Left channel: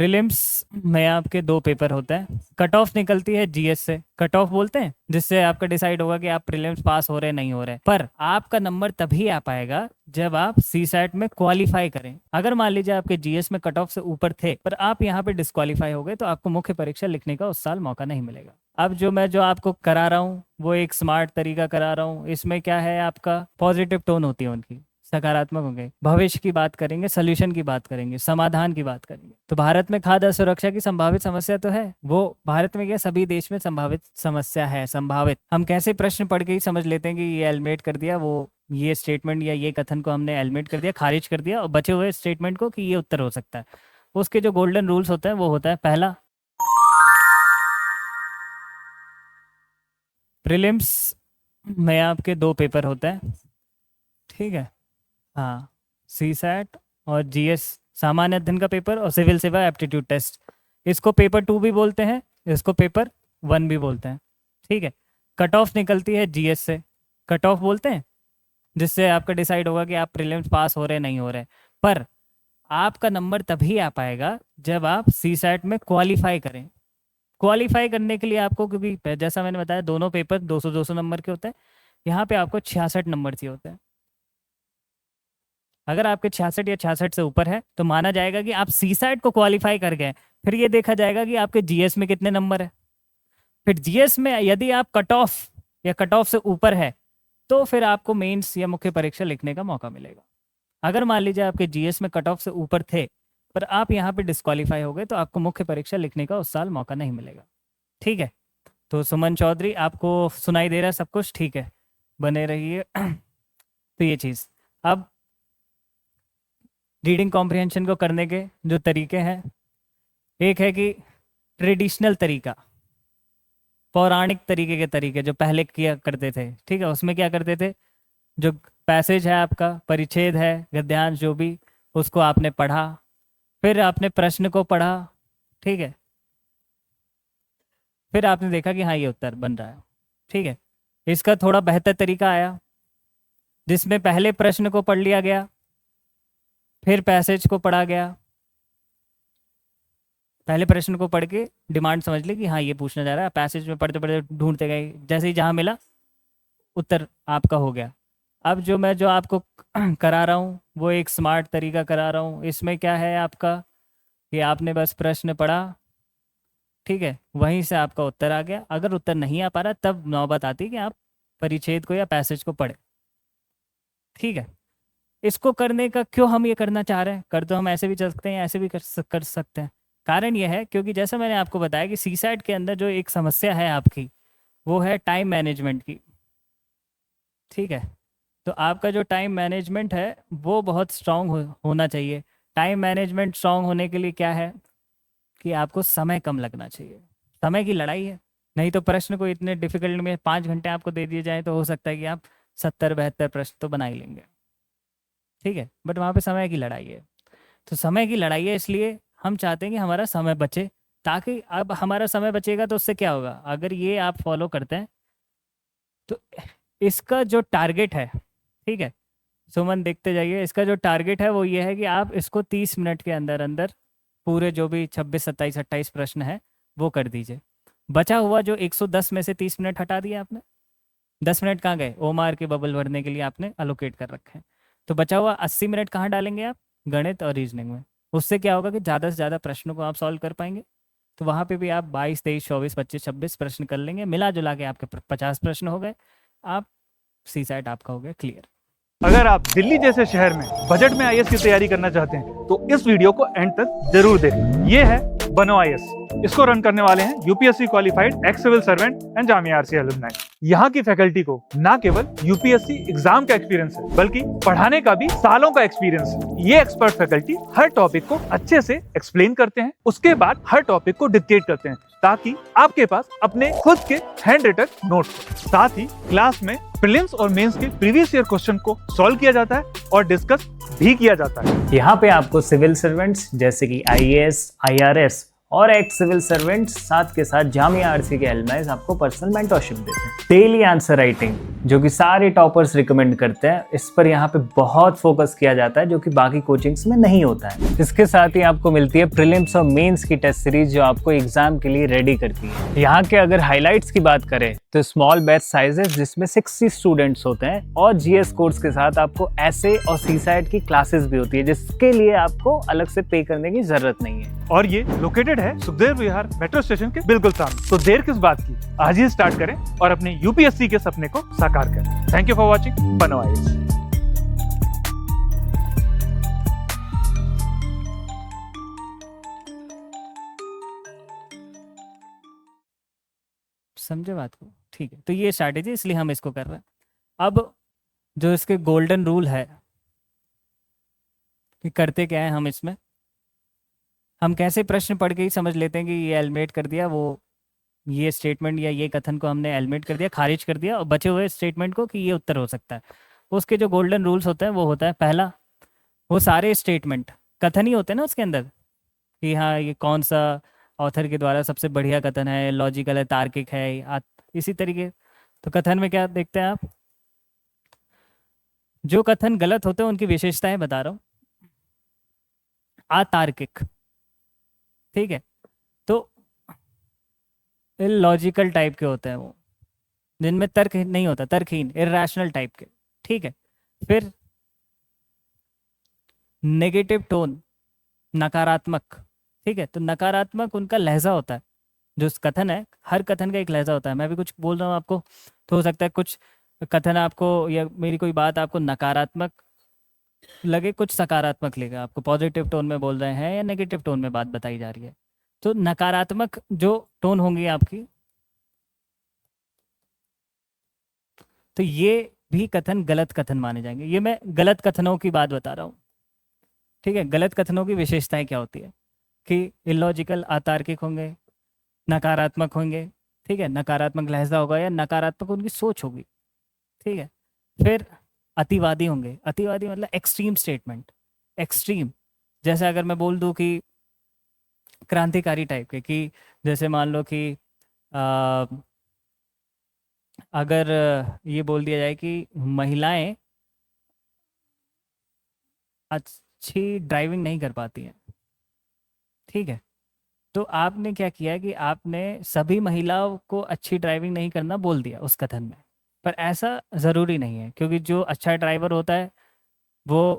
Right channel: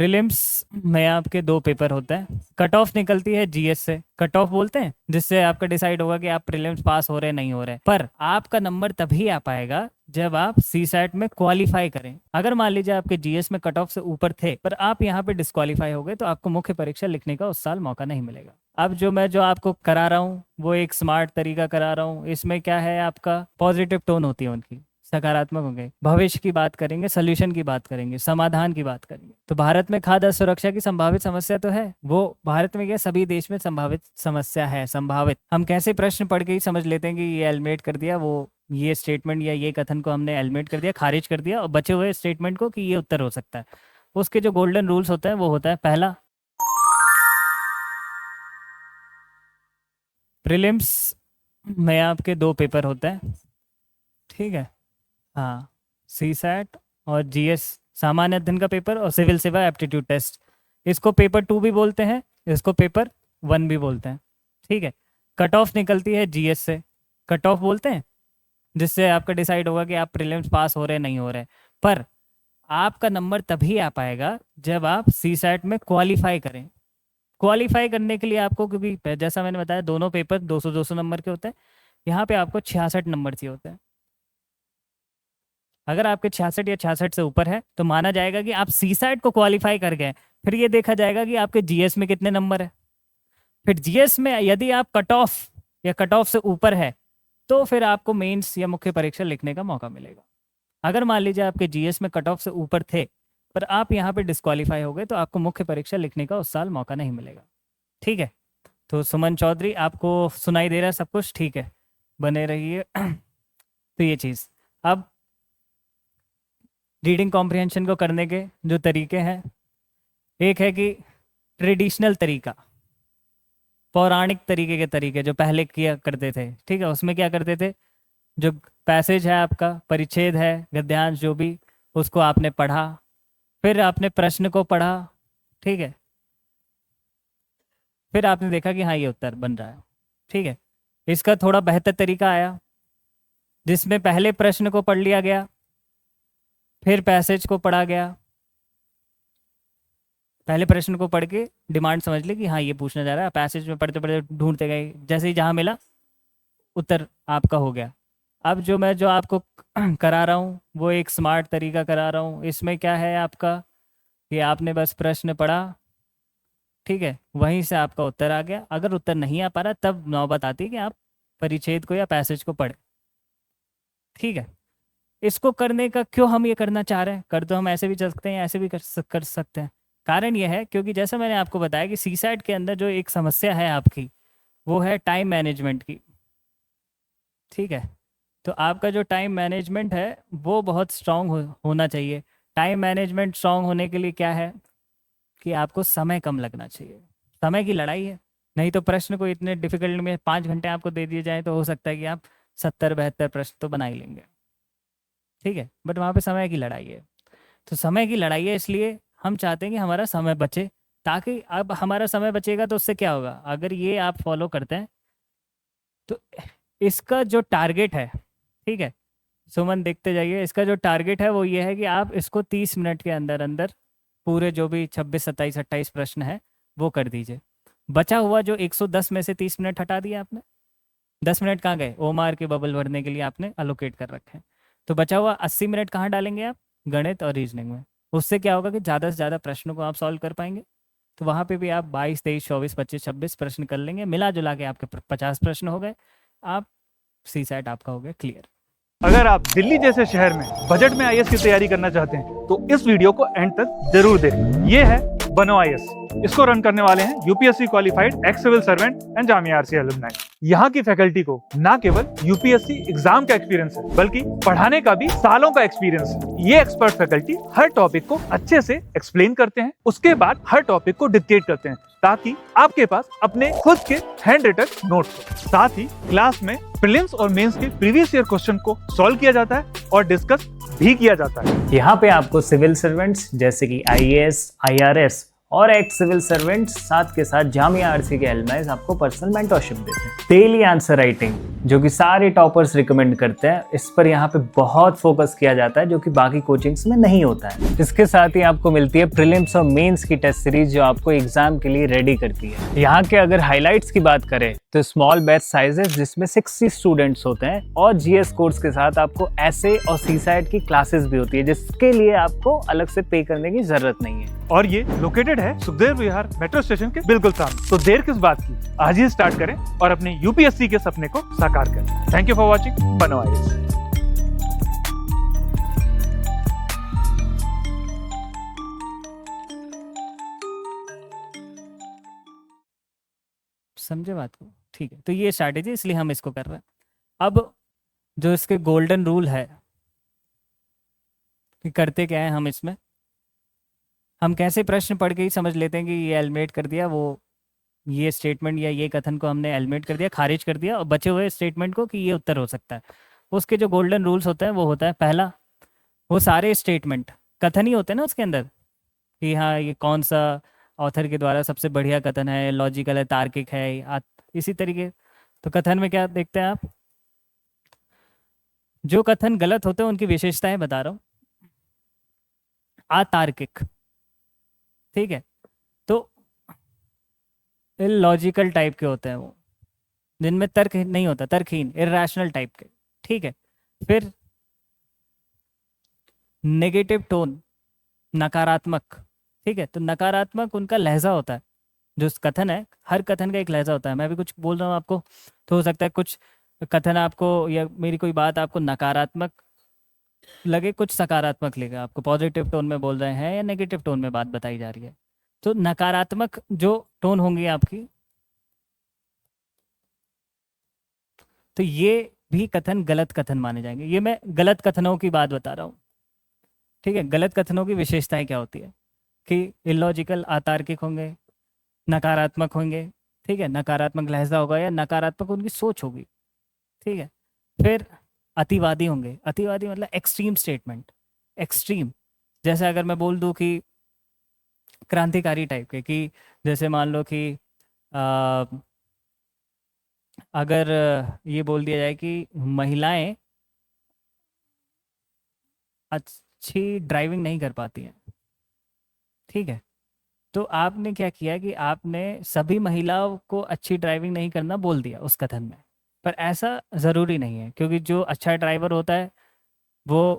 Prelims में आपके दो पेपर होते हैं। कट ऑफ निकलती है जीएस से, कट ऑफ बोलते हैं, जिससे आपका डिसाइड होगा कि आप प्रीलिम्स पास हो रहे नहीं हो रहे। पर आपका नंबर तभी आ पाएगा जब आप सी सैट में क्वालिफाई करें। अगर मान लीजिए आपके जीएस में कट ऑफ से ऊपर थे पर आप यहाँ पे डिस्क्वालीफाई हो गए तो आपको मुख्य परीक्षा लिखने का उस साल मौका नहीं मिलेगा। अब जो आपको करा रहा हूँ वो एक स्मार्ट तरीका करा रहा हूँ। इसमें क्या है, आपका पॉजिटिव टोन होती है उनकी, सकारात्मक होंगे, भविष्य की बात करेंगे, सोल्यूशन की बात करेंगे, समाधान की बात करेंगे। तो भारत में खाद्य सुरक्षा की संभावित समस्या तो है, वो भारत में क्या सभी देश में संभावित समस्या है। संभावित हम कैसे प्रश्न पढ़ के ही समझ लेते हैं कि ये एलिमिनेट कर दिया, वो ये स्टेटमेंट या ये कथन को हमने एलिमिनेट कर दिया, खारिज कर दिया, और बचे हुए स्टेटमेंट को कि ये उत्तर हो सकता है। उसके जो गोल्डन रूल्स होते हैं वो होता है, पहला, प्रीलिम्स में आपके दो पेपर होते हैं, ठीक है। हाँ, सी सैट और जीएस सामान्य अध्ययन का पेपर और सिविल सेवा एप्टीट्यूड टेस्ट। इसको पेपर 2 भी बोलते हैं, इसको पेपर 1 भी बोलते हैं, ठीक है। कट ऑफ निकलती है जीएस से, कट ऑफ बोलते हैं, जिससे आपका डिसाइड होगा कि आप प्रीलिम्स पास हो रहे नहीं हो रहे। पर आपका नंबर तभी आ पाएगा जब आप सी सैट में क्वालिफाई करें। क्वालिफाई करने के लिए आपको, क्योंकि जैसा मैंने बताया दोनों पेपर 200-200 नंबर के होते हैं, यहाँ पे आपको 66 नंबर चाहिए होते हैं। अगर आपके 66 या 66 से ऊपर है तो माना जाएगा कि आप सी सैट को क्वालिफाई कर गए। फिर ये देखा जाएगा कि आपके जीएस में कितने नंबर है। फिर जीएस में यदि आप कट ऑफ या कट ऑफ से ऊपर है तो फिर आपको मेंस या मुख्य परीक्षा लिखने का मौका मिलेगा। अगर मान लीजिए आपके जीएस में कट ऑफ से ऊपर थे पर आप यहाँ पे डिस्क्वालीफाई हो गए तो आपको मुख्य परीक्षा लिखने का उस साल मौका नहीं मिलेगा, ठीक है। तो सुमन चौधरी, आपको सुनाई दे रहा है सब कुछ, ठीक है, बने रहिए। तो ये चीज़, अब रीडिंग कॉम्प्रिहेंशन को करने के जो तरीके हैं, एक है कि ट्रेडिशनल तरीका, पौराणिक तरीके के तरीके जो पहले किया करते थे, ठीक है। उसमें क्या करते थे, जो पैसेज है आपका, परिच्छेद है, गद्यांश जो भी, उसको आपने पढ़ा, फिर आपने प्रश्न को पढ़ा, ठीक है, फिर आपने देखा कि हाँ ये उत्तर बन रहा है, ठीक है। इसका थोड़ा बेहतर तरीका आया जिसमें पहले प्रश्न को पढ़ लिया गया, फिर पैसेज को पढ़ा गया। पहले प्रश्न को पढ़ के डिमांड समझ ले कि हाँ ये पूछना जा रहा है, पैसेज में पढ़ते पढ़ते ढूंढते गए, जैसे ही जहाँ मिला उत्तर आपका हो गया। अब जो आपको करा रहा हूँ वो एक स्मार्ट तरीका करा रहा हूँ। इसमें क्या है आपका, ये आपने बस प्रश्न पढ़ा, ठीक है, वहीं से आपका उत्तर आ गया। अगर उत्तर नहीं आ पा रहा तब नौबत आती है कि आप परिच्छेद को या पैसेज को पढ़ें, ठीक है। इसको करने का क्यों हम ये करना चाह रहे हैं, कर तो हम ऐसे भी चल सकते हैं, ऐसे भी कर सकते हैं। कारण ये है क्योंकि जैसा मैंने आपको बताया कि सी सैट के अंदर जो एक समस्या है आपकी वो है टाइम मैनेजमेंट की, ठीक है। तो आपका जो टाइम मैनेजमेंट है वो बहुत स्ट्रांग होना चाहिए। टाइम मैनेजमेंट स्ट्रांग होने के लिए क्या है कि आपको समय कम लगना चाहिए। समय की लड़ाई है, नहीं तो प्रश्न को इतने डिफिकल्ट में 5 घंटे आपको दे दिए जाए तो हो सकता है कि आप 70-72 प्रश्न तो बना ही लेंगे, ठीक है। बट वहाँ पे समय की लड़ाई है। तो समय की लड़ाई है, इसलिए हम चाहते हैं कि हमारा समय बचे, ताकि अब हमारा समय बचेगा तो उससे क्या होगा, अगर ये आप फॉलो करते हैं तो इसका जो टारगेट है, ठीक है सुमन देखते जाइए, इसका जो टारगेट है वो ये है कि आप इसको 30 मिनट के अंदर अंदर पूरे जो भी 26, 27, 28 प्रश्न है वो कर दीजिए। बचा हुआ जो 110 में से 30 मिनट हटा दिया आपने, 10 मिनट कहाँ गए, ओमार के बबल भरने के लिए आपने अलोकेट कर रखे हैं। तो बचा हुआ 80 मिनट कहाँ डालेंगे आप, गणित और रीजनिंग में। उससे क्या होगा कि ज़्यादा से ज़्यादा प्रश्नों को आप सॉल्व कर पाएंगे। तो वहाँ पे भी आप 22, 23, 24, 25, 26 प्रश्न कर लेंगे, मिला जुला के आपके 50 प्रश्न हो गए, आप सी सैट आपका हो गया क्लियर। अगर आप दिल्ली जैसे शहर में बजट में आईएएस की तैयारी करना चाहते हैं तो इस वीडियो को एंड तक जरूर देखें। ये है बनो आईएएस। इसको रन करने वाले हैं UPSC qualified ex civil servant and Jamia RCA alumni. यहाँ की फैकल्टी को ना केवल यूपीएससी एग्जाम का एक्सपीरियंस है बल्कि पढ़ाने का भी सालों का एक्सपीरियंस है। ये एक्सपर्ट फैकल्टी हर टॉपिक को अच्छे से एक्सप्लेन करते हैं, उसके बाद हर टॉपिक को डिक्टेट करते हैं ताकि आपके पास अपने खुद के हैंड रिटन नोट्स हो। साथ ही क्लास में प्रीलिम्स और मेंस के प्रीवियस ईयर क्वेश्चन को सॉल्व किया जाता है और डिस्कस भी किया जाता है। यहाँ पे आपको सिविल सर्वेंट्स जैसे कि आईएएस, आईआरएस और एक्स सिविल सर्वेंट साथ के साथ जामिया आरसी के एलमनाइज आपको पर्सनल मेंटरशिप देते हैं। डेली आंसर राइटिंग जो कि सारे टॉपर्स रिकमेंड करते हैं, इस पर यहाँ पे बहुत फोकस किया जाता है जो कि बाकी कोचिंग्स में नहीं होता है। इसके साथ ही आपको मिलती है प्रीलिम्स और मेंस की टेस्ट सीरीज जो आपको एग्जाम के लिए रेडी करती है। यहाँ के अगर हाईलाइट्स की बात करें तो स्मॉल बैच साइजेस जिसमें 60 स्टूडेंट्स होते हैं और जीएस कोर्स के साथ आपको एसए और सीसाइट की क्लासेस भी होती है जिसके लिए आपको अलग से पे करने की जरूरत नहीं है। और ये लोकेटेड है सुखदेव विहार मेट्रो स्टेशन के बिल्कुल सामने। तो देर किस बात की, आज ही स्टार्ट करें और अपने यूपीएससी के सपने को साकार करें। थैंक यू फॉर वॉचिंग बनो आईएएस। समझे बात को? ठीक है, तो ये स्ट्रैटेजी इसलिए हम इसको कर रहे हैं। अब जो इसके गोल्डन रूल है कि करते क्या है, हम इसमें हम कैसे प्रश्न पढ़ के ही समझ लेते हैं कि ये एलिमिनेट कर दिया, वो ये स्टेटमेंट या ये कथन को हमने एलिमिनेट कर दिया, खारिज कर दिया, और बचे हुए स्टेटमेंट को कि ये उत्तर हो सकता है। उसके जो गोल्डन रूल्स होते हैं वो होता है, पहला, वो सारे स्टेटमेंट कथन ही होते हैं ना उसके अंदर, कि हाँ ये कौन सा ऑथर के द्वारा सबसे बढ़िया कथन है, लॉजिकल है, तार्किक है, इसी तरीके। तो कथन में क्या देखते हैं आप, जो कथन गलत होते हैं उनकी विशेषताएं बता रहा हूँ। अतार्किक, ठीक है, तो लॉजिकल टाइप के होते हैं वो, जिनमें तर्क नहीं होता, तर्कहीन, इर्रेशनल टाइप के, ठीक है। फिर नेगेटिव टोन, नकारात्मक, ठीक है, तो नकारात्मक उनका लहजा होता है। जो कथन है, हर कथन का एक लहजा होता है। मैं भी कुछ बोल रहा हूँ आपको तो हो सकता है कुछ कथन आपको या मेरी कोई बात आपको नकारात्मक लगे, कुछ सकारात्मक लगे, आपको पॉजिटिव टोन में बोल रहे हैं या नेगेटिव टोन में बात बताई जा रही है। तो नकारात्मक जो टोन होंगी आपकी, तो ये भी कथन गलत कथन माने जाएंगे। ये मैं गलत कथनों की बात बता रहा हूँ, ठीक है। गलत कथनों की विशेषताएं क्या होती है कि इलॉजिकल, अतार्किक होंगे, नकारात्मक होंगे, ठीक है, नकारात्मक लहजा होगा या नकारात्मक उनकी सोच होगी, ठीक है। फिर अतिवादी होंगे, अतिवादी मतलब एक्सट्रीम स्टेटमेंट, एक्सट्रीम, जैसे अगर मैं बोल दूं कि क्रांतिकारी टाइप के, कि जैसे मान लो कि अगर ये बोल दिया जाए कि महिलाएं अच्छी ड्राइविंग नहीं कर पाती है, ठीक है, तो आपने क्या किया कि आपने सभी महिलाओं को अच्छी ड्राइविंग नहीं करना बोल दिया उस कथन में। पर ऐसा ज़रूरी नहीं है, क्योंकि जो अच्छा ड्राइवर होता है वो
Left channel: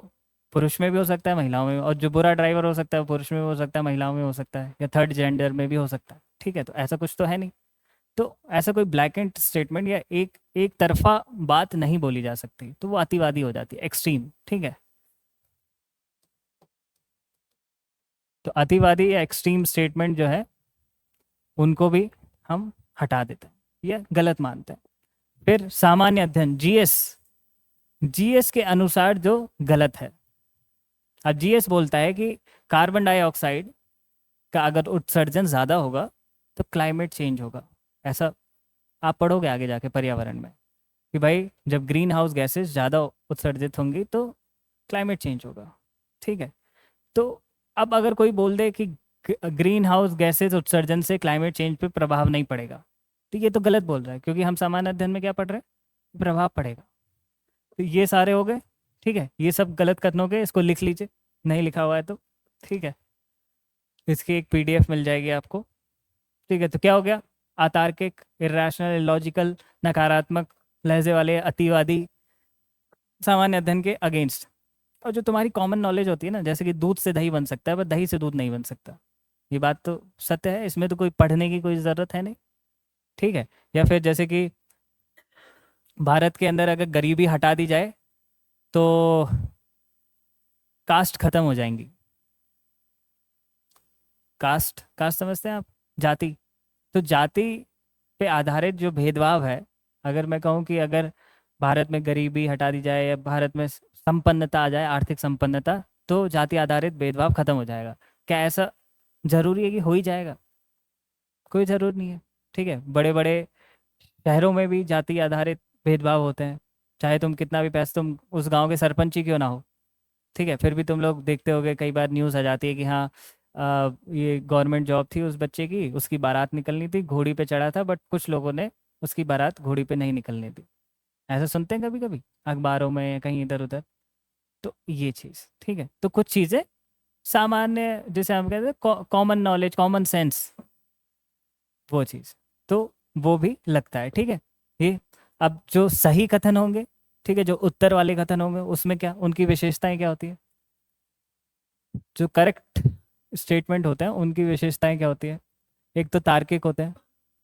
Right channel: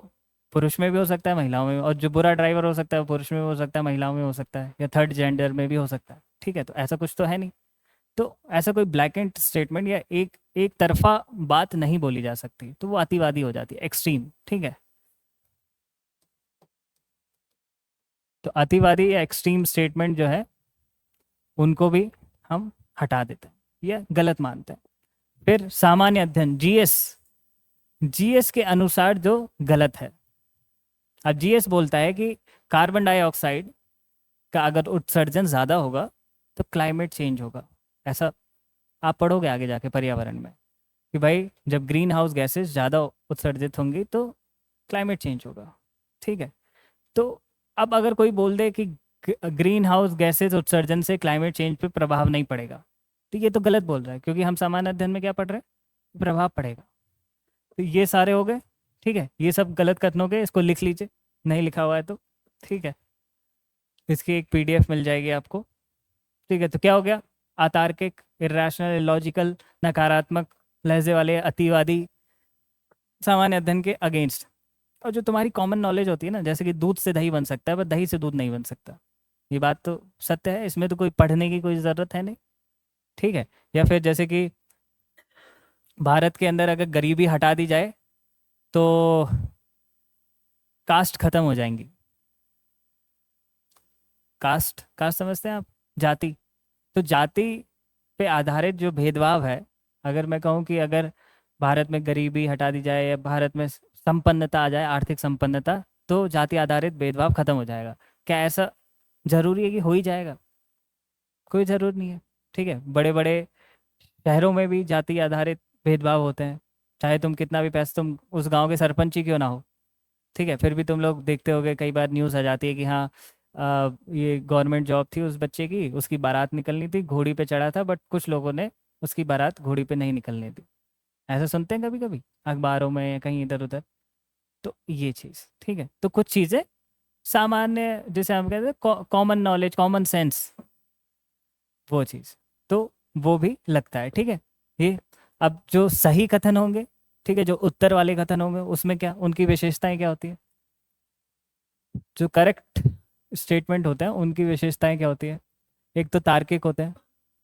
पुरुष में भी हो सकता है, महिलाओं में भी, और जो बुरा ड्राइवर हो सकता है वो पुरुष में भी हो सकता है, महिलाओं में हो सकता है, या थर्ड जेंडर में भी हो सकता है, ठीक है। तो ऐसा कुछ तो है नहीं, तो ऐसा कोई ब्लैक एंड स्टेटमेंट या एक तरफा बात नहीं बोली जा सकती, तो वो अतिवादी हो जाती है, एक्सट्रीम, ठीक है। तो अतिवादी या एक्सट्रीम स्टेटमेंट जो है उनको भी हम हटा देते हैं या गलत मानते हैं। फिर सामान्य अध्ययन, जीएस, जीएस के अनुसार जो गलत है। अब जीएस बोलता है कि कार्बन डाइऑक्साइड का अगर उत्सर्जन ज़्यादा होगा तो क्लाइमेट चेंज होगा। ऐसा आप पढ़ोगे आगे जाके पर्यावरण में कि भाई जब ग्रीन हाउस गैसेस ज़्यादा उत्सर्जित होंगी तो क्लाइमेट चेंज होगा, ठीक है। तो अब अगर कोई बोल दे कि ग्रीन हाउस गैसेज उत्सर्जन से क्लाइमेट चेंज पे प्रभाव नहीं पड़ेगा, तो ये तो गलत बोल रहा है, क्योंकि हम सामान्य अध्ययन में क्या पढ़ रहे हैं, प्रभाव पड़ेगा। तो ये सारे हो गए, ठीक है, ये सब गलत कथन हो गए, इसको लिख लीजिए, नहीं लिखा हुआ है तो, ठीक है। इसकी एक पीडीएफ मिल जाएगी आपको, ठीक है। तो क्या हो गया, अतार्किक, इर्रेशनल, इलॉजिकल, नकारात्मक लहजे वाले, अतिवादी, सामान्य अध्ययन के अगेंस्ट। और जो तुम्हारी कॉमन नॉलेज होती है ना, जैसे कि दूध से दही बन सकता है, पर दही से दूध नहीं बन सकता, ये बात तो सत्य है, इसमें तो कोई पढ़ने की कोई ज़रूरत है नहीं, ठीक है। या फिर जैसे कि भारत के अंदर अगर गरीबी हटा दी जाए तो कास्ट खत्म हो जाएंगी। कास्ट, कास्ट समझते हैं आप, जाति। तो जाति पे आधारित जो भेदभाव है, अगर मैं कहूँ कि अगर भारत में गरीबी हटा दी जाए या भारत में संपन्नता आ जाए, आर्थिक संपन्नता, तो जाति आधारित भेदभाव खत्म हो जाएगा। क्या ऐसा जरूरी है कि हो ही जाएगा? कोई ज़रूर नहीं है, ठीक है। बड़े बड़े शहरों में भी जाति आधारित भेदभाव होते हैं, चाहे तुम कितना भी पैसा, तुम उस गांव के सरपंच ही क्यों ना हो, ठीक है, फिर भी तुम लोग देखते होगे कई बार न्यूज़ आ जाती है कि हाँ ये गवर्नमेंट जॉब थी उस बच्चे की, उसकी बारात निकलनी थी, घोड़ी पे चढ़ा था, बट कुछ लोगों ने उसकी बारात घोड़ी पे नहीं निकलने दी। ऐसा सुनते हैं कभी कभी अखबारों में या कहीं इधर उधर। तो ये चीज़ ठीक है। तो कुछ चीज़ें सामान्य, जैसे हम कहते हैं कॉमन नॉलेज, कॉमन सेंस, वो चीज़, तो वो भी लगता है। ठीक है। ये अब जो सही कथन होंगे, ठीक है, जो उत्तर वाले कथन होंगे, उसमें क्या उनकी विशेषताएं क्या होती है? जो करेक्ट स्टेटमेंट होते हैं उनकी विशेषताएं क्या होती है? एक तो तार्किक होते हैं,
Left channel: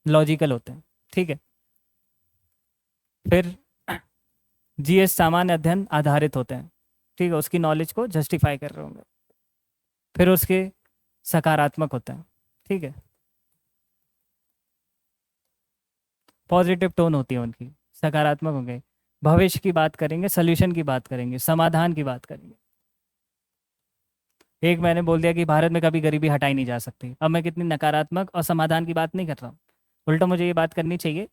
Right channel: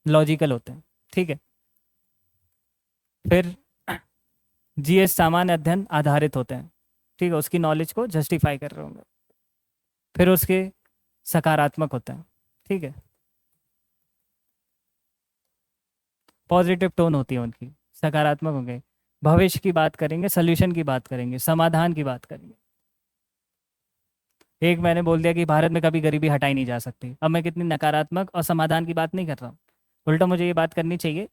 लॉजिकल होते हैं। ठीक है। फिर जीएस सामान्य अध्ययन आधारित होते हैं। ठीक है, उसकी नॉलेज को जस्टिफाई कर रहे होंगे। फिर उसके सकारात्मक होते हैं। ठीक है, पॉजिटिव टोन होती है उनकी, सकारात्मक होंगे। भविष्य की बात करेंगे, सोल्यूशन की बात करेंगे, समाधान की बात करेंगे। एक मैंने बोल दिया कि भारत में कभी गरीबी हटाई नहीं जा सकती, अब मैं कितनी नकारात्मक और समाधान की बात नहीं कर रहा हूँ, उल्टा मुझे ये बात करनी चाहिए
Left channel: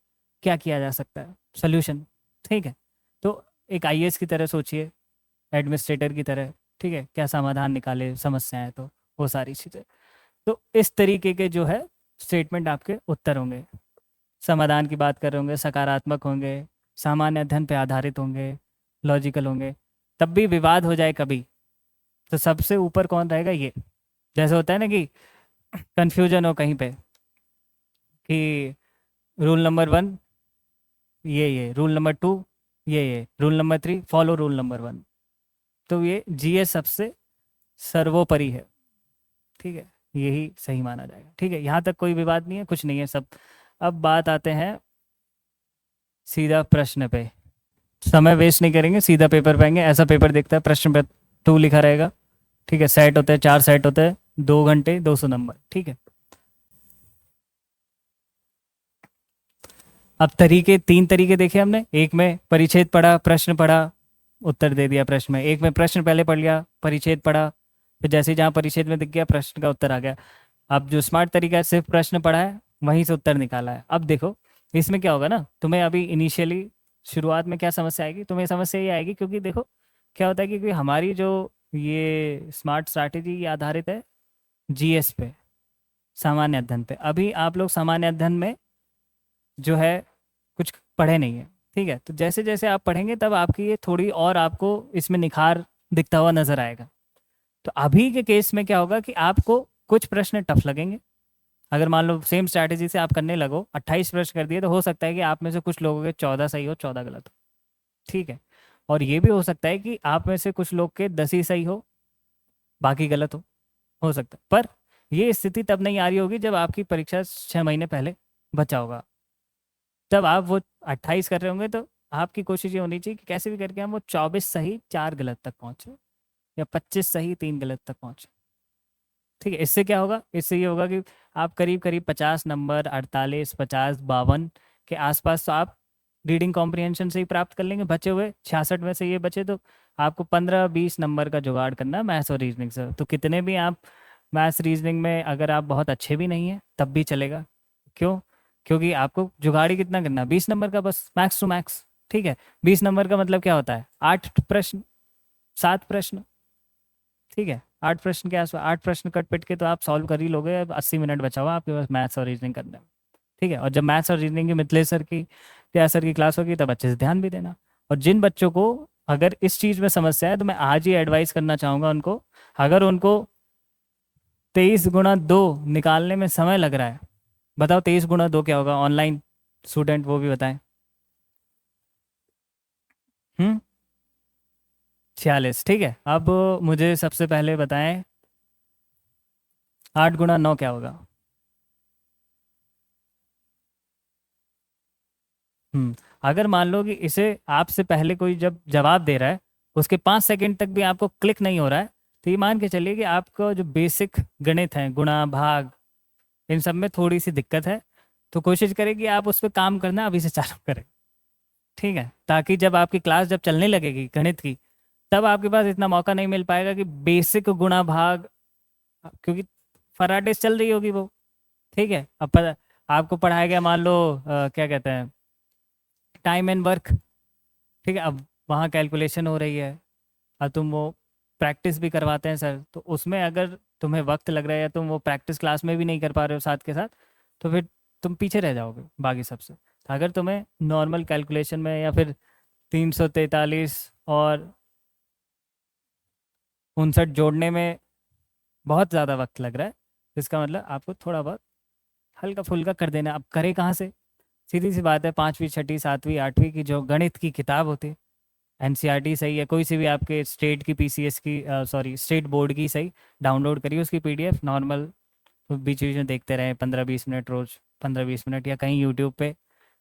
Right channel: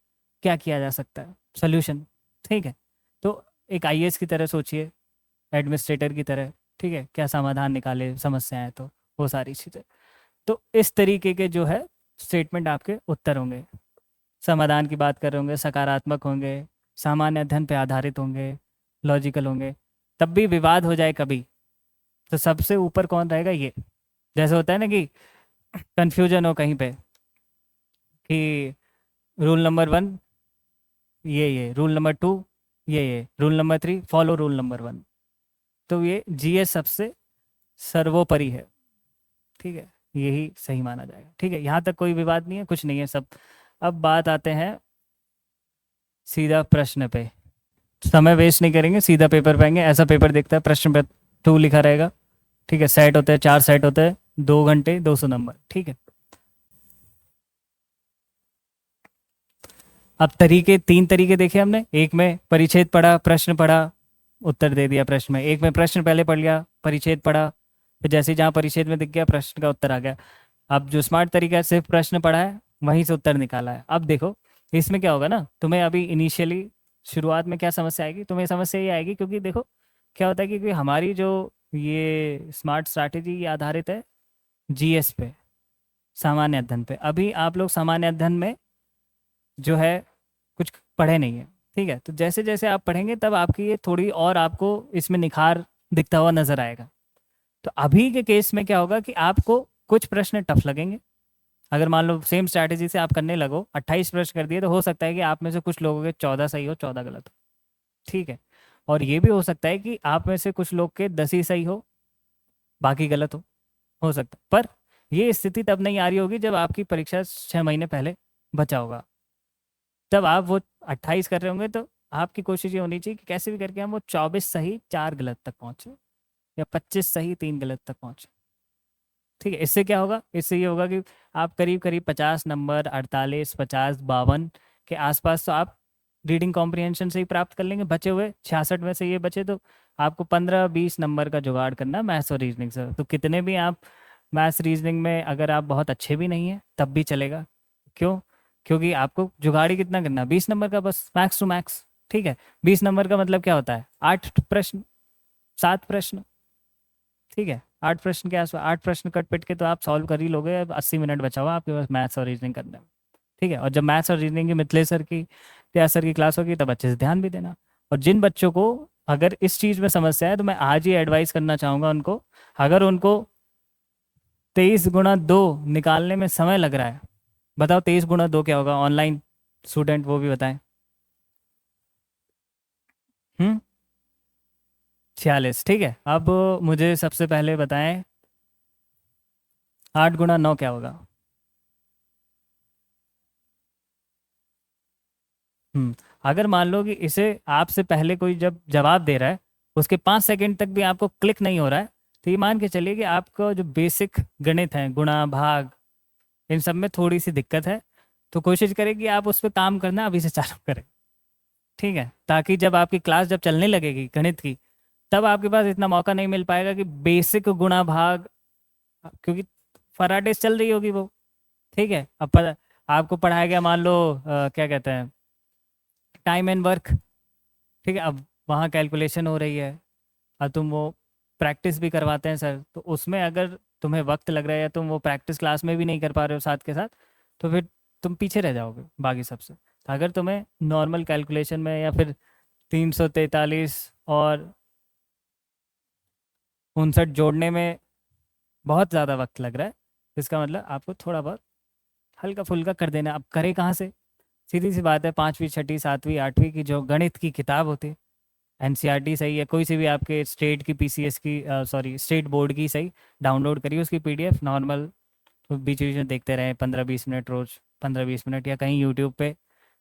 क्या किया जा सकता है, सोल्यूशन। ठीक है। तो एक आईएएस की तरह सोचिए, एडमिनिस्ट्रेटर की तरह। ठीक है, क्या समाधान निकाले समस्या है, तो वो सारी चीज़ें। तो इस तरीके के जो है स्टेटमेंट आपके उत्तर होंगे। समाधान की बात कर रहे होंगे, सकारात्मक होंगे, सामान्य अध्ययन पे आधारित होंगे, लॉजिकल होंगे। तब भी विवाद हो जाए कभी, तो सबसे ऊपर कौन रहेगा? ये जैसे होता है ना कि कंफ्यूजन हो कहीं पे कि रूल नंबर 1 ये रूल नंबर 2 ये rule number 3 follow rule number 1। तो ये जीए सबसे सर्वोपरि है। ठीक है, यही सही माना जाएगा। ठीक है, यहाँ तक कोई विवाद नहीं है, कुछ नहीं है सब। अब बात आते हैं सीधा प्रश्न पे। समय वेस्ट नहीं करेंगे, सीधा पेपर पाएंगे। ऐसा पेपर देखता है, प्रश्न पे 2 लिखा रहेगा। ठीक है, सेट होता है, 4 सेट होता है, 2 घंटे 200 नंबर। ठीक है। अब तरीके, 3 तरीके देखे हमने। एक में परिच्छेद पढ़ा, प्रश्न पढ़ा, उत्तर दे दिया प्रश्न में। एक में प्रश्न पहले पढ़ लिया, परिच्छेद पढ़ा, फिर जैसे जहाँ परिच्छेद में दिख गया प्रश्न का उत्तर आ गया। अब जो स्मार्ट तरीका है, सिर्फ प्रश्न पढ़ा है, वहीं से उत्तर निकाला है। अब देखो इसमें क्या होगा ना, तुम्हें अभी इनिशियली शुरुआत में क्या समस्या आएगी? तुम्हें समस्या ये आएगी क्योंकि देखो क्या होता है कि हमारी जो ये स्मार्ट स्ट्रैटेजी आधारित है जीएस पे, सामान्य अध्ययन पे। अभी आप लोग सामान्य अध्ययन में जो है कुछ पढ़े नहीं है। ठीक है, तो जैसे जैसे आप पढ़ेंगे तब आपकी ये थोड़ी और आपको इसमें निखार दिखता हुआ नजर आएगा। तो अभी के केस में क्या होगा कि आपको कुछ प्रश्न टफ लगेंगे। अगर मान लो सेम स्ट्रैटेजी से आप करने लगो, 28 प्रश्न कर दिए, तो हो सकता है कि आप में से कुछ लोगों के 14 सही हो, 14 गलत हो। ठीक है, और ये भी हो सकता है कि आप में से कुछ लोग के 10 ही सही हो, बाकी गलत हो सकता है। पर ये स्थिति तब नहीं आ रही होगी जब आपकी परीक्षा 6 महीने पहले बचा होगा। तब आप वो 28 कर रहे होंगे, तो आपकी कोशिश ये होनी चाहिए कि कैसे भी करके हम वो 24 सही 4 गलत तक पहुंचे, या 25 सही 3 गलत तक पहुंचे। ठीक है, इससे क्या होगा? इससे ये होगा कि आप करीब करीब 50 नंबर, 48, 50, 52 के आसपास तो आप रीडिंग कॉम्प्रिहेंशन से ही प्राप्त कर लेंगे। बचे हुए 66 में से ये बचे, तो आपको 15-20 नंबर का जुगाड़ करना है मैथ्स और रीजनिंग से। तो कितने भी आप मैथ्स रीजनिंग में अगर आप बहुत अच्छे भी नहीं है तब भी चलेगा। क्यों? क्योंकि आपको जुगाड़ ही कितना करना है? 20 नंबर का बस, मैक्स टू मैक्स। ठीक है, 20 नंबर का मतलब क्या होता है? 8 प्रश्न, 7 प्रश्न। ठीक है, 8 प्रश्न के आसपास, 8 प्रश्न कट पिट के तो आप सॉल्व कर ही लोगे। अब 80 मिनट बचा हुआ आपके पास मैथ्स और रीजनिंग करने में। ठीक है, और जब मैथ्स और रीजनिंग की मिथिलेश सर की या सर की क्लास होगी तब अच्छे से ध्यान भी देना। और जिन बच्चों को अगर इस चीज़ में समस्या है, तो मैं आज ही एडवाइस करना चाहूँगा उनको, अगर उनको 23 गुणा 2 निकालने में समय लग रहा है, बताओ 23 गुणा 2 क्या होगा? ऑनलाइन स्टूडेंट वो भी बताएं। 46। ठीक है, अब मुझे सबसे पहले बताएं 8 गुणा 9 क्या होगा? अगर मान लो कि इसे आपसे पहले कोई जब जवाब दे रहा है, उसके 5 सेकंड तक भी आपको क्लिक नहीं हो रहा है, तो ये मान के चलिए कि आपका जो बेसिक गणित है, गुणा भाग, इन सब में थोड़ी सी दिक्कत है। तो कोशिश करें कि आप उस पर काम करना अभी से चालू करें। ठीक है, ताकि जब आपकी क्लास जब चलने लगेगी गणित की, तब आपके पास इतना मौका नहीं मिल पाएगा कि बेसिक गुणा भाग, क्योंकि फराटे चल रही होगी वो। ठीक है, अब आपको पढ़ाया गया, मान लो क्या कहते हैं, टाइम एंड वर्क। ठीक है, अब वहाँ कैलकुलेशन हो रही है और तुम वो प्रैक्टिस भी करवाते हैं सर, तो उसमें अगर तुम्हें वक्त लग रहा है या तुम वो प्रैक्टिस क्लास में भी नहीं कर पा रहे हो साथ के साथ, तो फिर तुम पीछे रह जाओगे बाकी सबसे। अगर तुम्हें नॉर्मल कैलकुलेशन में या फिर 343 और 59 जोड़ने में बहुत ज़्यादा वक्त लग रहा है, इसका मतलब आपको थोड़ा बहुत हल्का फुल्का कर देना। अब करे कहाँ से? सीधी सी बात है, 5वीं 6वीं 7वीं 8वीं की जो गणित की किताब होती है, एनसीईआरटी सही है, कोई सी भी आपके स्टेट की पीसीएस की सॉरी स्टेट बोर्ड की सही, डाउनलोड करिए उसकी पीडीएफ नॉर्मल, तो बीच बीच में देखते रहे 15-20 मिनट रोज, 15-20 मिनट, या कहीं यूट्यूब पे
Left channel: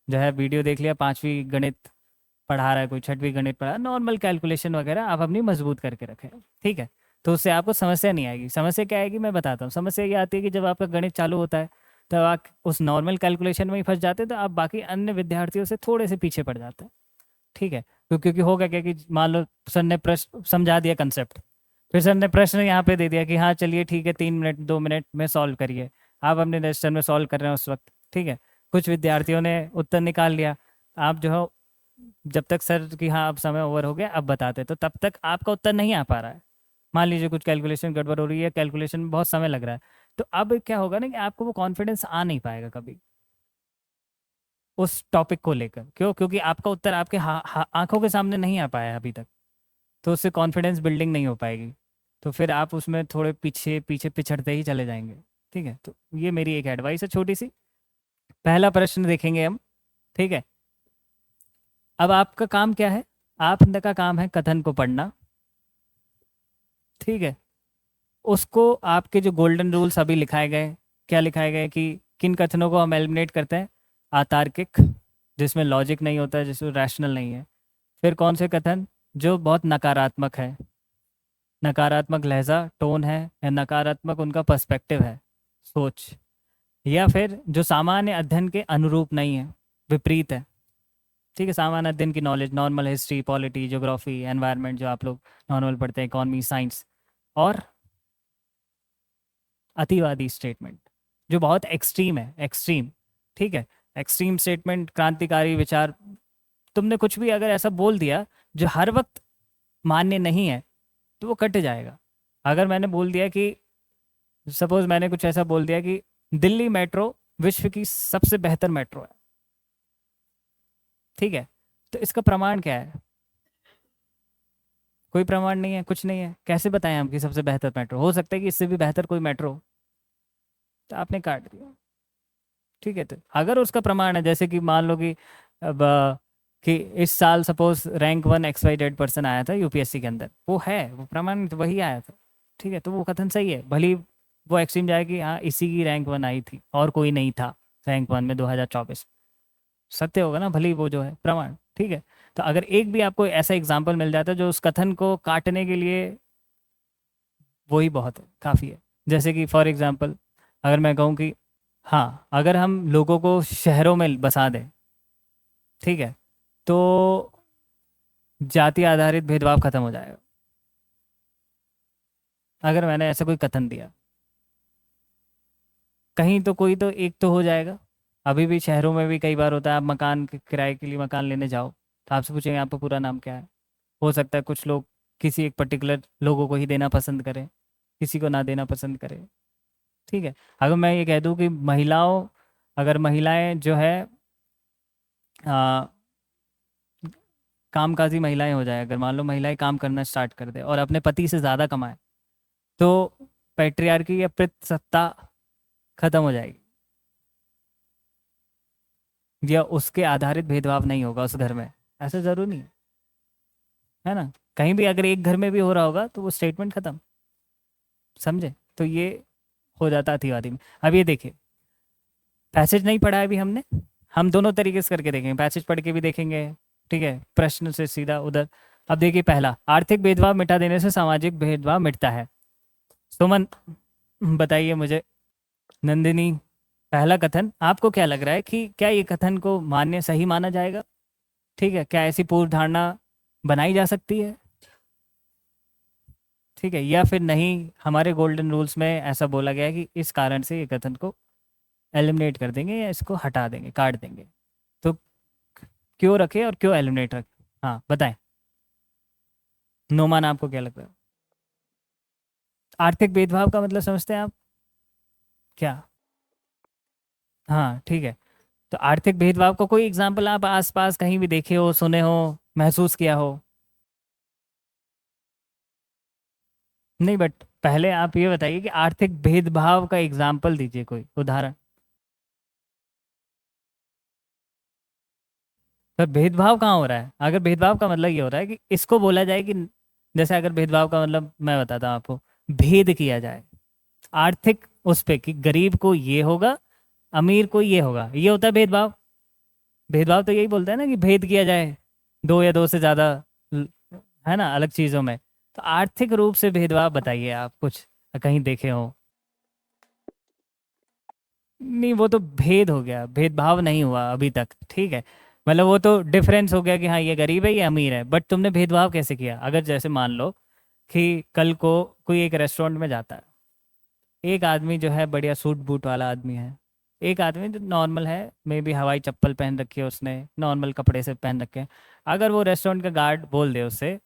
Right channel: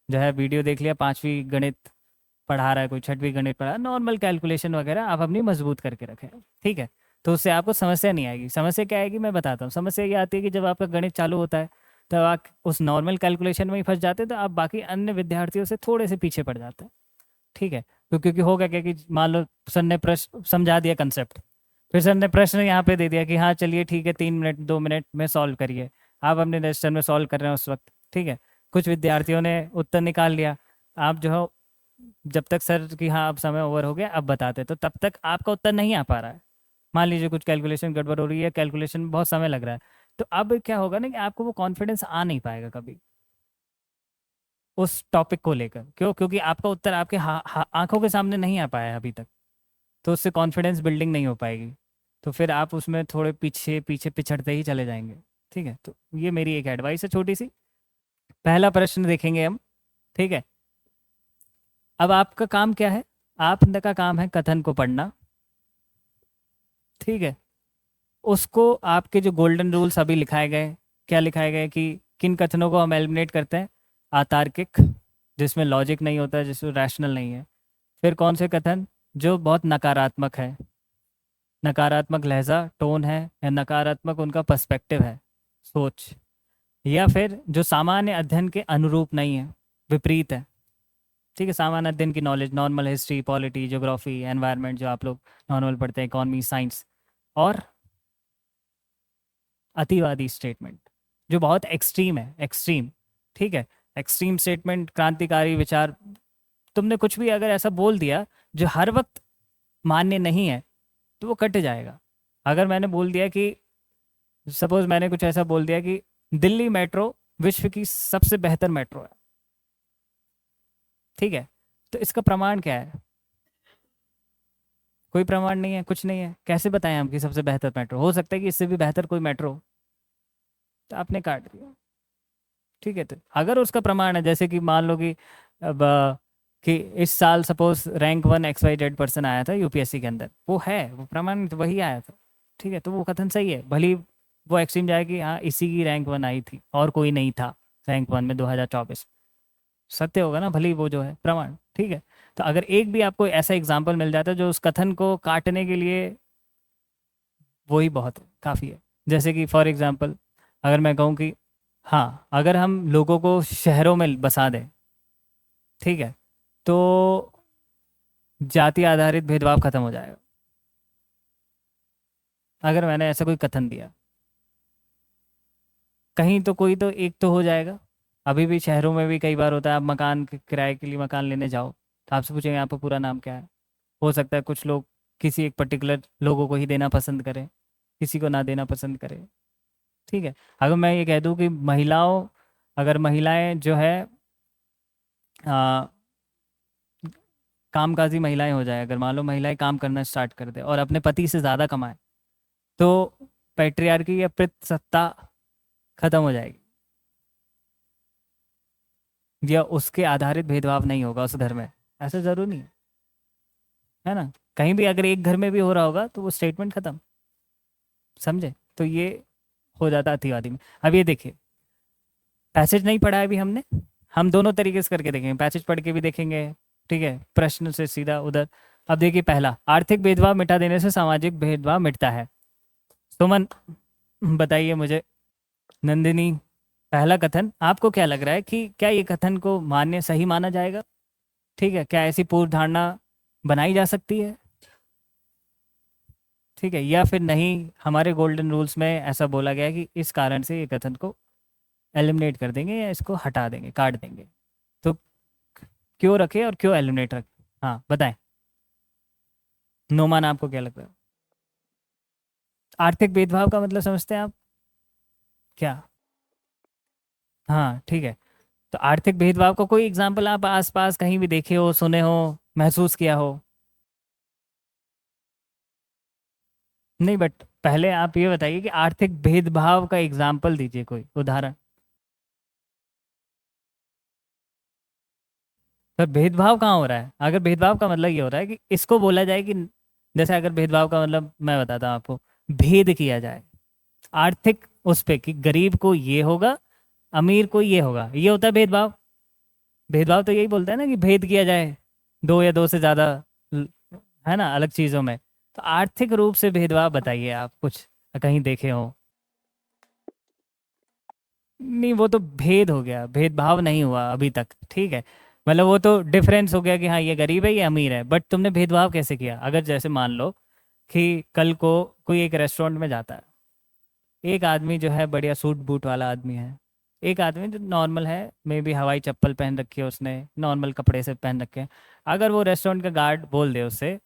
जो है वीडियो देख लिया, 5वीं गणित पढ़ा रहा है कोई, 6वीं गणित पढ़ा, नॉर्मल कैलकुलेशन वगैरह आप अपनी मजबूत करके रखें, ठीक है। तो उससे आपको समस्या नहीं आएगी। समस्या क्या आएगी मैं बताता हूँ। समस्या ये आती है कि जब आपका गणित चालू होता है तब आप उस नॉर्मल कैलकुलेशन में ही फंस जाते हैं, तो आप बाकी अन्य विद्यार्थियों से थोड़े से पीछे पड़ जाते हैं, ठीक है। क्योंकि होगा क्या कि मान लो सर ने प्रश्न समझा दिया कंसेप्ट, फिर सर ने प्रश्न यहाँ पे दे दिया कि हाँ चलिए ठीक है 3 मिनट 2 मिनट में सॉल्व करिए, आप अपने रजिस्टर में सॉल्व कर रहे हैं उस वक्त, ठीक है। कुछ विद्यार्थियों ने उत्तर निकाल लिया, आप जो हो जब तक सर कि हाँ अब समय ओवर हो गया अब बताते, तो तब तक आपका उत्तर नहीं आ पा रहा है। मान लीजिए कुछ कैलकुलेशन गड़बड़ हो रही है, कैलकुलेशन में बहुत समय लग रहा है, तो अब क्या होगा ना कि आपको वो कॉन्फिडेंस आ नहीं पाएगा कभी उस टॉपिक को लेकर। क्यों? क्योंकि आपका उत्तर आपके आंखों के सामने नहीं आ पाया है अभी तक, तो उससे कॉन्फिडेंस बिल्डिंग नहीं हो पाएगी, तो फिर आप उसमें थोड़े पीछे पीछे पिछड़ते ही चले जाएंगे, ठीक है। तो ये मेरी एक एडवाइस है छोटी सी। पहला प्रश्न देखेंगे हम, ठीक है। अब आपका काम क्या है? आपका काम है कथन को पढ़ना, ठीक है। उसको आपके जो गोल्डन रूल्स अभी लिखाए गए, क्या लिखाए गए कि किन कथनों को हम एलिमिनेट करते हैं? अतार्किक, जिसमें लॉजिक नहीं होता है, जिसमें रैशनल नहीं है। फिर कौन से कथन जो बहुत नकारात्मक है, नकारात्मक लहजा टोन है, या नकारात्मक उनका पर्सपेक्टिव है, सोच, या फिर जो सामान्य अध्ययन के अनुरूप नहीं है, विपरीत है, ठीक है। सामान्य अध्ययन की knowledge, normal history, polity, geography, environment जो आप लोग नॉर्मल पढ़ते हैं, इकोनॉमी, साइंस, और अतिवादी स्टेटमेंट जो बहुत एक्सट्रीम है, एक्सट्रीम, ठीक है। एक्सट्रीम स्टेटमेंट, क्रांतिकारी विचार, तुमने कुछ भी अगर ऐसा बोल दिया जो हर वक्त मान्य नहीं है तो वो कट जाएगा। अगर मैंने बोल दिया कि सपोज मैंने कुछ ऐसा बोल दिया कि दिल्ली मेट्रो विश्व की सबसे बेहतर मेट्रो है, ठीक है, तो इसका प्रमाण क्या है? कोई प्रमाण नहीं है, कुछ नहीं है। कैसे बताएं हम कि सबसे बेहतर मेट्रो? हो सकता है कि इससे भी बेहतर कोई मेट्रो हो, तो आपने काट दिया, ठीक है। तो अगर उसका प्रमाण है, जैसे कि मान लो कि अब कि इस साल सपोज रैंक 1 XYZ पर्सन आया था यूपीएससी के अंदर, वो है, वो प्रमाण तो वही आया था, ठीक है, तो वो कथन सही है। भले वो एक्सट्रीम जाए कि हाँ इसी की रैंक 1 आई थी और कोई नहीं था रैंक 1 में 2024, सत्य होगा ना, भले ही वो जो है प्रमाण, ठीक है। तो अगर एक भी आपको ऐसा एग्जाम्पल मिल जाता है जो उस कथन को काटने के लिए, वही बहुत है, काफ़ी है। जैसे कि फॉर एग्जाम्पल अगर मैं कहूँ कि हाँ अगर हम लोगों को शहरों में बसा दें, ठीक है, तो जाति आधारित भेदभाव खत्म हो जाएगा। अगर मैंने ऐसे कोई कथन दिया, कहीं तो कोई तो एक तो हो जाएगा। अभी भी शहरों में भी कई बार होता है, आप मकान किराए के लिए मकान लेने जाओ तो आपसे पूछेंगे आपका पूरा नाम क्या है। हो सकता है कुछ लोग किसी एक पर्टिकुलर लोगों को ही देना पसंद करें, किसी को ना देना पसंद करें, ठीक है। अगर मैं ये कह दूं कि महिलाओं, अगर महिलाएं जो है आ, कामकाजी महिलाएं हो जाए, अगर मान लो महिलाएं काम करना स्टार्ट कर दे और अपने पति से ज़्यादा कमाए, तो पैट्रियार्की या पितृसत्ता खत्म हो जाएगी, या उसके आधारित भेदभाव नहीं होगा उस घर में। ऐसा जरूरी नहीं है ना। कहीं भी अगर एक घर में भी हो रहा होगा तो वो स्टेटमेंट खत्म, समझे? तो ये हो जाता है अतिवादी में। अब ये देखिए, पैसेज नहीं पढ़ा है अभी हमने, हम दोनों तरीके से करके देखेंगे, पैसेज पढ़ के भी देखेंगे, ठीक है, प्रश्न से सीधा उधर। अब देखिए, पहला, आर्थिक भेदभाव मिटा देने से सामाजिक भेदभाव मिटता है। सुमन बताइए मुझे, नंदिनी, पहला कथन आपको क्या लग रहा है कि क्या ये कथन को मान्य सही माना जाएगा? ठीक है, क्या ऐसी पूर्व धारणा बनाई जा सकती है? ठीक है, या फिर नहीं, हमारे गोल्डन रूल्स में ऐसा बोला गया है कि इस कारण से ये कथन को एलिमिनेट कर देंगे या इसको हटा देंगे, काट देंगे, तो क्यों रखें और क्यों एलिमिनेट रखें? हाँ बताएं, नोमान आपको क्या लगता है? आर्थिक भेदभाव का मतलब समझते हैं आप क्या? हाँ ठीक है। तो आर्थिक भेदभाव को कोई एग्जाम्पल आप आसपास कहीं भी देखे हो, सुने हो, महसूस किया हो? नहीं, बट पहले आप ये बताइए कि आर्थिक भेदभाव का एग्जाम्पल दीजिए, कोई उदाहरण। पर भेदभाव कहाँ हो रहा है? अगर भेदभाव का मतलब ये हो रहा है कि इसको बोला जाए कि, जैसे अगर भेदभाव का मतलब मैं बताता हूँ आपको, भेद किया जाए आर्थिक उस पे कि गरीब को ये होगा, अमीर को ये होगा, ये होता है भेदभाव। भेदभाव तो यही बोलता है ना कि भेद किया जाए दो या दो से ज्यादा, है ना, अलग चीजों में। तो आर्थिक रूप से भेदभाव बताइए आप कुछ कहीं देखे हो? नहीं, वो तो भेद हो गया, भेदभाव नहीं हुआ अभी तक, ठीक है। मतलब वो तो डिफरेंस हो गया कि हाँ ये गरीब है ये अमीर है, बट तुमने भेदभाव कैसे किया? अगर जैसे मान लो कि कल को कोई एक रेस्टोरेंट में जाता है, एक आदमी जो है बढ़िया सूट बूट वाला आदमी है, एक आदमी जो नॉर्मल है, मे बी हवाई चप्पल पहन रखी है उसने, नॉर्मल कपड़े से पहन रखे हैं। अगर वो रेस्टोरेंट का गार्ड बोल दे उससे,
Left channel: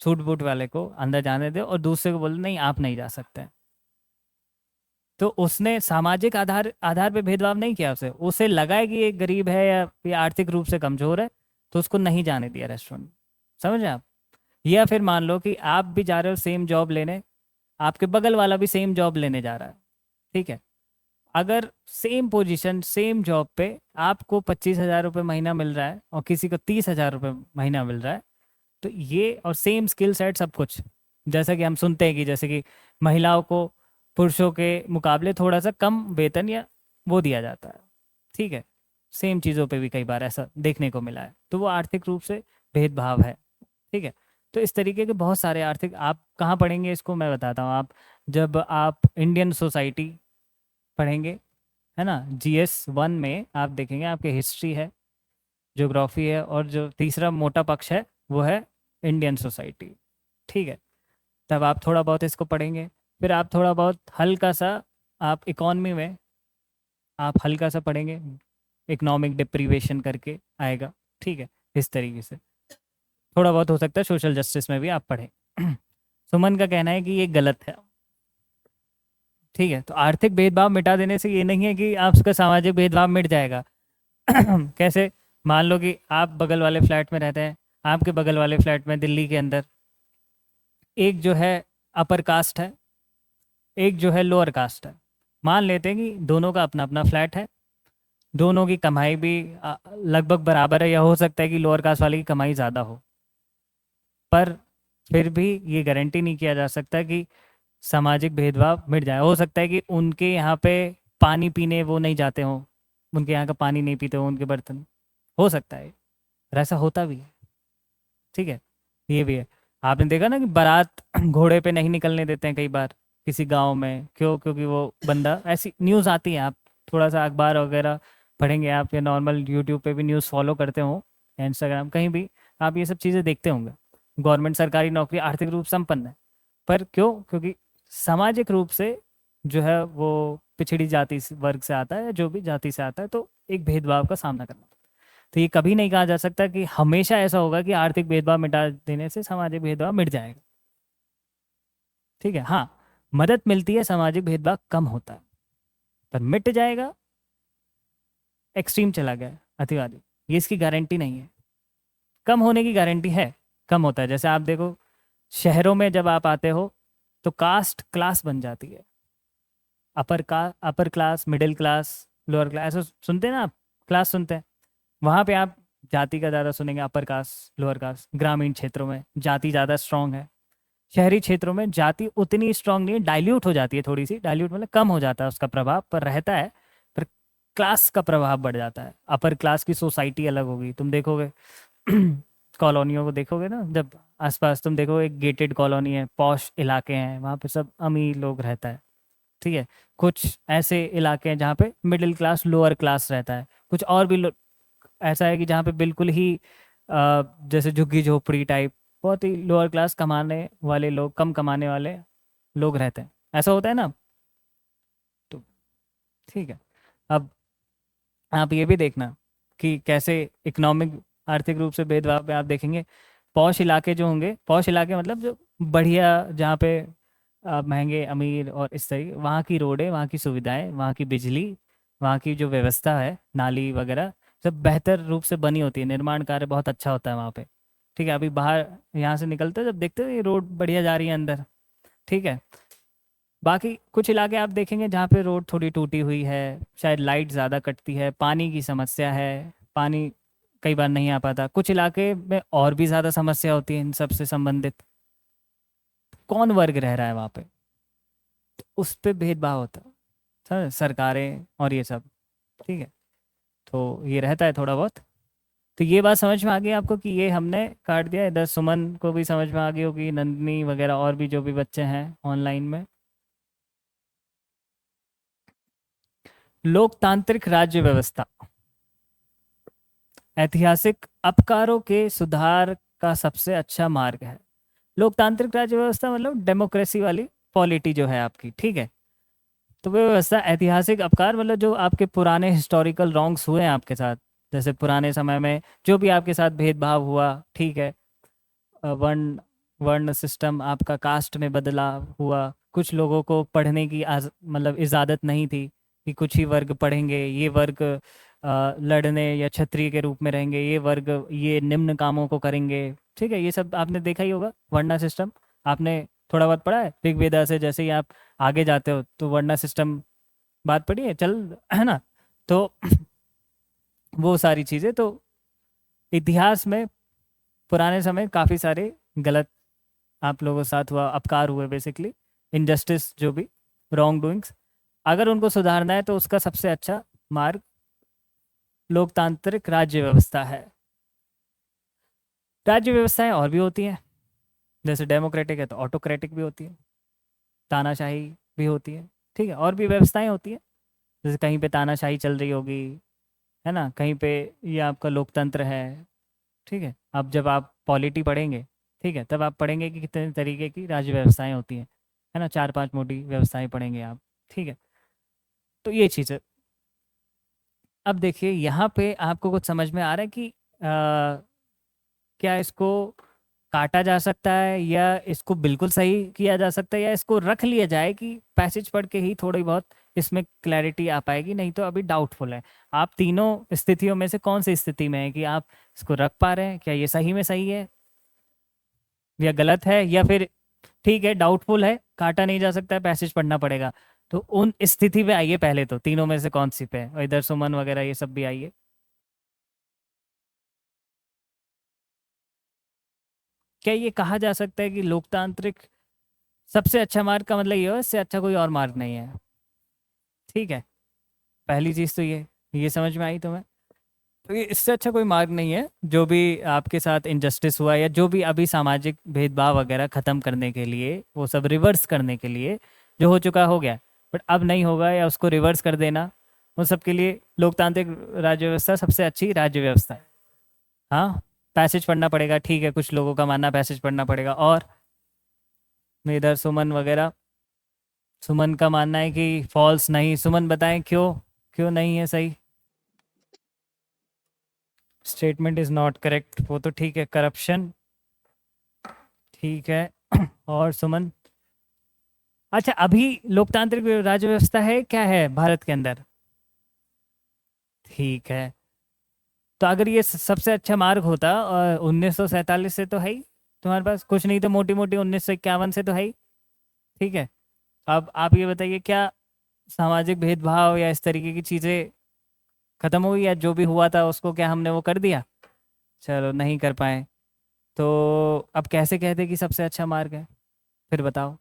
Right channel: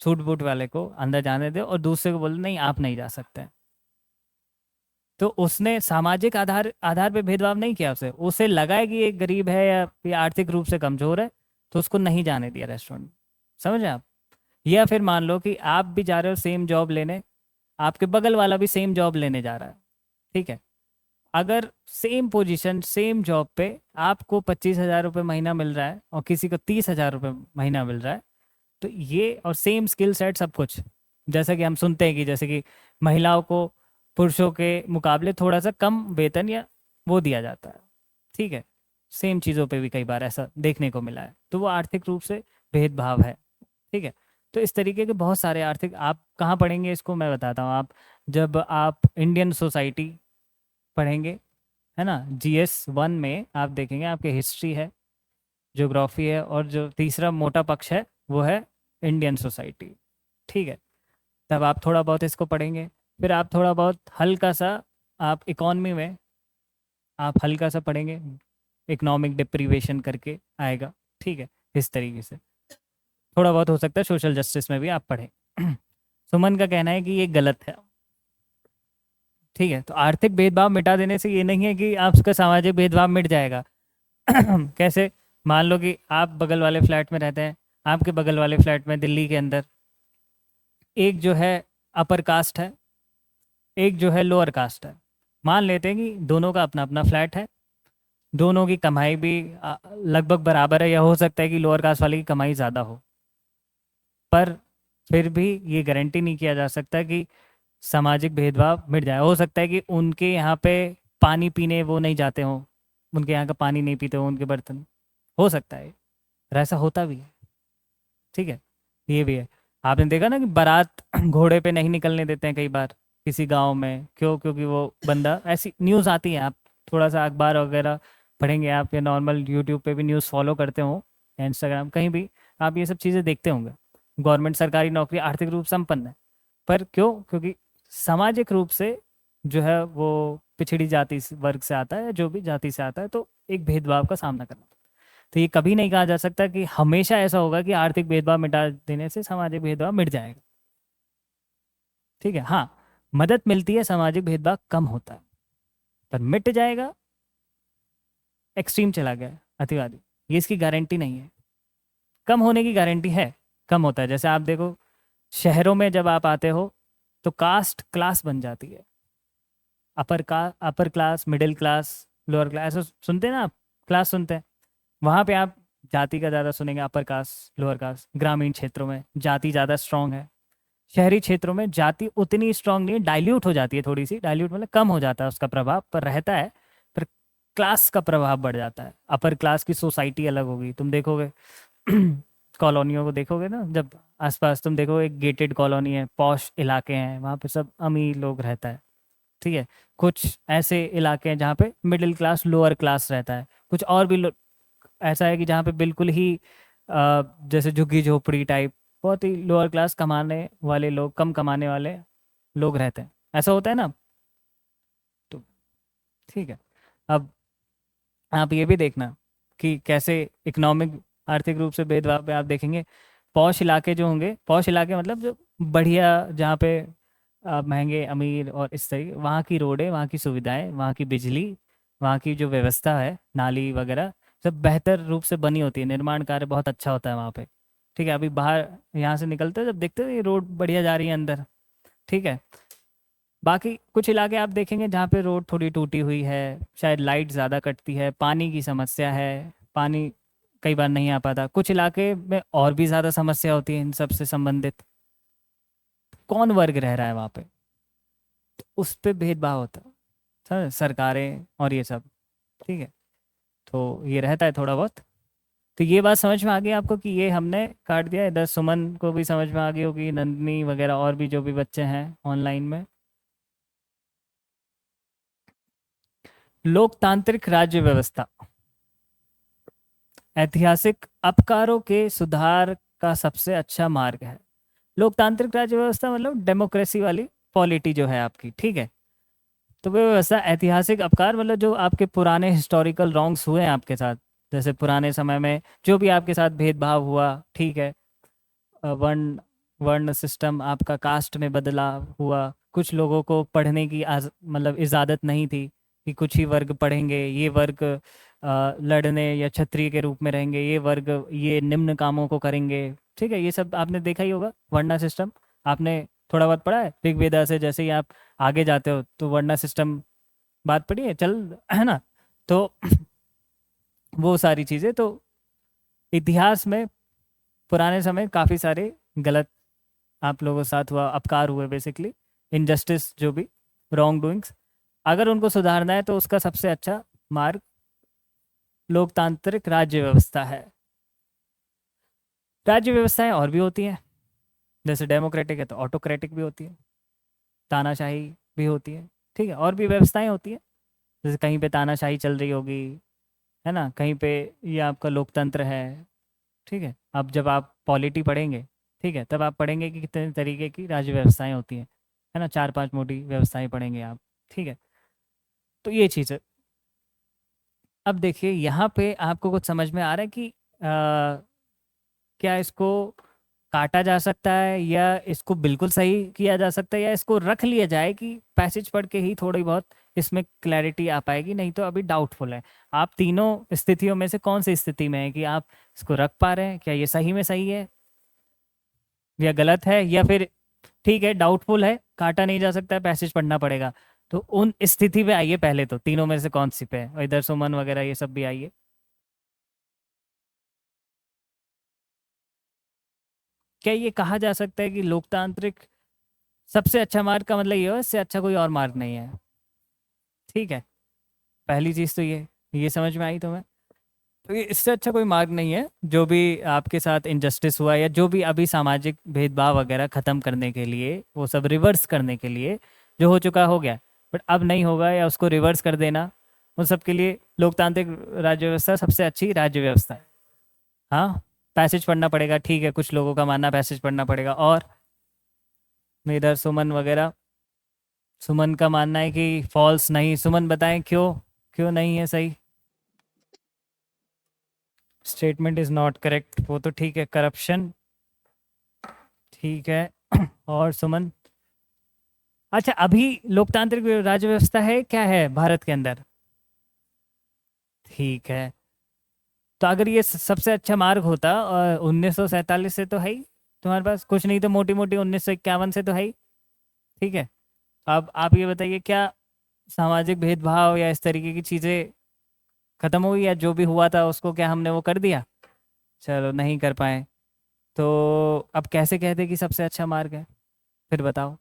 सूट बूट वाले को अंदर जाने दे, और दूसरे को बोले नहीं आप नहीं जा सकते, तो उसने सामाजिक आधार आधार पे भेदभाव नहीं किया, उसे उसे लगा है कि ये गरीब है या ये आर्थिक रूप से कमजोर है, तो उसको नहीं जाने दिया रेस्टोरेंट। समझे आप? या फिर मान लो कि आप भी जा रहे हो सेम जॉब लेने, आपके बगल वाला भी सेम जॉब लेने जा रहा है, ठीक है। अगर सेम पोजीशन सेम जॉब पे आपको 25,000 रुपये महीना मिल रहा है और किसी को 30,000 रुपये महीना मिल रहा है, तो ये, और सेम स्किल सेट सब कुछ, जैसा कि हम सुनते हैं कि जैसे कि महिलाओं को पुरुषों के मुकाबले थोड़ा सा कम वेतन या वो दिया जाता है, ठीक है। सेम चीज़ों पे भी कई बार ऐसा देखने को मिला है, तो वो आर्थिक रूप से भेदभाव है, ठीक है। तो इस तरीके के बहुत सारे आर्थिक, आप कहाँ पढ़ेंगे इसको मैं बताता हूँ। आप जब आप इंडियन सोसाइटी पढ़ेंगे, है ना, GS 1 में आप देखेंगे, आपके हिस्ट्री है, ज्योग्राफी है, और जो तीसरा मोटा पक्ष है वो है इंडियन सोसाइटी, ठीक है। तब आप थोड़ा बहुत इसको पढ़ेंगे, फिर आप थोड़ा बहुत हल्का सा, आप इकॉनमी में आप हल्का सा पढ़ेंगे, इकोनॉमिक डिप्रीवेशन करके आएगा, ठीक है। इस तरीके से थोड़ा बहुत हो सकता है सोशल जस्टिस में भी आप पढ़ें। सुमन का कहना है कि ये गलत है, ठीक है। तो आर्थिक भेदभाव मिटा देने से ये नहीं है कि आपका सामाजिक भेदभाव मिट जाएगा। कैसे? मान लो कि आप बगल वाले फ्लैट में रहते हैं, आपके बगल वाले फ्लैट में दिल्ली के अंदर एक जो है अपर कास्ट है, एक जो है लोअर कास्ट है। मान लेते हैं कि दोनों का अपना अपना फ्लैट है, दोनों की कमाई भी लगभग बराबर है, या हो सकता है कि लोअर कास्ट वाले की कमाई ज़्यादा हो, पर फिर भी ये गारंटी नहीं किया जा सकता कि सामाजिक भेदभाव मिट जाए। हो सकता है कि उनके यहाँ पे पानी पीने वो नहीं जाते हों, उनके यहाँ का पानी नहीं पीते हो उनके बर्तन, हो सकता है, और ऐसा होता भी है, ठीक है। ये भी है। आपने देखा ना कि बारात घोड़े पे नहीं निकलने देते हैं कई बार किसी गांव में, क्यों? क्योंकि वो बंदा, ऐसी न्यूज़ आती है, आप थोड़ा सा अखबार वगैरह पढ़ेंगे आप, या नॉर्मल यूट्यूब पे भी न्यूज़ फॉलो करते हो, इंस्टाग्राम कहीं भी आप ये सब चीज़ें देखते होंगे। गवर्नमेंट सरकारी नौकरी आर्थिक रूप से संपन्न है, पर क्यों? क्योंकि सामाजिक रूप से जो है वो पिछड़ी जाति वर्ग से आता है, जो भी जाति से आता है, तो एक भेदभाव का सामना करना। तो ये कभी नहीं कहा जा सकता कि हमेशा ऐसा होगा कि आर्थिक भेदभाव मिटा देने से सामाजिक भेदभाव मिट जाएगा, ठीक है। हाँ, मदद मिलती है, सामाजिक भेदभाव कम होता है, पर मिट जाएगा एक्सट्रीम चला गया, अतिवादी, ये इसकी गारंटी नहीं है। कम होने की गारंटी है, कम होता है। जैसे आप देखो शहरों में जब आप आते हो तो कास्ट क्लास बन जाती है, upper class, middle class, lower class, सुनते हैं ना आप, क्लास सुनते हैं। वहाँ पे आप जाति का ज़्यादा सुनेंगे, अपर कास्ट लोअर कास्ट। ग्रामीण क्षेत्रों में जाति ज़्यादा स्ट्रांग है, शहरी क्षेत्रों में जाति उतनी स्ट्रांग नहीं है, डाइल्यूट हो जाती है, थोड़ी सी डाइल्यूट मतलब कम हो जाता है उसका प्रभाव, पर रहता है, पर क्लास का प्रभाव बढ़ जाता है। अपर क्लास की सोसाइटी अलग होगी, तुम देखोगे कॉलोनियों को देखोगे ना, जब आसपास तुम देखो एक गेटेड कॉलोनी है, पॉश इलाके हैं, वहाँ पे सब अमीर लोग रहता है, ठीक है। कुछ ऐसे इलाके हैं जहाँ पे मिडिल क्लास लोअर क्लास रहता है, कुछ और भी ऐसा है कि जहाँ पे बिल्कुल ही जैसे झुग्गी झोपड़ी टाइप, बहुत ही लोअर क्लास, कमाने वाले लोग, कम कमाने वाले लोग रहते हैं, ऐसा होता है ना। तो ठीक है। अब आप ये भी देखना कि कैसे इकोनॉमिक आर्थिक रूप से भेदभाव में आप देखेंगे, पॉश इलाके जो होंगे, पॉश इलाके मतलब जो बढ़िया, जहाँ पे महंगे अमीर और इस तरह वहाँ की रोडें, वहाँ की सुविधाएं, वहाँ की बिजली, वहाँ की जो व्यवस्था है, नाली वगैरह सब बेहतर रूप से बनी होती है, निर्माण कार्य बहुत अच्छा होता है वहाँ पे। ठीक है, अभी बाहर यहाँ से निकलते हो जब देखते हो ये रोड बढ़िया जा रही है अंदर। ठीक है, बाकी कुछ इलाके आप देखेंगे जहाँ पे रोड थोड़ी टूटी हुई है, शायद लाइट ज़्यादा कटती है, पानी की समस्या है, पानी कई बार नहीं आ पाता, कुछ इलाके में और भी ज़्यादा समस्या होती है इन सब से संबंधित। कौन वर्ग रह रहा है वहाँ पे, उस पे भेदभाव होता है, सरकारें और ये सब। ठीक है, तो ये रहता है थोड़ा बहुत। तो ये बात समझ में आ गई आपको कि ये हमने काट दिया। इधर सुमन को भी समझ में आ गई होगी, नंदनी वगैरह और भी जो भी बच्चे हैं ऑनलाइन में। लोकतांत्रिक राज्य व्यवस्था ऐतिहासिक अपकारों के सुधार का सबसे अच्छा मार्ग है। लोकतांत्रिक राज्य व्यवस्था मतलब डेमोक्रेसी वाली पॉलिटी जो है आपकी। ठीक है, तो वो व्यवस्था ऐतिहासिक अपकार मतलब जो आपके पुराने हिस्टोरिकल रॉन्ग्स हुए हैं आपके साथ, जैसे पुराने समय में जो भी आपके साथ भेदभाव हुआ, ठीक है, वर्ण वर्ण सिस्टम आपका कास्ट में बदला हुआ, कुछ लोगों को पढ़ने की मतलब इजाज़त नहीं थी कि कुछ ही वर्ग पढ़ेंगे, ये वर्ग लड़ने या क्षत्रिय के रूप में रहेंगे, ये वर्ग ये निम्न कामों को करेंगे। ठीक है, ये सब आपने देखा ही होगा, वर्णा सिस्टम आपने थोड़ा बहुत पढ़ा है ऋग्वेदा से। जैसे ही आप आगे जाते हो तो वर्णा सिस्टम बात पड़ी है, चल है ना। तो वो सारी चीज़ें तो इतिहास में पुराने समय काफ़ी सारे गलत आप लोगों के साथ हुआ, अपकार हुए, बेसिकली इनजस्टिस, जो भी रॉन्ग डूइंग्स, अगर उनको सुधारना है तो उसका सबसे अच्छा मार्ग लोकतांत्रिक राज्य व्यवस्था है। राज्य व्यवस्थाएं और भी होती हैं, जैसे डेमोक्रेटिक है तो ऑटोक्रेटिक भी होती है, तानाशाही भी होती है। ठीक है, और भी व्यवस्थाएं होती है, जैसे कहीं पे तानाशाही चल रही होगी, है ना, कहीं पे ये आपका लोकतंत्र है। ठीक है, अब जब आप पॉलिटी पढ़ेंगे, ठीक है, तब आप पढ़ेंगे कि कितने तरीके की राज्य व्यवस्थाएं होती हैं, है ना, 4-5 मोटी व्यवस्थाएं पढ़ेंगे आप। ठीक है, तो ये चीज़ है। अब देखिए यहाँ पे आपको कुछ समझ में आ रहा है कि क्या इसको काटा जा सकता है या इसको बिल्कुल सही किया जा सकता है, या इसको रख लिया जाए कि पैसेज पढ़ के ही थोड़ी बहुत इसमें क्लैरिटी आ पाएगी, नहीं तो अभी डाउटफुल है। आप तीनों स्थितियों में से कौन सी स्थिति में है कि आप इसको रख पा रहे हैं, क्या ये सही में सही है या गलत है, या फिर ठीक है डाउटफुल है, काटा नहीं जा सकता है, पैसेज पढ़ना पड़ेगा। तो उन स्थिति में आइए, पहले तो तीनों में से कौन सी पे है, और इधर सुमन वगैरह ये सब भी आइए। क्या ये कहा जा सकता है कि लोकतांत्रिक सबसे अच्छा मार्ग का मतलब ये हो, इससे अच्छा कोई और मार्ग नहीं है? ठीक है, पहली चीज़ तो ये समझ में आई तुम्हें? तो ये इससे अच्छा कोई मार्ग नहीं है। जो भी आपके साथ इनजस्टिस हुआ या जो भी अभी सामाजिक भेदभाव वगैरह ख़त्म करने के लिए, वो सब रिवर्स करने के लिए, जो हो चुका हो गया, बट अब नहीं होगा, या उसको रिवर्स कर देना, उन सब के लिए लोकतांत्रिक राज्य व्यवस्था सबसे अच्छी राज्य व्यवस्था है। हाँ, पैसेज पढ़ना पड़ेगा, ठीक है, कुछ लोगों का मानना पैसेज पढ़ना पड़ेगा। और इधर सुमन वगैरह, सुमन का मानना है कि फॉल्स नहीं। सुमन बताएं क्यों, क्यों नहीं है सही? स्टेटमेंट इज नॉट करेक्ट, वो तो ठीक है, करप्शन, ठीक है। और सुमन, अच्छा अभी लोकतांत्रिक राज्य व्यवस्था है क्या है भारत के अंदर? ठीक है, तो अगर ये सबसे अच्छा मार्ग होता 1947 से तो है ही तुम्हारे पास, कुछ नहीं तो मोटी मोटी 1951 से तो है ही। ठीक है, अब आप ये बताइए, क्या सामाजिक भेदभाव या इस तरीके की चीज़ें खत्म हुई, या जो भी हुआ था उसको क्या हमने वो कर दिया? चलो नहीं कर पाए, तो अब कैसे कहते कि सबसे अच्छा मार्ग है? फिर बताओ,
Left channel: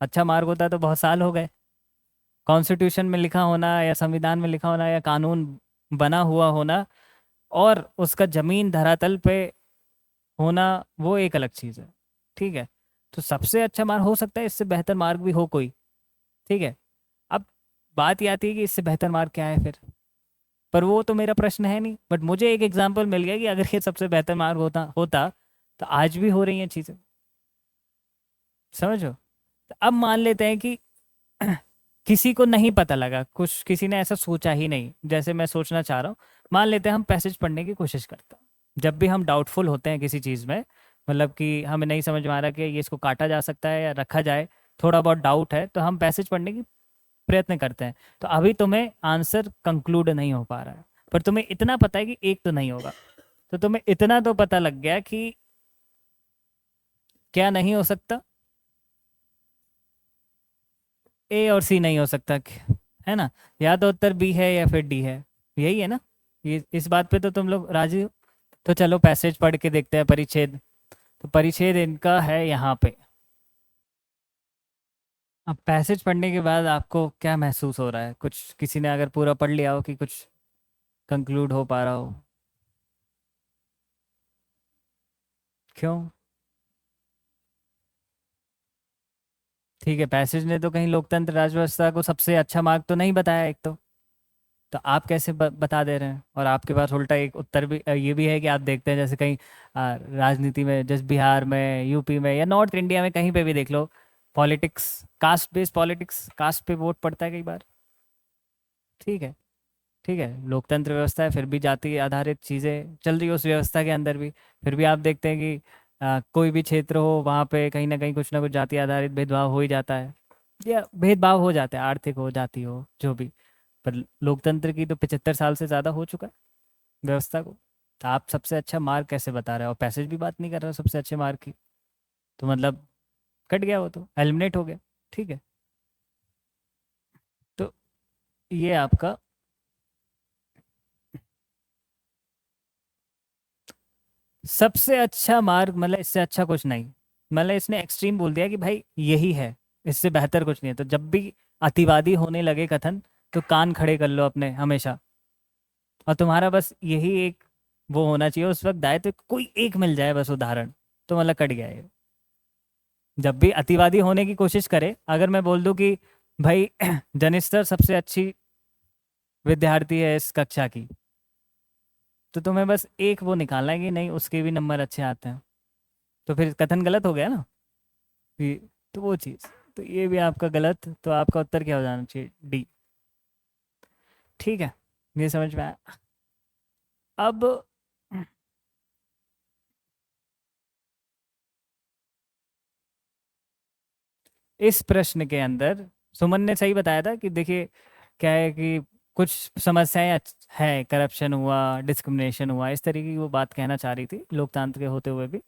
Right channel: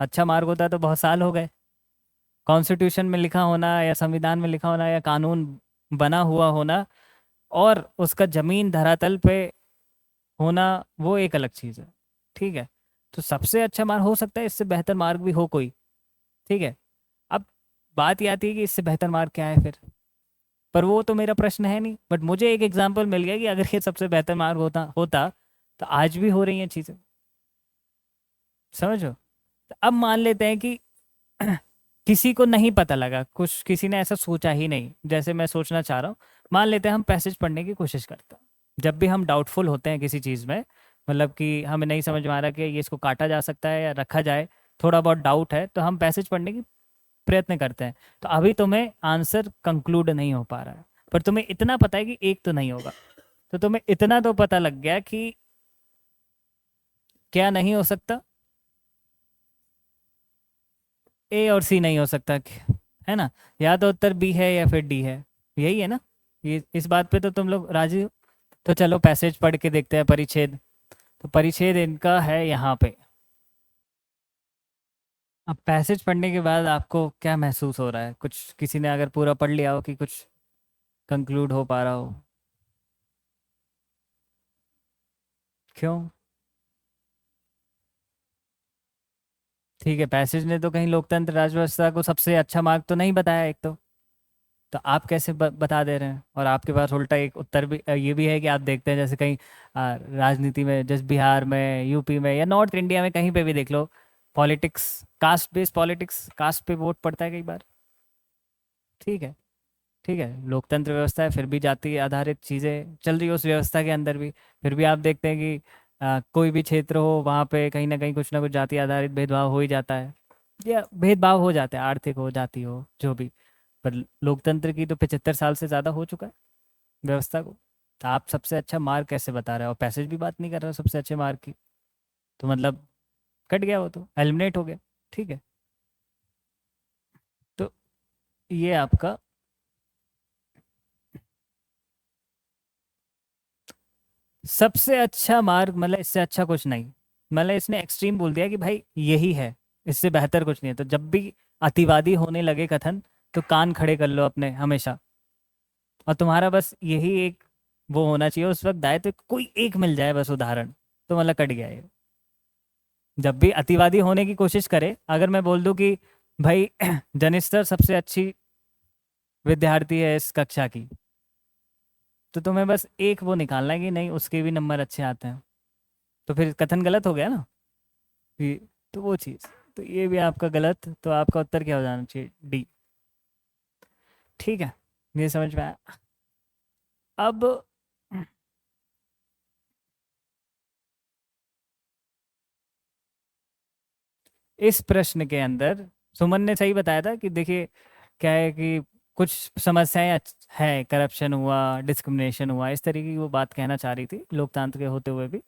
अच्छा मार्ग होता तो बहुत साल हो गए। कॉन्स्टिट्यूशन में लिखा होना, या संविधान में लिखा होना, या कानून बना हुआ होना, और उसका जमीन धरातल पे होना, वो एक अलग चीज़ है। ठीक है, तो सबसे अच्छा मार्ग हो सकता है, इससे बेहतर मार्ग भी हो कोई। ठीक है, अब बात ये आती है कि इससे बेहतर मार्ग क्या है फिर, पर वो तो मेरा प्रश्न है नहीं, बट मुझे एक एग्जांपल मिल गया कि अगर ये सबसे बेहतर मार्ग होता होता तो आज भी हो रही हैं चीज़ें, समझो। तो अब मान लेते हैं कि किसी को नहीं पता लगा, कुछ किसी ने ऐसा सोचा ही नहीं जैसे मैं सोचना चाह रहा हूँ। मान लेते हैं हम पैसेज पढ़ने की कोशिश करते हैं, जब भी हम डाउटफुल होते हैं किसी चीज़ में, मतलब कि हमें नहीं समझ में आ रहा कि ये इसको काटा जा सकता है या रखा जाए, थोड़ा बहुत डाउट है तो हम पैसेज पढ़ने की प्रयत्न करते हैं। तो अभी तुम्हें आंसर कंक्लूड नहीं हो पा रहा है, पर तुम्हें इतना पता है कि एक तो नहीं होगा। तो तुम्हें इतना तो पता लग गया कि क्या नहीं हो सकता, ए और सी नहीं हो सकता, है ना? या तो उत्तर बी है या फिर डी है, यही है ना? ये इस बात पे तो तुम लोग राजी हो? तो चलो पैसेज पढ़ के देखते हैं, परिच्छेद। तो परिच्छेद इनका है यहाँ पे। अब पैसेज पढ़ने के बाद आपको क्या महसूस हो रहा है? कुछ किसी ने अगर पूरा पढ़ लिया हो कि कुछ कंक्लूड हो पा रहा हो? क्यों? ठीक है, पैसेज ने तो कहीं लोकतंत्र राजव्यवस्था को सबसे अच्छा मार्ग तो नहीं बताया एक तो आप कैसे बता दे रहे हैं? और आपके पास उल्टा एक उत्तर भी ये भी है कि आप देखते हैं जैसे कहीं राजनीति में, जैसे बिहार में, यूपी में या नॉर्थ इंडिया में कहीं पे भी देख लो, politics, caste based politics, caste पे वोट पड़ता है कई बार। ठीक है, ठीक है, लोकतंत्र व्यवस्था है, फिर भी जाति आधारित चीज़ें चल रही है उस व्यवस्था के अंदर भी। फिर भी आप देखते हैं कि कोई भी क्षेत्र हो वहाँ पे कहीं ना कहीं कुछ ना कुछ जाति आधारित भेदभाव हो ही जाता है, या भेदभाव हो जाता है, आर्थिक हो, जाति हो, जो भी। पर लोकतंत्र की तो 75 साल से ज़्यादा हो चुका है व्यवस्था को। तो आप सबसे अच्छा मार्क कैसे बता रहे हो? और पैसेज भी बात नहीं कर रहे हो सबसे अच्छे मार्क की, तो मतलब कट गया, वो तो एलिमिनेट हो गया। ठीक है, तो ये आपका सबसे अच्छा मार्क, मतलब इससे अच्छा कुछ नहीं, मतलब इसने एक्सट्रीम बोल दिया कि भाई यही है, इससे बेहतर कुछ नहीं है। तो जब भी अतिवादी होने लगे कथन, तो कान खड़े कर लो अपने हमेशा, और तुम्हारा बस यही एक वो होना चाहिए उस वक्त दायित्व, तो कोई एक मिल जाए बस उदाहरण, तो मतलब कट गया है। जब भी अतिवादी होने की कोशिश करे, अगर मैं बोल दूं कि भाई जनिस्तर सबसे अच्छी विद्यार्थी है इस कक्षा की, तो तुम्हें बस एक वो निकालना है कि नहीं उसके भी नंबर अच्छे आते हैं, तो फिर कथन गलत हो गया ना। तो वो चीज़, तो ये भी आपका गलत, तो आपका उत्तर क्या हो जाना चाहिए? डी। ठीक है, ये समझ में आया। अब इस प्रश्न के अंदर सुमन ने सही बताया था कि देखिए क्या है कि कुछ समस्याएं है, करप्शन हुआ, डिस्क्रिमिनेशन हुआ, इस तरीके की वो बात कहना चाह रही थी, लोकतंत्र के होते हुए भी,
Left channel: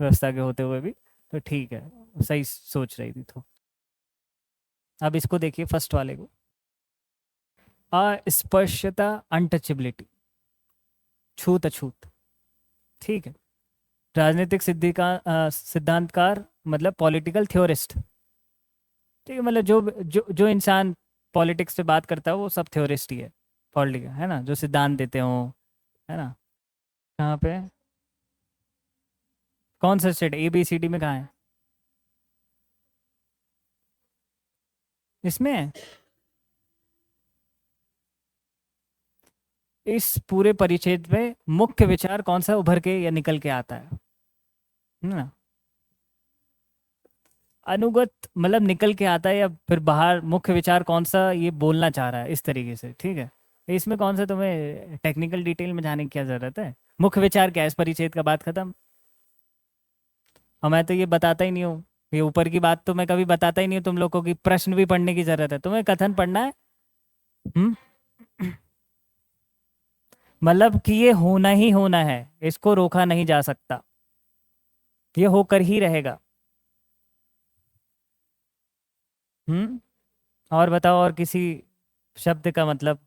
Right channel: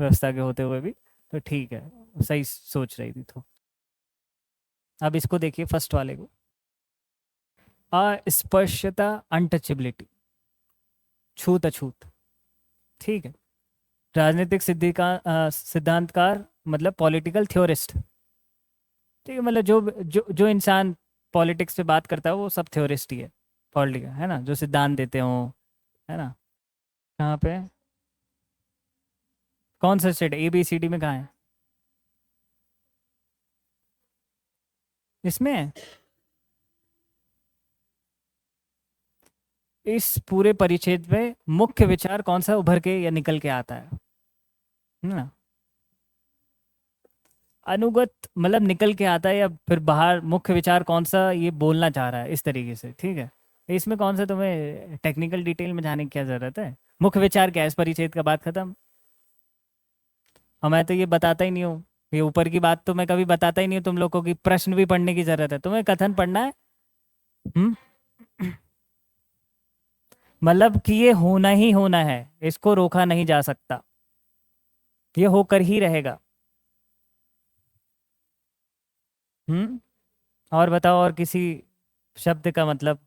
व्यवस्था के होते हुए भी। तो ठीक है, सही सोच रही थी। तो अब इसको देखिए, फर्स्ट वाले को, अस्पृश्यता, अनटचेबिलिटी, छूत अछूत। ठीक है, राजनीतिक सिद्धांतकार, मतलब पॉलिटिकल थ्योरिस्ट। ठीक है, मतलब जो इंसान पॉलिटिक्स पे बात करता है वो सब थ्योरिस्ट ही है, पॉलिटिकल, है ना, जो सिद्धांत देते हो, है ना? कहाँ पे, कौन सा state, A B C D में कहाँ है? इसमें है। इस पूरे परिच्छेद में मुख्य विचार कौन सा उभर के या निकल के आता है ना? अनुगत मतलब निकल के आता है, या फिर बाहर मुख्य विचार कौन सा ये बोलना चाह रहा है, इस तरीके से। ठीक है, इसमें कौन सा तुम्हें टेक्निकल डिटेल में जाने की क्या जरूरत है? मुख्य विचार क्या है, इस परिच्छेद का, बात खत्म। और मैं तो ये बताता ही नहीं हूँ, ये ऊपर की बात तो मैं कभी बताता ही नहीं हूँ तुम लोग को कि प्रश्न भी पढ़ने की जरूरत है, तुम्हें कथन पढ़ना है। हम्म, मतलब कि ये होना ही होना है, इसको रोका नहीं जा सकता, ये होकर ही रहेगा। और बताओ, और किसी शब्द का मतलब?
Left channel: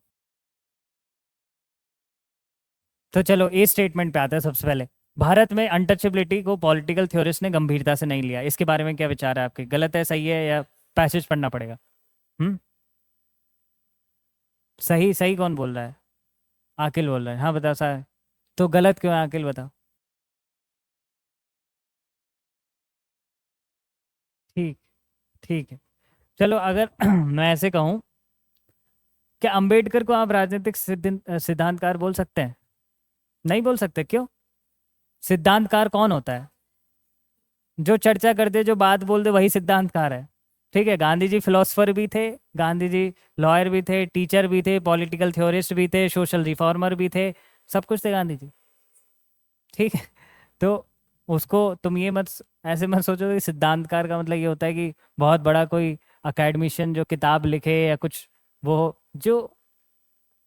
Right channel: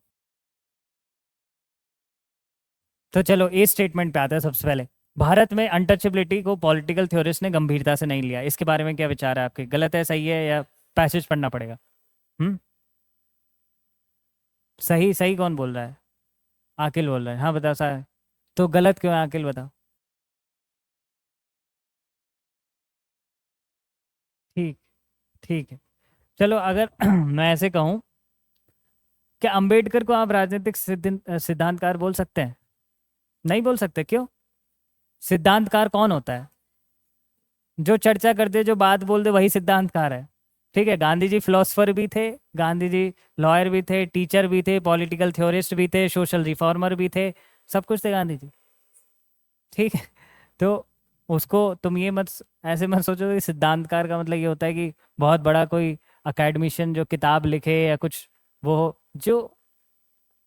तो चलो ए स्टेटमेंट पे आते हैं सबसे पहले। भारत में अनटचेबिलिटी को पॉलिटिकल थ्योरिस्ट ने गंभीरता से नहीं लिया, इसके बारे में क्या विचार है आपके? गलत है, सही है, या पैसेज पढ़ना पड़ेगा? हम्म, सही सही कौन बोल रहा है? आकिल बोल रहा है, हाँ बताओ सर। तो गलत क्यों है, आकिल बताओ। ठीक, ठीक है, चलो अगर मैं ऐसे कहूँ, क्या अंबेडकर को आप राजनीतिक सिद्धांतकार बोल सकते हैं? नहीं बोल सकते, क्यों? सिद्धांतकार कौन होता है? जो चर्चा कर दे, जो बात बोल दे, वही सिद्धांतकार है। ठीक है, गांधी जी फिलोसफर भी थे, गांधी जी लॉयर भी थे, टीचर भी थे, पॉलिटिकल थ्योरिस्ट भी थे, सोशल रिफॉर्मर भी थे, सब कुछ थे गांधी जी। ठीक है, तो उसको तुम ये मत ऐसे मत सोचो कि सिद्धांतकार का मतलब ये होता है कि बहुत बड़ा कोई अकेडमिशियन जो किताब लिखे या कुछ वो हो, जो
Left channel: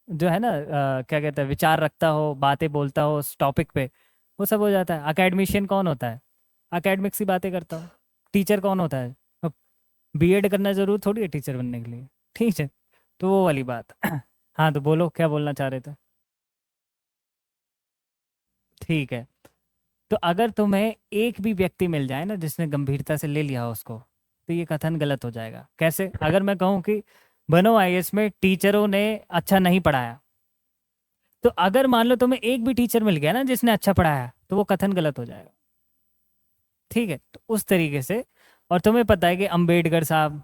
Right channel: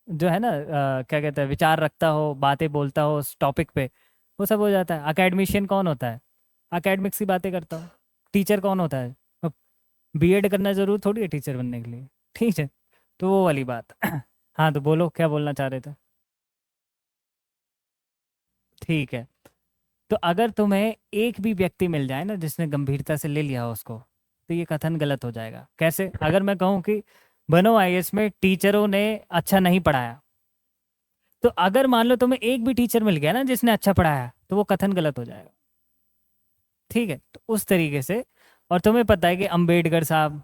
जो है ना क्या कहते हैं, विचार रखता हो, बातें बोलता हो उस टॉपिक पे, वो सब हो जाता है। अकेडमिशियन कौन होता है? अकेडमिक्स की बातें करता है। टीचर कौन होता है? अब बीएड करना जरूर थोड़ी है टीचर बनने के लिए, ठीक है? तो वो वाली बात। हाँ, तो बोलो क्या बोलना चाह रहे थे। ठीक है, तो अगर तुम्हें एक भी व्यक्ति मिल जाए ना जिसने गंभीरता से ले लिया हो उसको, तो ये कथन गलत हो जाएगा। कैसे? अगर मैं कहूँ कि बनो आईएएस में टीचरों ने अच्छा नहीं पढ़ाया, तो अगर मान लो तुम्हें एक भी टीचर मिल गया ना जिसने अच्छा पढ़ाया, तो वो कथन गलत हो जाएगा। ठीक है, तो उस तरीके से। और तुम्हें पता है कि अंबेडकर साहब,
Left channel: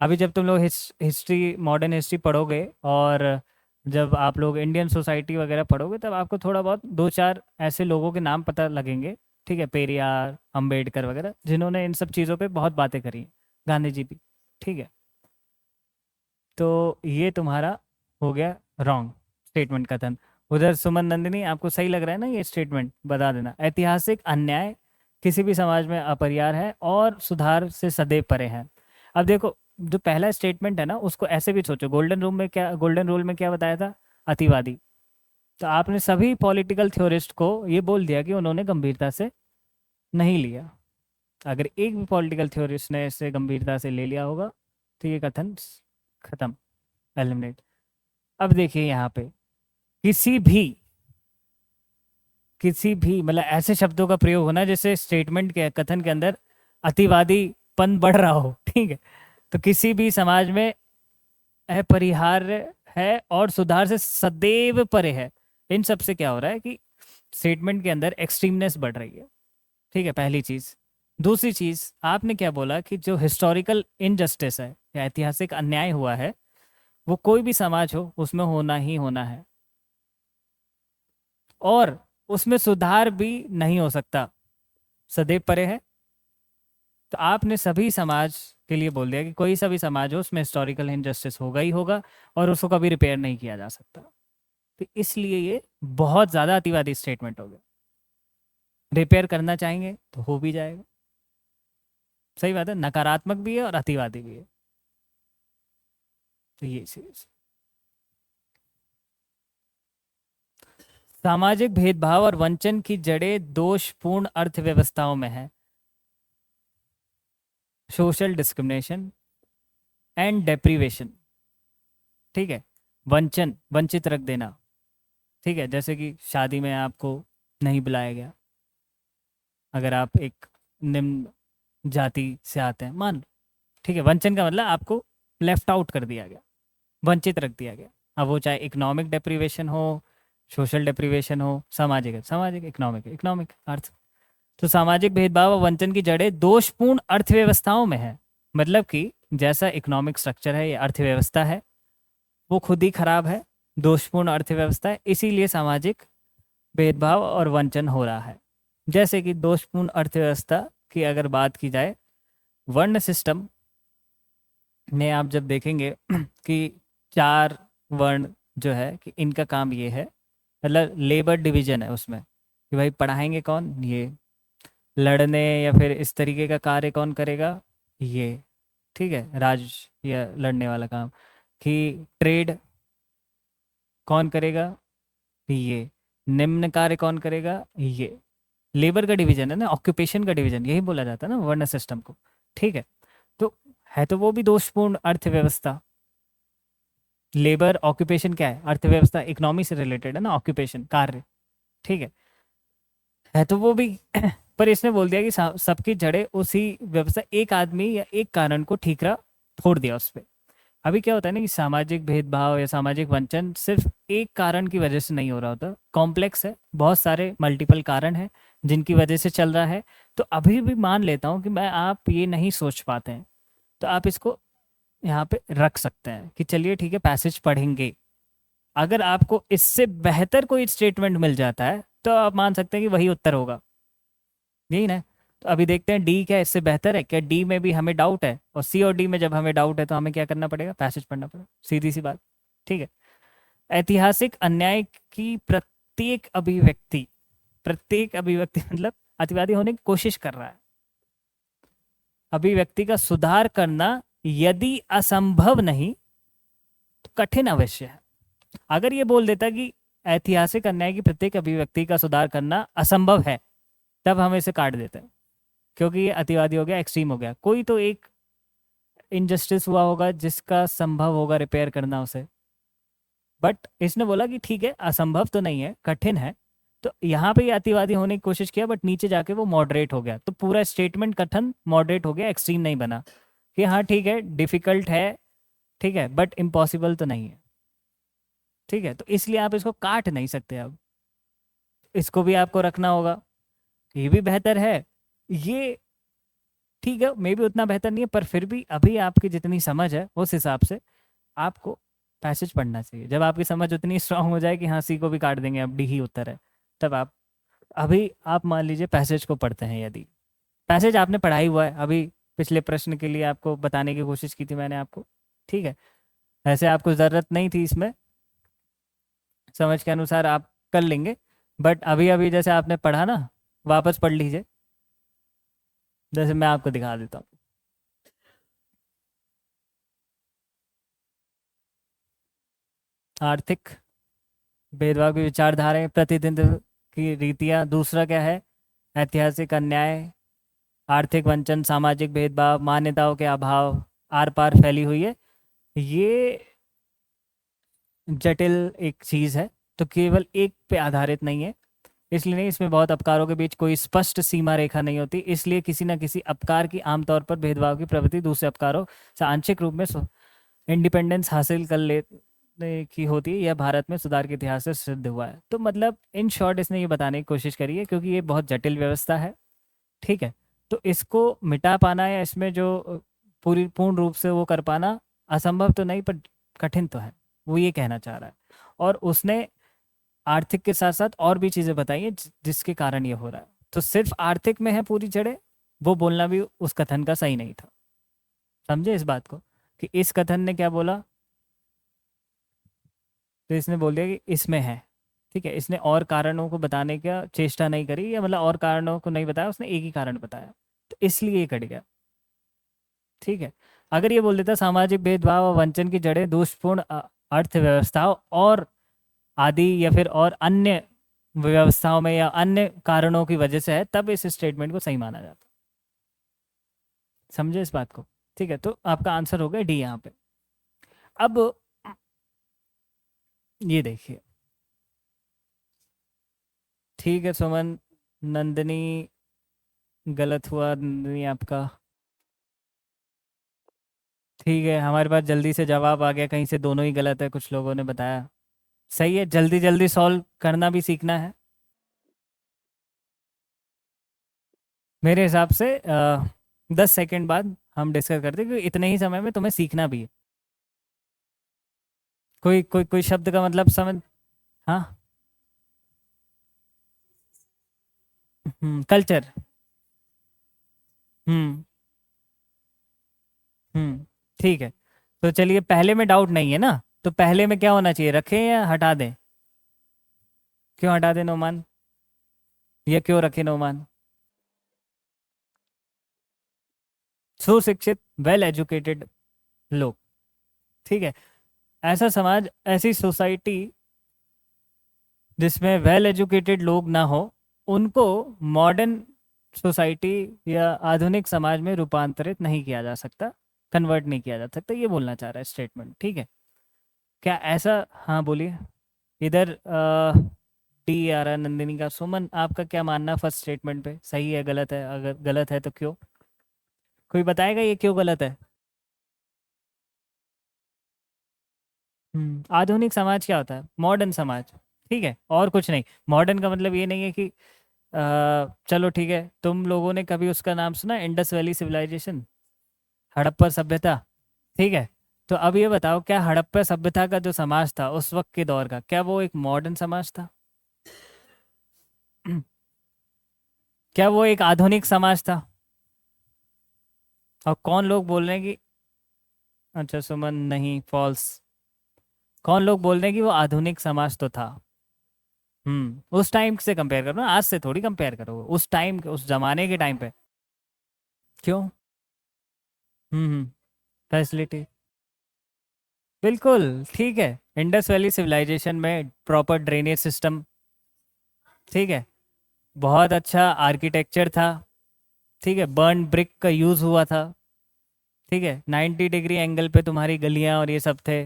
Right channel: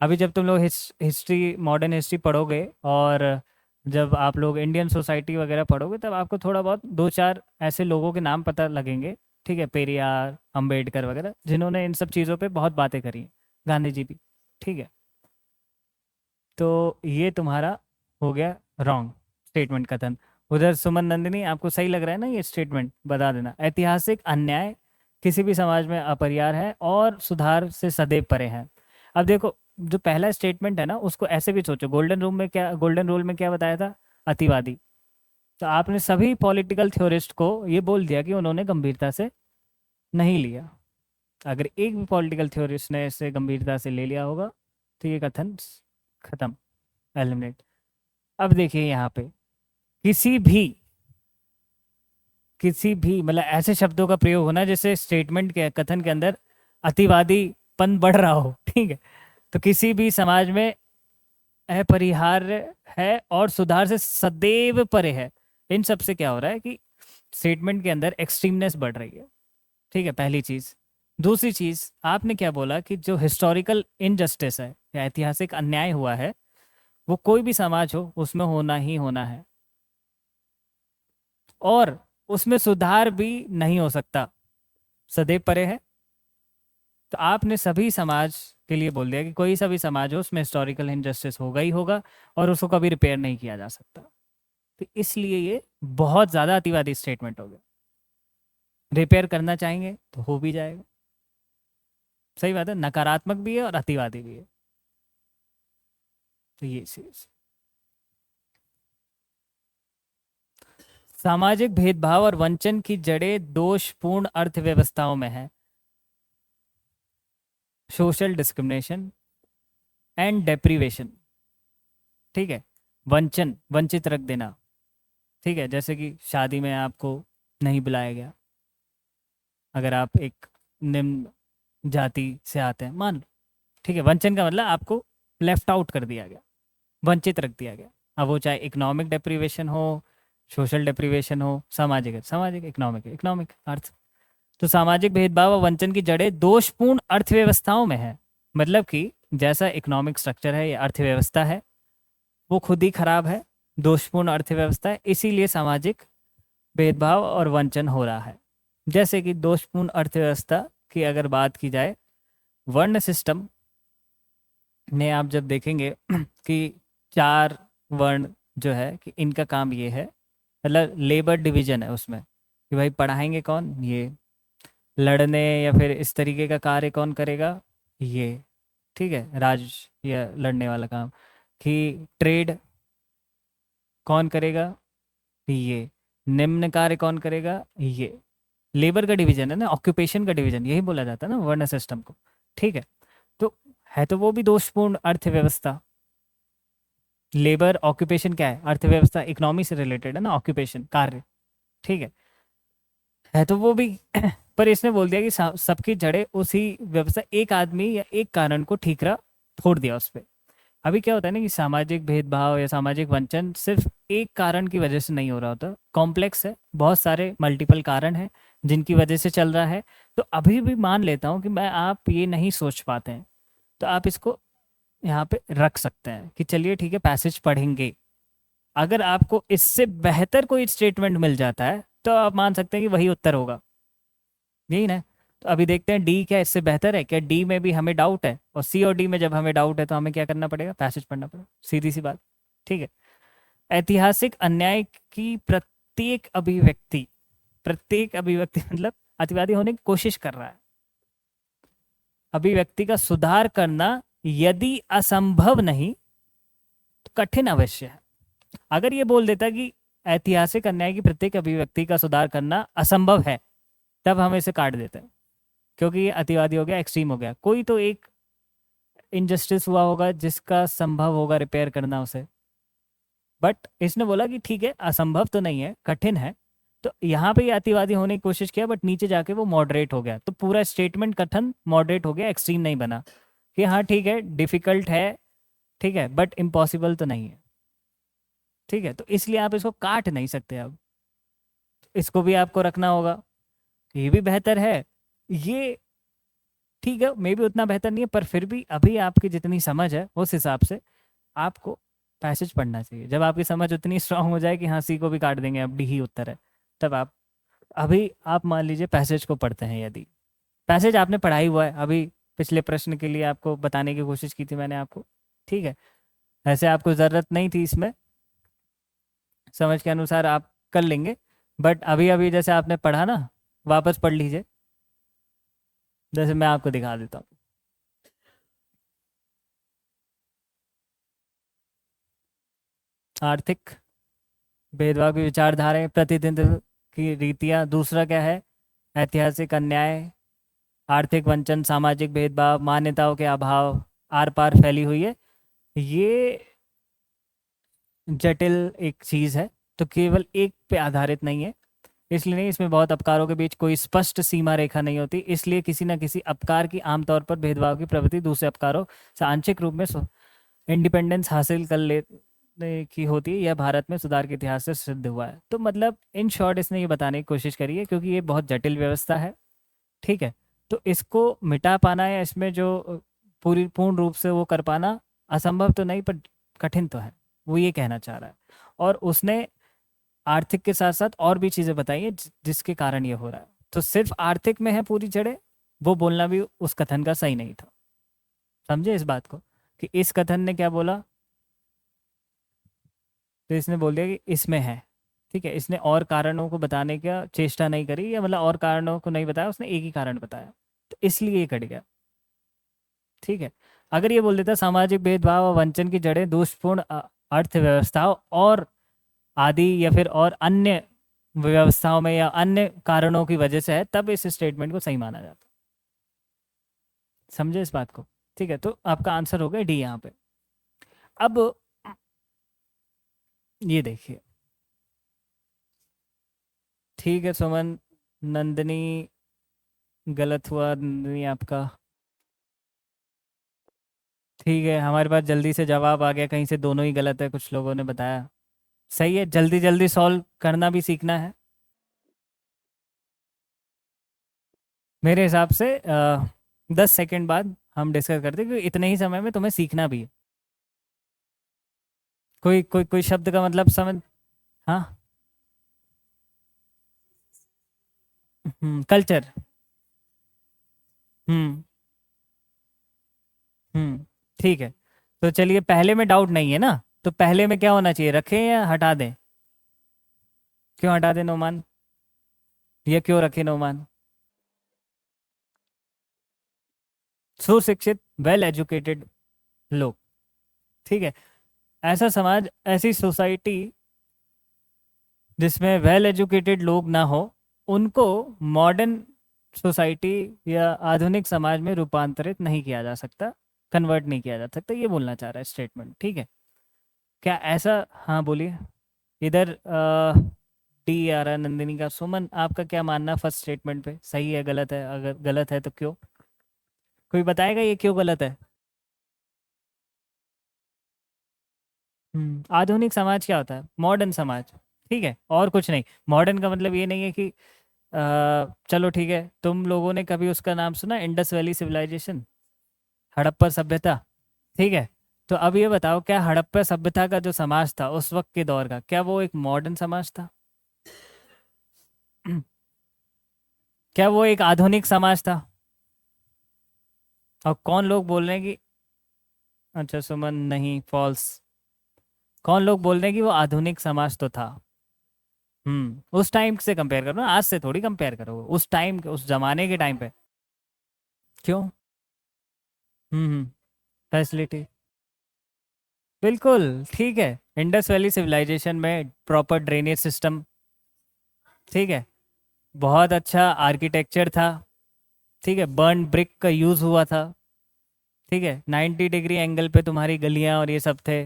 अभी जब तुम लोग हिस्ट्री, मॉडर्न हिस्ट्री पढ़ोगे और जब आप लोग इंडियन सोसाइटी वगैरह पढ़ोगे, तब आपको थोड़ा बहुत दो चार ऐसे लोगों के नाम पता लगेंगे, ठीक है? पेरियार, अंबेडकर वगैरह, जिन्होंने इन सब चीज़ों पे बहुत बातें करी हैं। गांधी जी भी, ठीक है? तो ये तुम्हारा हो गया रॉन्ग स्टेटमेंट, कथन। उधर सुमन नंदिनी, आपको सही लग रहा है ना ये स्टेटमेंट? बता देना। ऐतिहासिक अन्याय किसी भी समाज में अपरिहार्य है और सुधार से सदैव परे हैं। अब देखो, जो पहला स्टेटमेंट है ना, उसको ऐसे भी सोचो। गोल्डन रूल में क्या बताया था? अतिवादी। तो आपने सभी पॉलिटिकल थ्योरिस्ट को ये बोल दिया कि उन्होंने गंभीरता से नहीं लिया। अगर एक भी पॉलिटिकल थ्योरिस्ट ने इसे गंभीरता से ले लिया होगा, तो ये कथन खत्म, एलिमिनेट। अब देखिए यहाँ पे किसी भी मतलब ऐसे शब्दों का प्रयोग होना जिससे स्टेटमेंट के, कथन के अंदर अतिवादीपन बढ़ रहा हो, ठीक है? तो किसी भी समाज में अपरिहार्य है और सुधार से सदैव परे है। इन सब से क्या हो रहा है कि स्टेटमेंट के अंदर एक्सट्रीमनेस बढ़ रही है, ठीक है? पहली चीज। दूसरी चीज, आपने क्या बोला कि जो हिस्टोरिकल इनजस्टिस है या ऐतिहासिक अन्याय हुआ है, वो कोई भी समाज हो उसमें होना ही होना है, और उसमें सुधार भी नहीं हो सकता, सदैव परे है। तो आपने सभी समाज के लिए बोल दिया कि कोई सा भी समाज हो उसमें हिस्टोरिकल इनजस्टिस होगा ही होगा, और उसको कभी रिपेयर नहीं किया जा सकता। तो इसलिए ये बहुत ज़्यादा अतिवादी स्टेटमेंट हो गया। रिपेयर करना चाहेंगे तो हो भी जाएगा। सही बात है, नकारात्मक भी है और अतिवादी भी है। तो ये चीज, सामाजिक भेदभाव और वंचन की जड़ें दोषपूर्ण अर्थव्यवस्थाओं में है। सोशल डिस्क्रिमिनेशन एंड डेप्रीवेशन, ठीक है? वंचन, वंचित रख देना, ठीक है? जैसे कि शादी में आपको नहीं बुलाया गया, अगर आप एक निम्न जाति से आते हैं, मान लो, ठीक है? वंचन का मतलब आपको लेफ्ट आउट कर दिया गया, वंचित रख दिया गया। अब वो चाहे इकोनॉमिक डेप्रीवेशन हो, सोशल डेप्रीवेशन हो, सामाजिक इकोनॉमिक अर्थ। तो सामाजिक भेदभाव और वंचन की जड़ें दोषपूर्ण अर्थव्यवस्थाओं में है। मतलब कि जैसा इकोनॉमिक स्ट्रक्चर है, ये अर्थव्यवस्था है, वो खुद ही खराब है, दोषपूर्ण अर्थव्यवस्था है, इसीलिए सामाजिक भेदभाव और वंचन हो रहा है। जैसे कि दोषपूर्ण अर्थव्यवस्था की अगर बात की जाए, वर्ण सिस्टम में आप जब देखेंगे कि 4 वर्ण जो है कि इनका काम ये है, मतलब लेबर डिवीजन है उसमें, कि भाई पढ़ाएंगे कौन? ये। लड़ने या फिर इस तरीके का कार्य कौन करेगा? ये, ठीक है? राज या लड़ने वाला काम। कि ट्रेड कौन करेगा? ये। निम्न कार्य कौन करेगा? ये। लेबर का डिवीजन है ना, ऑक्यूपेशन का डिवीजन, यही बोला जाता है ना वर्ण सिस्टम को, ठीक है? तो है तो वो भी दोषपूर्ण अर्थव्यवस्था। लेबर ऑक्यूपेशन क्या है? अर्थव्यवस्था, इकोनॉमी से रिलेटेड है ना, ऑक्यूपेशन कार्य, ठीक है तो वो भी। पर इसने बोल दिया कि सबकी जड़ें उसी व्यवस्था, एक आदमी या एक कारण को ठीकरा फोड़ दिया उस पे। अभी क्या होता है ना कि सामाजिक भेदभाव या सामाजिक वंचन सिर्फ एक कारण की वजह से नहीं हो रहा होता, कॉम्प्लेक्स है, बहुत सारे मल्टीपल कारण हैं जिनकी वजह से चल रहा है। तो अभी भी मान लेता हूँ कि मैं आप ये नहीं सोच पाते हैं, तो आप इसको यहाँ पे रख सकते हैं कि चलिए ठीक है, पैसेज पढ़ेंगे। अगर आपको इससे बेहतर कोई स्टेटमेंट मिल जाता है तो आप मान सकते हैं कि वही उत्तर होगा, यही ना? तो अभी देखते हैं डी क्या इससे बेहतर है क्या। डी में भी हमें डाउट है, और सी और डी में जब हमें डाउट है तो हमें क्या करना पड़ेगा? पैसेज पढ़ना पड़ेगा, सीधी सी बात, ठीक है? ऐतिहासिक अन्याय की प्रत्येक अभिव्यक्ति मतलब अतिवादी होने की कोशिश कर रहा है, अभिव्यक्ति का सुधार करना यदि असंभव नहीं तो कठिन अवश्य है। अगर ये बोल देता कि ऐतिहासिक अन्याय की प्रत्येक अभिव्यक्ति का सुधार करना असंभव है, तब हम इसे काट देते हैं, क्योंकि ये अतिवादी हो गया, एक्सट्रीम हो गया। कोई तो एक इनजस्टिस हुआ होगा जिसका संभव होगा रिपेयर करना उसे, बट इसने बोला कि ठीक है असंभव तो नहीं है, कठिन है। तो यहाँ पे अतिवादी होने की कोशिश किया, बट नीचे जाके वो मॉडरेट हो गया। तो पूरा स्टेटमेंट कथन मॉडरेट हो गया, एक्सट्रीम नहीं बना कि हाँ ठीक है डिफिकल्ट है, ठीक है, बट इम्पॉसिबल तो नहीं है। ठीक है, तो इसलिए आप इसको काट नहीं सकते। अब इसको भी आपको रखना होगा, ये भी बेहतर है, ये ठीक है मे भी उतना बेहतर नहीं है, पर फिर भी अभी आपकी जितनी समझ है उस हिसाब से आपको पैसेज पढ़ना चाहिए। जब आपकी समझ उतनी स्ट्रांग हो जाए कि हाँ सी को भी काट देंगे, अब डी ही उत्तर है, तब आप अभी आप मान लीजिए पैसेज को पढ़ते हैं। यदि पैसेज आपने पढ़ाई हुआ है, अभी पिछले प्रश्न के लिए आपको बताने की कोशिश की थी मैंने आपको, ठीक है, ऐसे आपको ज़रूरत नहीं थी इसमें, समझ के अनुसार आप कर लेंगे, बट अभी अभी जैसे आपने पढ़ा ना, वापस पढ़ लीजिए, जैसे मैं आपको दिखा देता हूँ। आर्थिक भेदभाव की विचारधाराएं, प्रतिनिधित्व की रीतियां। दूसरा क्या है? ऐतिहासिक अन्याय, आर्थिक वंचन, सामाजिक भेदभाव, मान्यताओं के अभाव, आर पार फैली हुई है। ये जटिल एक चीज है, तो केवल एक पे आधारित नहीं है, इसलिए नहीं, इसमें बहुत अपकारों के बीच कोई स्पष्ट सीमा रेखा नहीं होती, इसलिए किसी न किसी अपकार की आमतौर पर भेदभाव की प्रवृत्ति दूसरे अपकारों से आंशिक रूप में इंडिपेंडेंस हासिल कर लेने की होती है। यह भारत में सुधार के इतिहास से सिद्ध हुआ है। तो मतलब इन शॉर्ट इसने ये बताने की कोशिश करी है, क्योंकि ये बहुत जटिल व्यवस्था है, ठीक है, तो इसको मिटा पाना या इसमें जो पूर्ण रूप से वो कर पाना असंभव तो नहीं, पर कठिन तो है, वो ये कहना चाह रहा है। और उसने आर्थिक के साथ साथ और भी चीजें बताई है जिसके कारण ये हो रहा है। तो सिर्फ आर्थिक में है पूरी जड़ें, वो बोलना भी उस कथन का सही नहीं था। समझे इस बात को कि इस कथन ने क्या बोला, तो इसने बोल दिया कि इसमें है, ठीक है, इसने और कारणों को बताने का चेष्टा नहीं करी, या मतलब और कारणों को नहीं बताया, उसने एक ही कारण बताया, तो इसलिए ये कट गया, ठीक है। अगर ये बोल देता सामाजिक भेदभाव और वंचन की जड़ें दोषपूर्ण अर्थव्यवस्थाओं और आदि या फिर और अन्य व्यवस्थाओं में या अन्य कारणों की वजह से है, तब इस स्टेटमेंट को सही माना जाता है। समझे इस बात को, ठीक है, तो आपका आंसर हो गया डी यहाँ पे। अब ये देखिए, ठीक है सुमन, नंदिनी गलत हुआ, नंदिनी आपका, ठीक है, हमारे पास जल्दी से जवाब आ गया, कहीं से दोनों ही गलत है, कुछ लोगों ने बताया सही है। जल्दी जल्दी सॉल्व करना भी सीखना है मेरे हिसाब से। 10 सेकंड बाद हम डिस्कस करते हैं, क्योंकि इतने ही समय में तुम्हें सीखना भी है। कोई कोई कोई शब्द का मतलब समझ, हाँ, कल्चर, हम्म ठीक है, तो चलिए पहले में डाउट नहीं है ना, तो पहले में क्या होना चाहिए, रखें या हटा दें? क्यों हटा दें नोमान, ये क्यों रखे नोमान? सुशिक्षित, वेल एजुकेटेड लोग, ठीक है, ऐसा समाज, ऐसी सोसाइटी जिसमें वेल एजुकेटेड लोग ना हो, उनको मॉडर्न सोसाइटी या आधुनिक समाज में रूपांतरित नहीं किया जा सकता, कन्वर्ट नहीं किया जा सकता, ये बोलना चाह रहा है स्टेटमेंट, ठीक है। क्या ऐसा, हाँ बोलिए, इधर डी आ रहा है नंदिनी का। सुमन आपका क्या मानना फर्स्ट स्टेटमेंट पे, सही है गलत है? अगर गलत है तो क्यों, कोई बताएगा ये क्यों गलत है? आधुनिक समाज क्या होता है? मॉडर्न समाज, ठीक है, और कुछ नहीं। मॉडर्न का मतलब ये नहीं है कि चलो ठीक है, तुम लोगों ने कभी उसका नाम सुना, इंडस वैली सिविलाइजेशन, हड़प्पा सभ्यता, ठीक है, तो अब ये बताओ, क्या हड़प्पा सभ्यता का जो समाज था उस वक्त के दौर का, क्या वो एक मॉडर्न समाज था? क्या वो एक आधुनिक समाज था? और कौन लोग बोल रहे हैं कि, अच्छा सुमन नहीं, फॉल्स, कौन लोग बोल रहे हैं कि वो आधुनिक समाज तो था? उस टाइम से कंपेयर करो, आज से थोड़ी कंपेयर करो, उस टाइम के, उस जमाने के टाइम पे। क्यों? फैसिलिटी बिल्कुल ठीक है। इंडस वैली सिविलाइजेशन में प्रॉपर ड्रेनेज सिस्टम, ठीक है, बहुत अच्छा आर्किटेक्चर था, ठीक है, बर्न ब्रिक का यूज हुआ था, ठीक है, 90 डिग्री एंगल पे तुम्हारी गलियां और ये सब थे।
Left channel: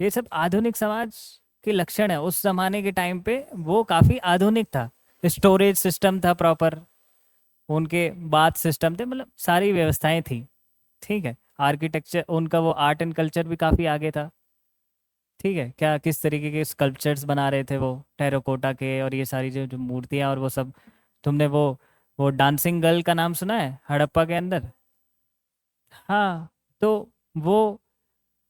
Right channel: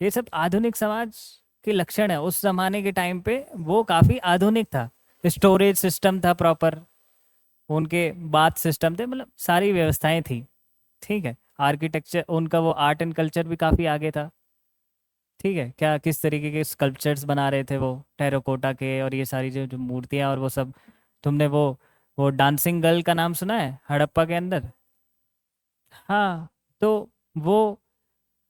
ये सब आधुनिक समाज के लक्षण है। उस जमाने के टाइम पे वो काफी आधुनिक था। स्टोरेज सिस्टम था प्रॉपर, उनके बाथ सिस्टम थे, मतलब सारी व्यवस्थाएं थी, ठीक है। आर्किटेक्चर उनका, वो आर्ट एंड कल्चर भी काफी आगे था, ठीक है। क्या किस तरीके के स्कल्पचर्स बना रहे थे वो टेराकोटा के, और ये सारी जो जो मूर्तियां और वो सब। तुमने वो डांसिंग गर्ल का नाम सुना है हड़प्पा के अंदर? हाँ, तो वो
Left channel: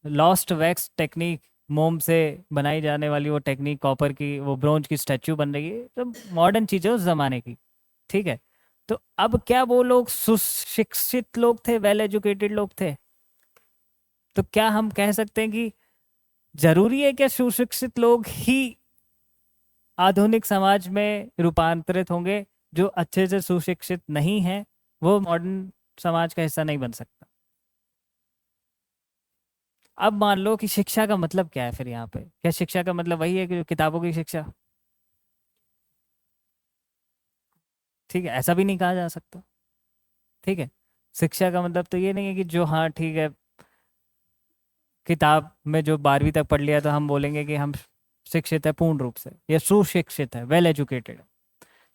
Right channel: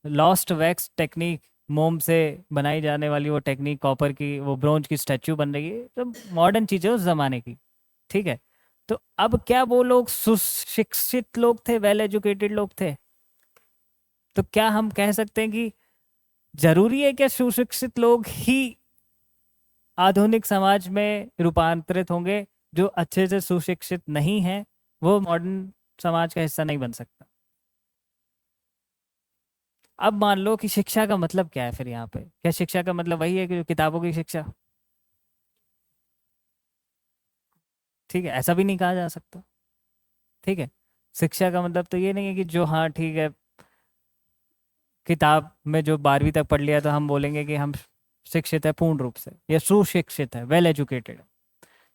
लॉस्ट वैक्स टेक्निक, मोम से बनाई जाने वाली वो टेक्निक, कॉपर की वो ब्रोंज की स्टैचू बन रही है, तो मॉडर्न चीजें उस जमाने की, ठीक है। तो अब क्या वो लोग सुशिक्षित लोग थे, वेल एजुकेटेड लोग थे? तो क्या हम कह सकते हैं कि जरूरी है क्या सुशिक्षित लोग ही आधुनिक समाज में रूपांतरित होंगे? जो अच्छे से सुशिक्षित नहीं है वो मॉडर्न समाज का हिस्सा नहीं बन सकता। अब मान लो कि शिक्षा का मतलब क्या है फिर यहाँ पे? क्या शिक्षा का मतलब वही है कि किताबों की शिक्षा? ठीक है, ऐसा भी नहीं कहा जा सकता, ठीक है। शिक्षा का मतलब तो ये नहीं है कि जो, हाँ ठीक है, किताब में जो 12वीं तक पढ़ लिया तो हम बोलेंगे कि हम शिक्षित है पूर्ण रूप से, या सुशिक्षित है, वेल एजुकेटेड है।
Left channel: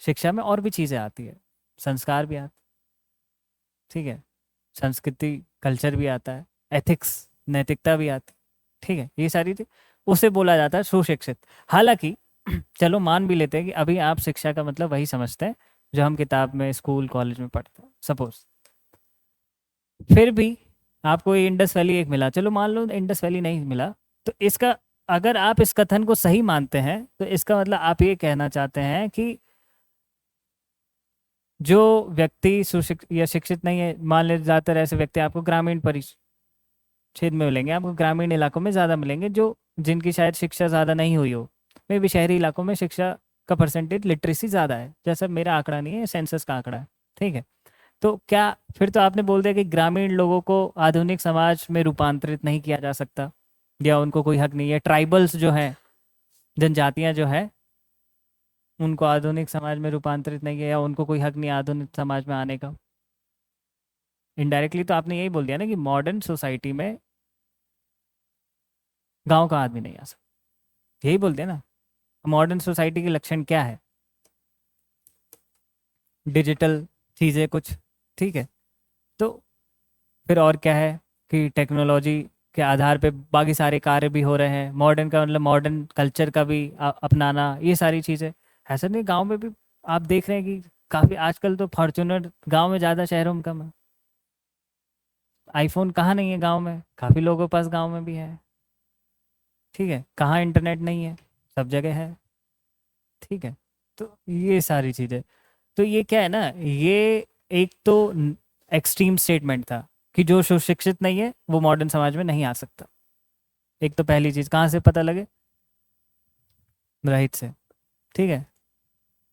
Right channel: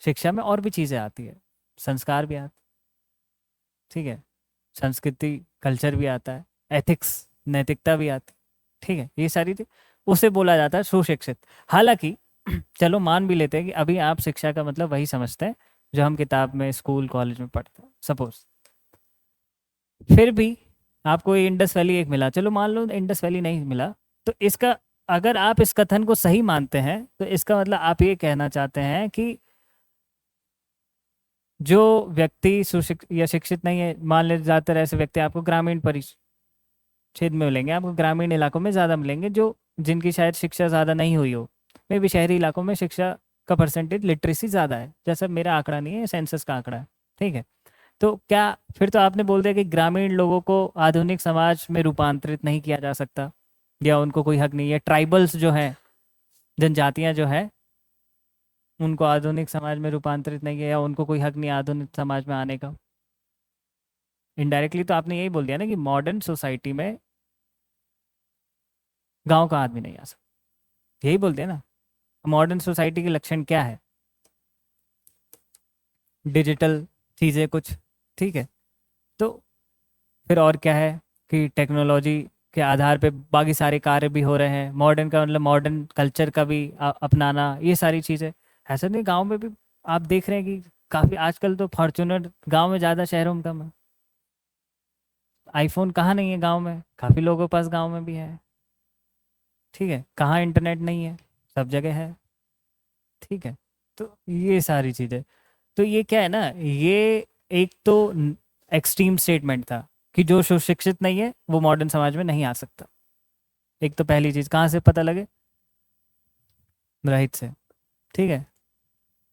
शिक्षा में और भी चीजें आती हैं, संस्कार भी आते, ठीक है, संस्कृति कल्चर भी आता है, एथिक्स नैतिकता भी आती, ठीक है। ये सारी उसे बोला जाता है सुशिक्षित। हालांकि चलो मान भी लेते हैं कि अभी आप शिक्षा का मतलब वही समझते हैं जो हम किताब में स्कूल कॉलेज में पढ़ते हैं, सपोज। फिर भी आपको इंडस वैली एक मिला, चलो मान लो इंडस वैली नहीं मिला, तो इसका, अगर आप इस कथन को सही मानते हैं तो इसका मतलब आप ये कहना चाहते हैं कि जो व्यक्ति सुशिक्षित या शिक्षित नहीं है, मान ले ज्यादातर ऐसे व्यक्ति आपको ग्रामीण क्षेत्र में मिलेंगे, आपको ग्रामीण इलाकों में ज़्यादा मिलेंगे, जो जिनकी शायद शिक्षा ज़्यादा नहीं हुई हो। मे भी शहरी इलाकों में शिक्षा का परसेंटेज लिटरेसी ज़्यादा है, जैसे मेरा आंकड़ा नहीं है, सेंसस का आंकड़ा है, ठीक है। तो क्या फिर तो आपने बोल दिया कि ग्रामीण लोगों को आधुनिक समाज में रूपांतरित नहीं किया जा सकता, या उनको कोई हक नहीं है? ट्राइबल्स जो हैं, जनजातियां जो है, उनको आधुनिक समाज में रूपांतरित नहीं किया, या उनको कोई हक नहीं आधुनिक समाज में आने का? इनडायरेक्टली तो आपने यही बोल दिया ना कि मॉडर्न सोसाइटी में गांव का आदमी नहीं आ सकता, यही बोलते हैं ना। मॉडर्न सोसाइटी के लक्षण क्या है? डिजिटल चीज़ें कुछ, ठीक है। तो फिर और क्या है कि टेक्नोलॉजी के आधार पे बाकी सारे कार्य भी हो रहे हैं। मॉडर्न का मतलब मॉडर्न कल्चर का भी अपनाना, ये सारी चीज़ें। ऐसा नहीं, गांव में भी आप देख रहे हैं कि काफ़ी आजकल तो फॉर्चुनर गांव में ज़्यादा, शहरों में कम है। आईफोन कहाँ नहीं है गांव में? काफ़ी लोगों के पास गांव में भी है, ठीक है। कहाँ इंटरनेट नहीं है? सब जगह है, ठीक है। तो ये सारी चीज़ें, तो ये क्या है ना, ये एक तो एक्सट्रीम स्टेटमेंट था कि जो सुशिक्षित नहीं है वो मॉडर्न समाज में नहीं आ सकता। एक तो पहली चीज कहाँ से पता लगे? राइट से, ठीक है,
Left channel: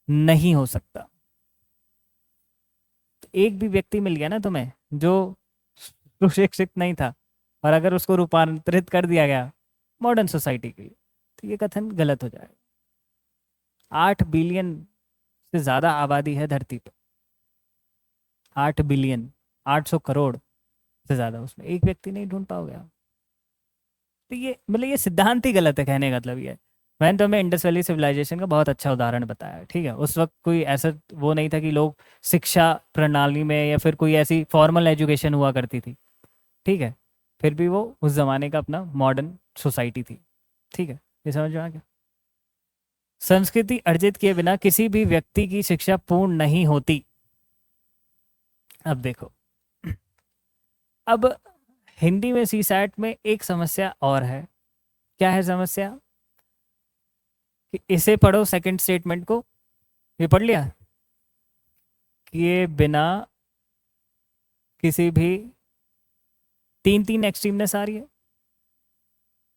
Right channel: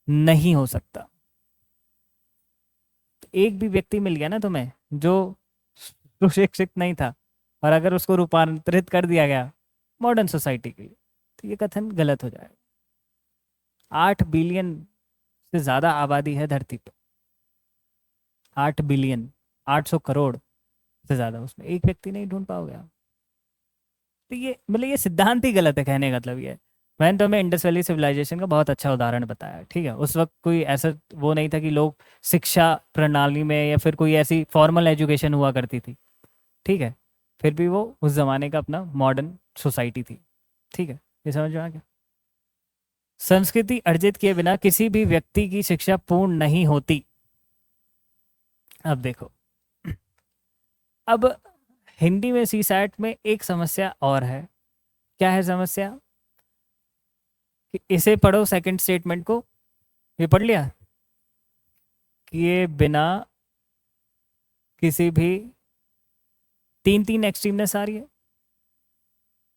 नहीं हो सकता। तो एक भी व्यक्ति मिल गया ना तुम्हें जो सुशिक्षित नहीं था, और अगर उसको रूपांतरित कर दिया गया मॉडर्न सोसाइटी की, तो ये कथन गलत हो जाएगा। 8 बिलियन से ज्यादा आबादी है धरती पर, 8 बिलियन, 800 करोड़ से ज्यादा, उसमें एक व्यक्ति नहीं ढूंढ पाओगे आप। तो ये मतलब ये सिद्धांत ही गलत है, कहने का मतलब ये है। मैंने तो हमें इंडस वैली सिविलाइजेशन का बहुत अच्छा उदाहरण बताया, ठीक है। उस वक्त कोई ऐसा वो नहीं था कि लोग शिक्षा प्रणाली में, या फिर कोई ऐसी फॉर्मल एजुकेशन हुआ करती थी, ठीक है। फिर भी वो उस जमाने का अपना मॉडर्न सोसाइटी थी, ठीक है। ये समझ में आ गया? संस्कृति अर्जित किए बिना किसी भी व्यक्ति की शिक्षा पूर्ण नहीं होती। अब देखो, अब हिंदी में सीसैट में एक समस्या और है। क्या है समस्या? कि इसे पढ़ो, सेकंड स्टेटमेंट को, ये पढ़ लिया कि ये बिना किसी भी, तीन तीन एक्सट्रीमनेस आ रही है,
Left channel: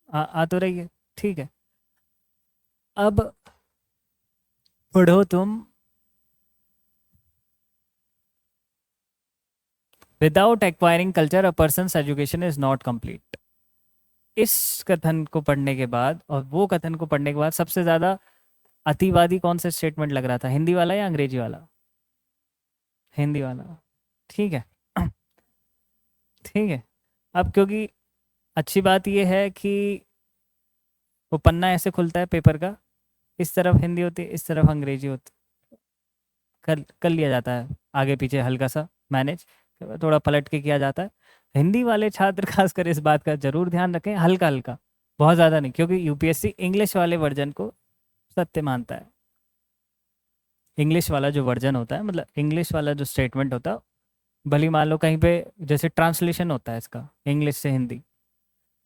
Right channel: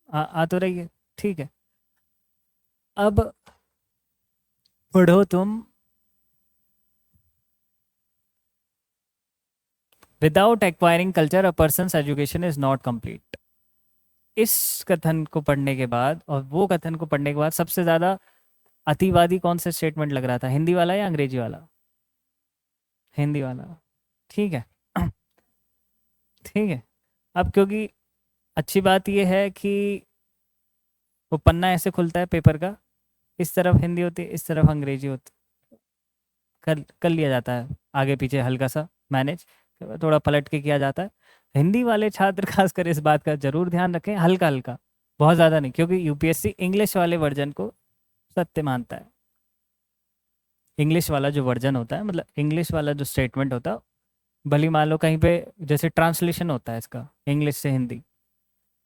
आ तो रही है, ठीक है। अब पढ़ो तुम without acquiring culture a persons education is not complete. इस कथन को पढ़ने के बाद और वो कथन को पढ़ने के बाद सबसे ज्यादा अतिवादी कौन सा स्टेटमेंट लग रहा था, हिंदी वाला या अंग्रेजी वाला? हिंदी वाला। ठीक है। ठीक है। अब क्योंकि अच्छी बात ये है कि वो पन्ना ऐसे खुलता है पेपर का, इस तरफ हिंदी होती है, इस तरफ अंग्रेजी होती है, कर लिया जाता है आगे पीछे हल्का सा मैनेज, थोड़ा पलट के किया जाता है। हिंदी वाले छात्र खासकर इस बात का जरूर ध्यान रखें, हल्का हल्का, बहुत ज़्यादा नहीं, क्योंकि यूपीएससी इंग्लिश वाले वर्जन को सत्य मानता है। इंग्लिश वाला जो वर्जन होता है, मतलब इंग्लिश वाला जो स्टेटमेंट होता है, भले मान लो कहीं पे जैसे ट्रांसलेशन होता है इसका इंग्लिश से हिंदी,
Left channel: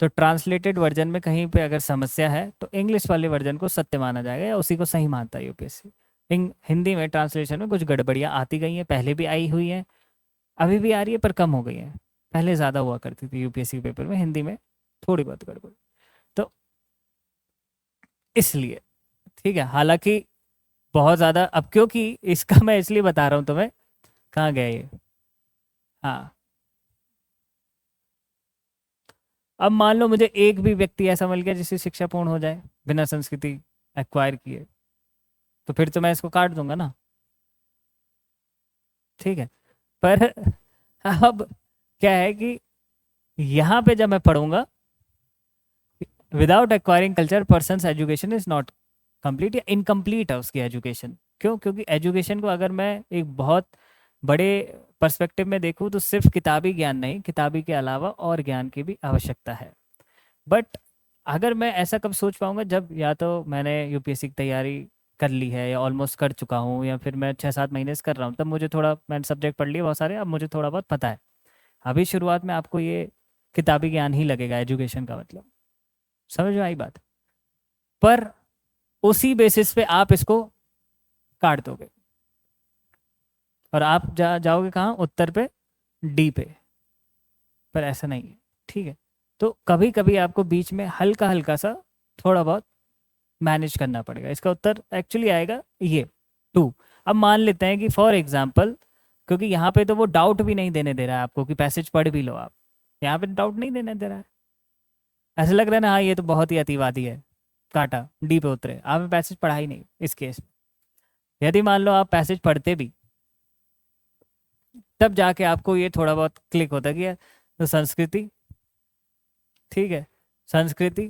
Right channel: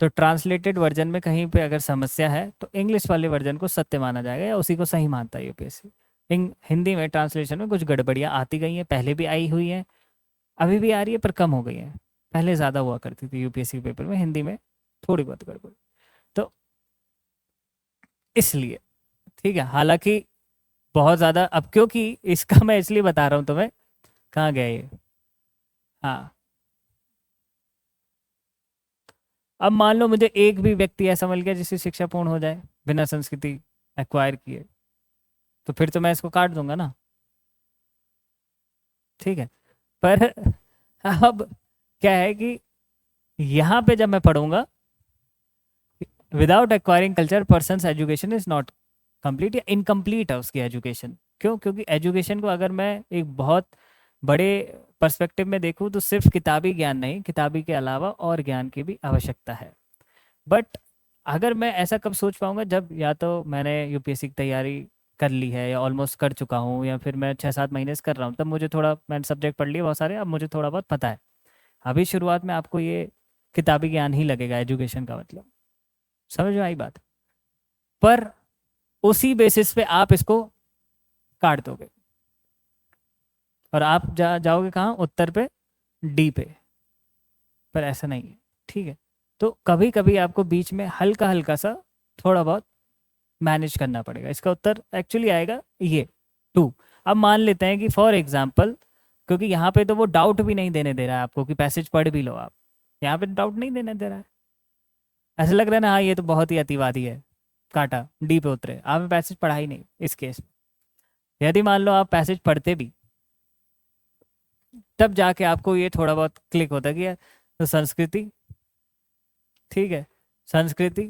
तो ट्रांसलेटेड वर्जन में कहीं पे अगर समस्या है तो इंग्लिश वाले वर्जन को सत्य माना जाएगा या उसी को सही मानता है यूपीएससी। हिंदी में ट्रांसलेशन में कुछ गड़बड़ियाँ आती गई हैं, पहले भी आई हुई है, अभी भी आ रही है, पर कम हो गई है। पहले ज़्यादा हुआ करती थी यूपीएससी पेपर में हिंदी में थोड़ी बहुत गड़बड़, तो इसलिए ठीक है। हालांकि बहुत ज़्यादा, अब क्योंकि इसका मैं इसलिए बता रहा हूँ तुम्हें, कहाँ गया ये, हाँ, अब मान लो मुझे एक भी व्यक्ति ऐसा मिल गया जिससे शिक्षा पूर्ण हो जाए बिना संस्कृति एक्वायर किए, तो फिर तो मैं इसको काट दूंगा ना। ठीक है। पर अब क्या है कि यहाँ पे जब मैं पढ़ूंगा without acquiring culture persons education is not complete, या इनकम्प्लीट है उसकी एजुकेशन। क्यों? क्योंकि एजुकेशन को अगर मैं एक बहुत बड़े पर्सपेक्टिव में देखूं तो सिर्फ किताबी ज्ञान नहीं, किताबी के अलावा और ज्ञान की भी आवश्यकता है। बट अगर मैं ऐसा कब सोच पाऊंगा, जब या तो मैंने यूपीएससी की तैयारी कर ली है या ऑलमोस्ट कर चुका हूँ, या फिर मैं 6-7 महीने से कर रहा हूँ, तब मुझे थोड़ा, मैंने सब्जेक्ट पढ़ लिए बहुत सारे, अब मुझे थोड़ा बहुत पता है। अभी शुरुआत में आपको ये किताबी ज्ञान ही लगेगा एजुकेशन का मतलब, समझ में आई बात? पर उसी बेसिस पे आप इसको काट दोगे और आप जाओगे कहाँ, उत्तर पे, डी पे। पर ऐसा नहीं है, ठीक है। तो कभी कभी आपको बीच में हल्का हल्का सा थोड़ा बहुत मैनेज करना पड़ेगा। इसका उत्तर एक्चुअली आएगा ये 2। अब मान लेते हैं कि फॉर एग्जाम्पल, क्योंकि यहाँ पे तो वो डाउट भी नहीं देने दे रहा है आपको कि पैसेज पढ़ भी लो आप, यहाँ पे डाउट नहीं देने दे रहा है, ऐसा लग रहा है ना हाँ ये तो बहुत ही अतिवादी है, काटा, डी पे उतरे, आपने पैसेज पढ़ा ही नहीं इस केस। यदि मान लो आप पैसेज पढ़ते भी, तब जाके आपको ये थोड़ा बहुत क्लिक होता कि तो संस्कृति, ठीक है, संस्कृति,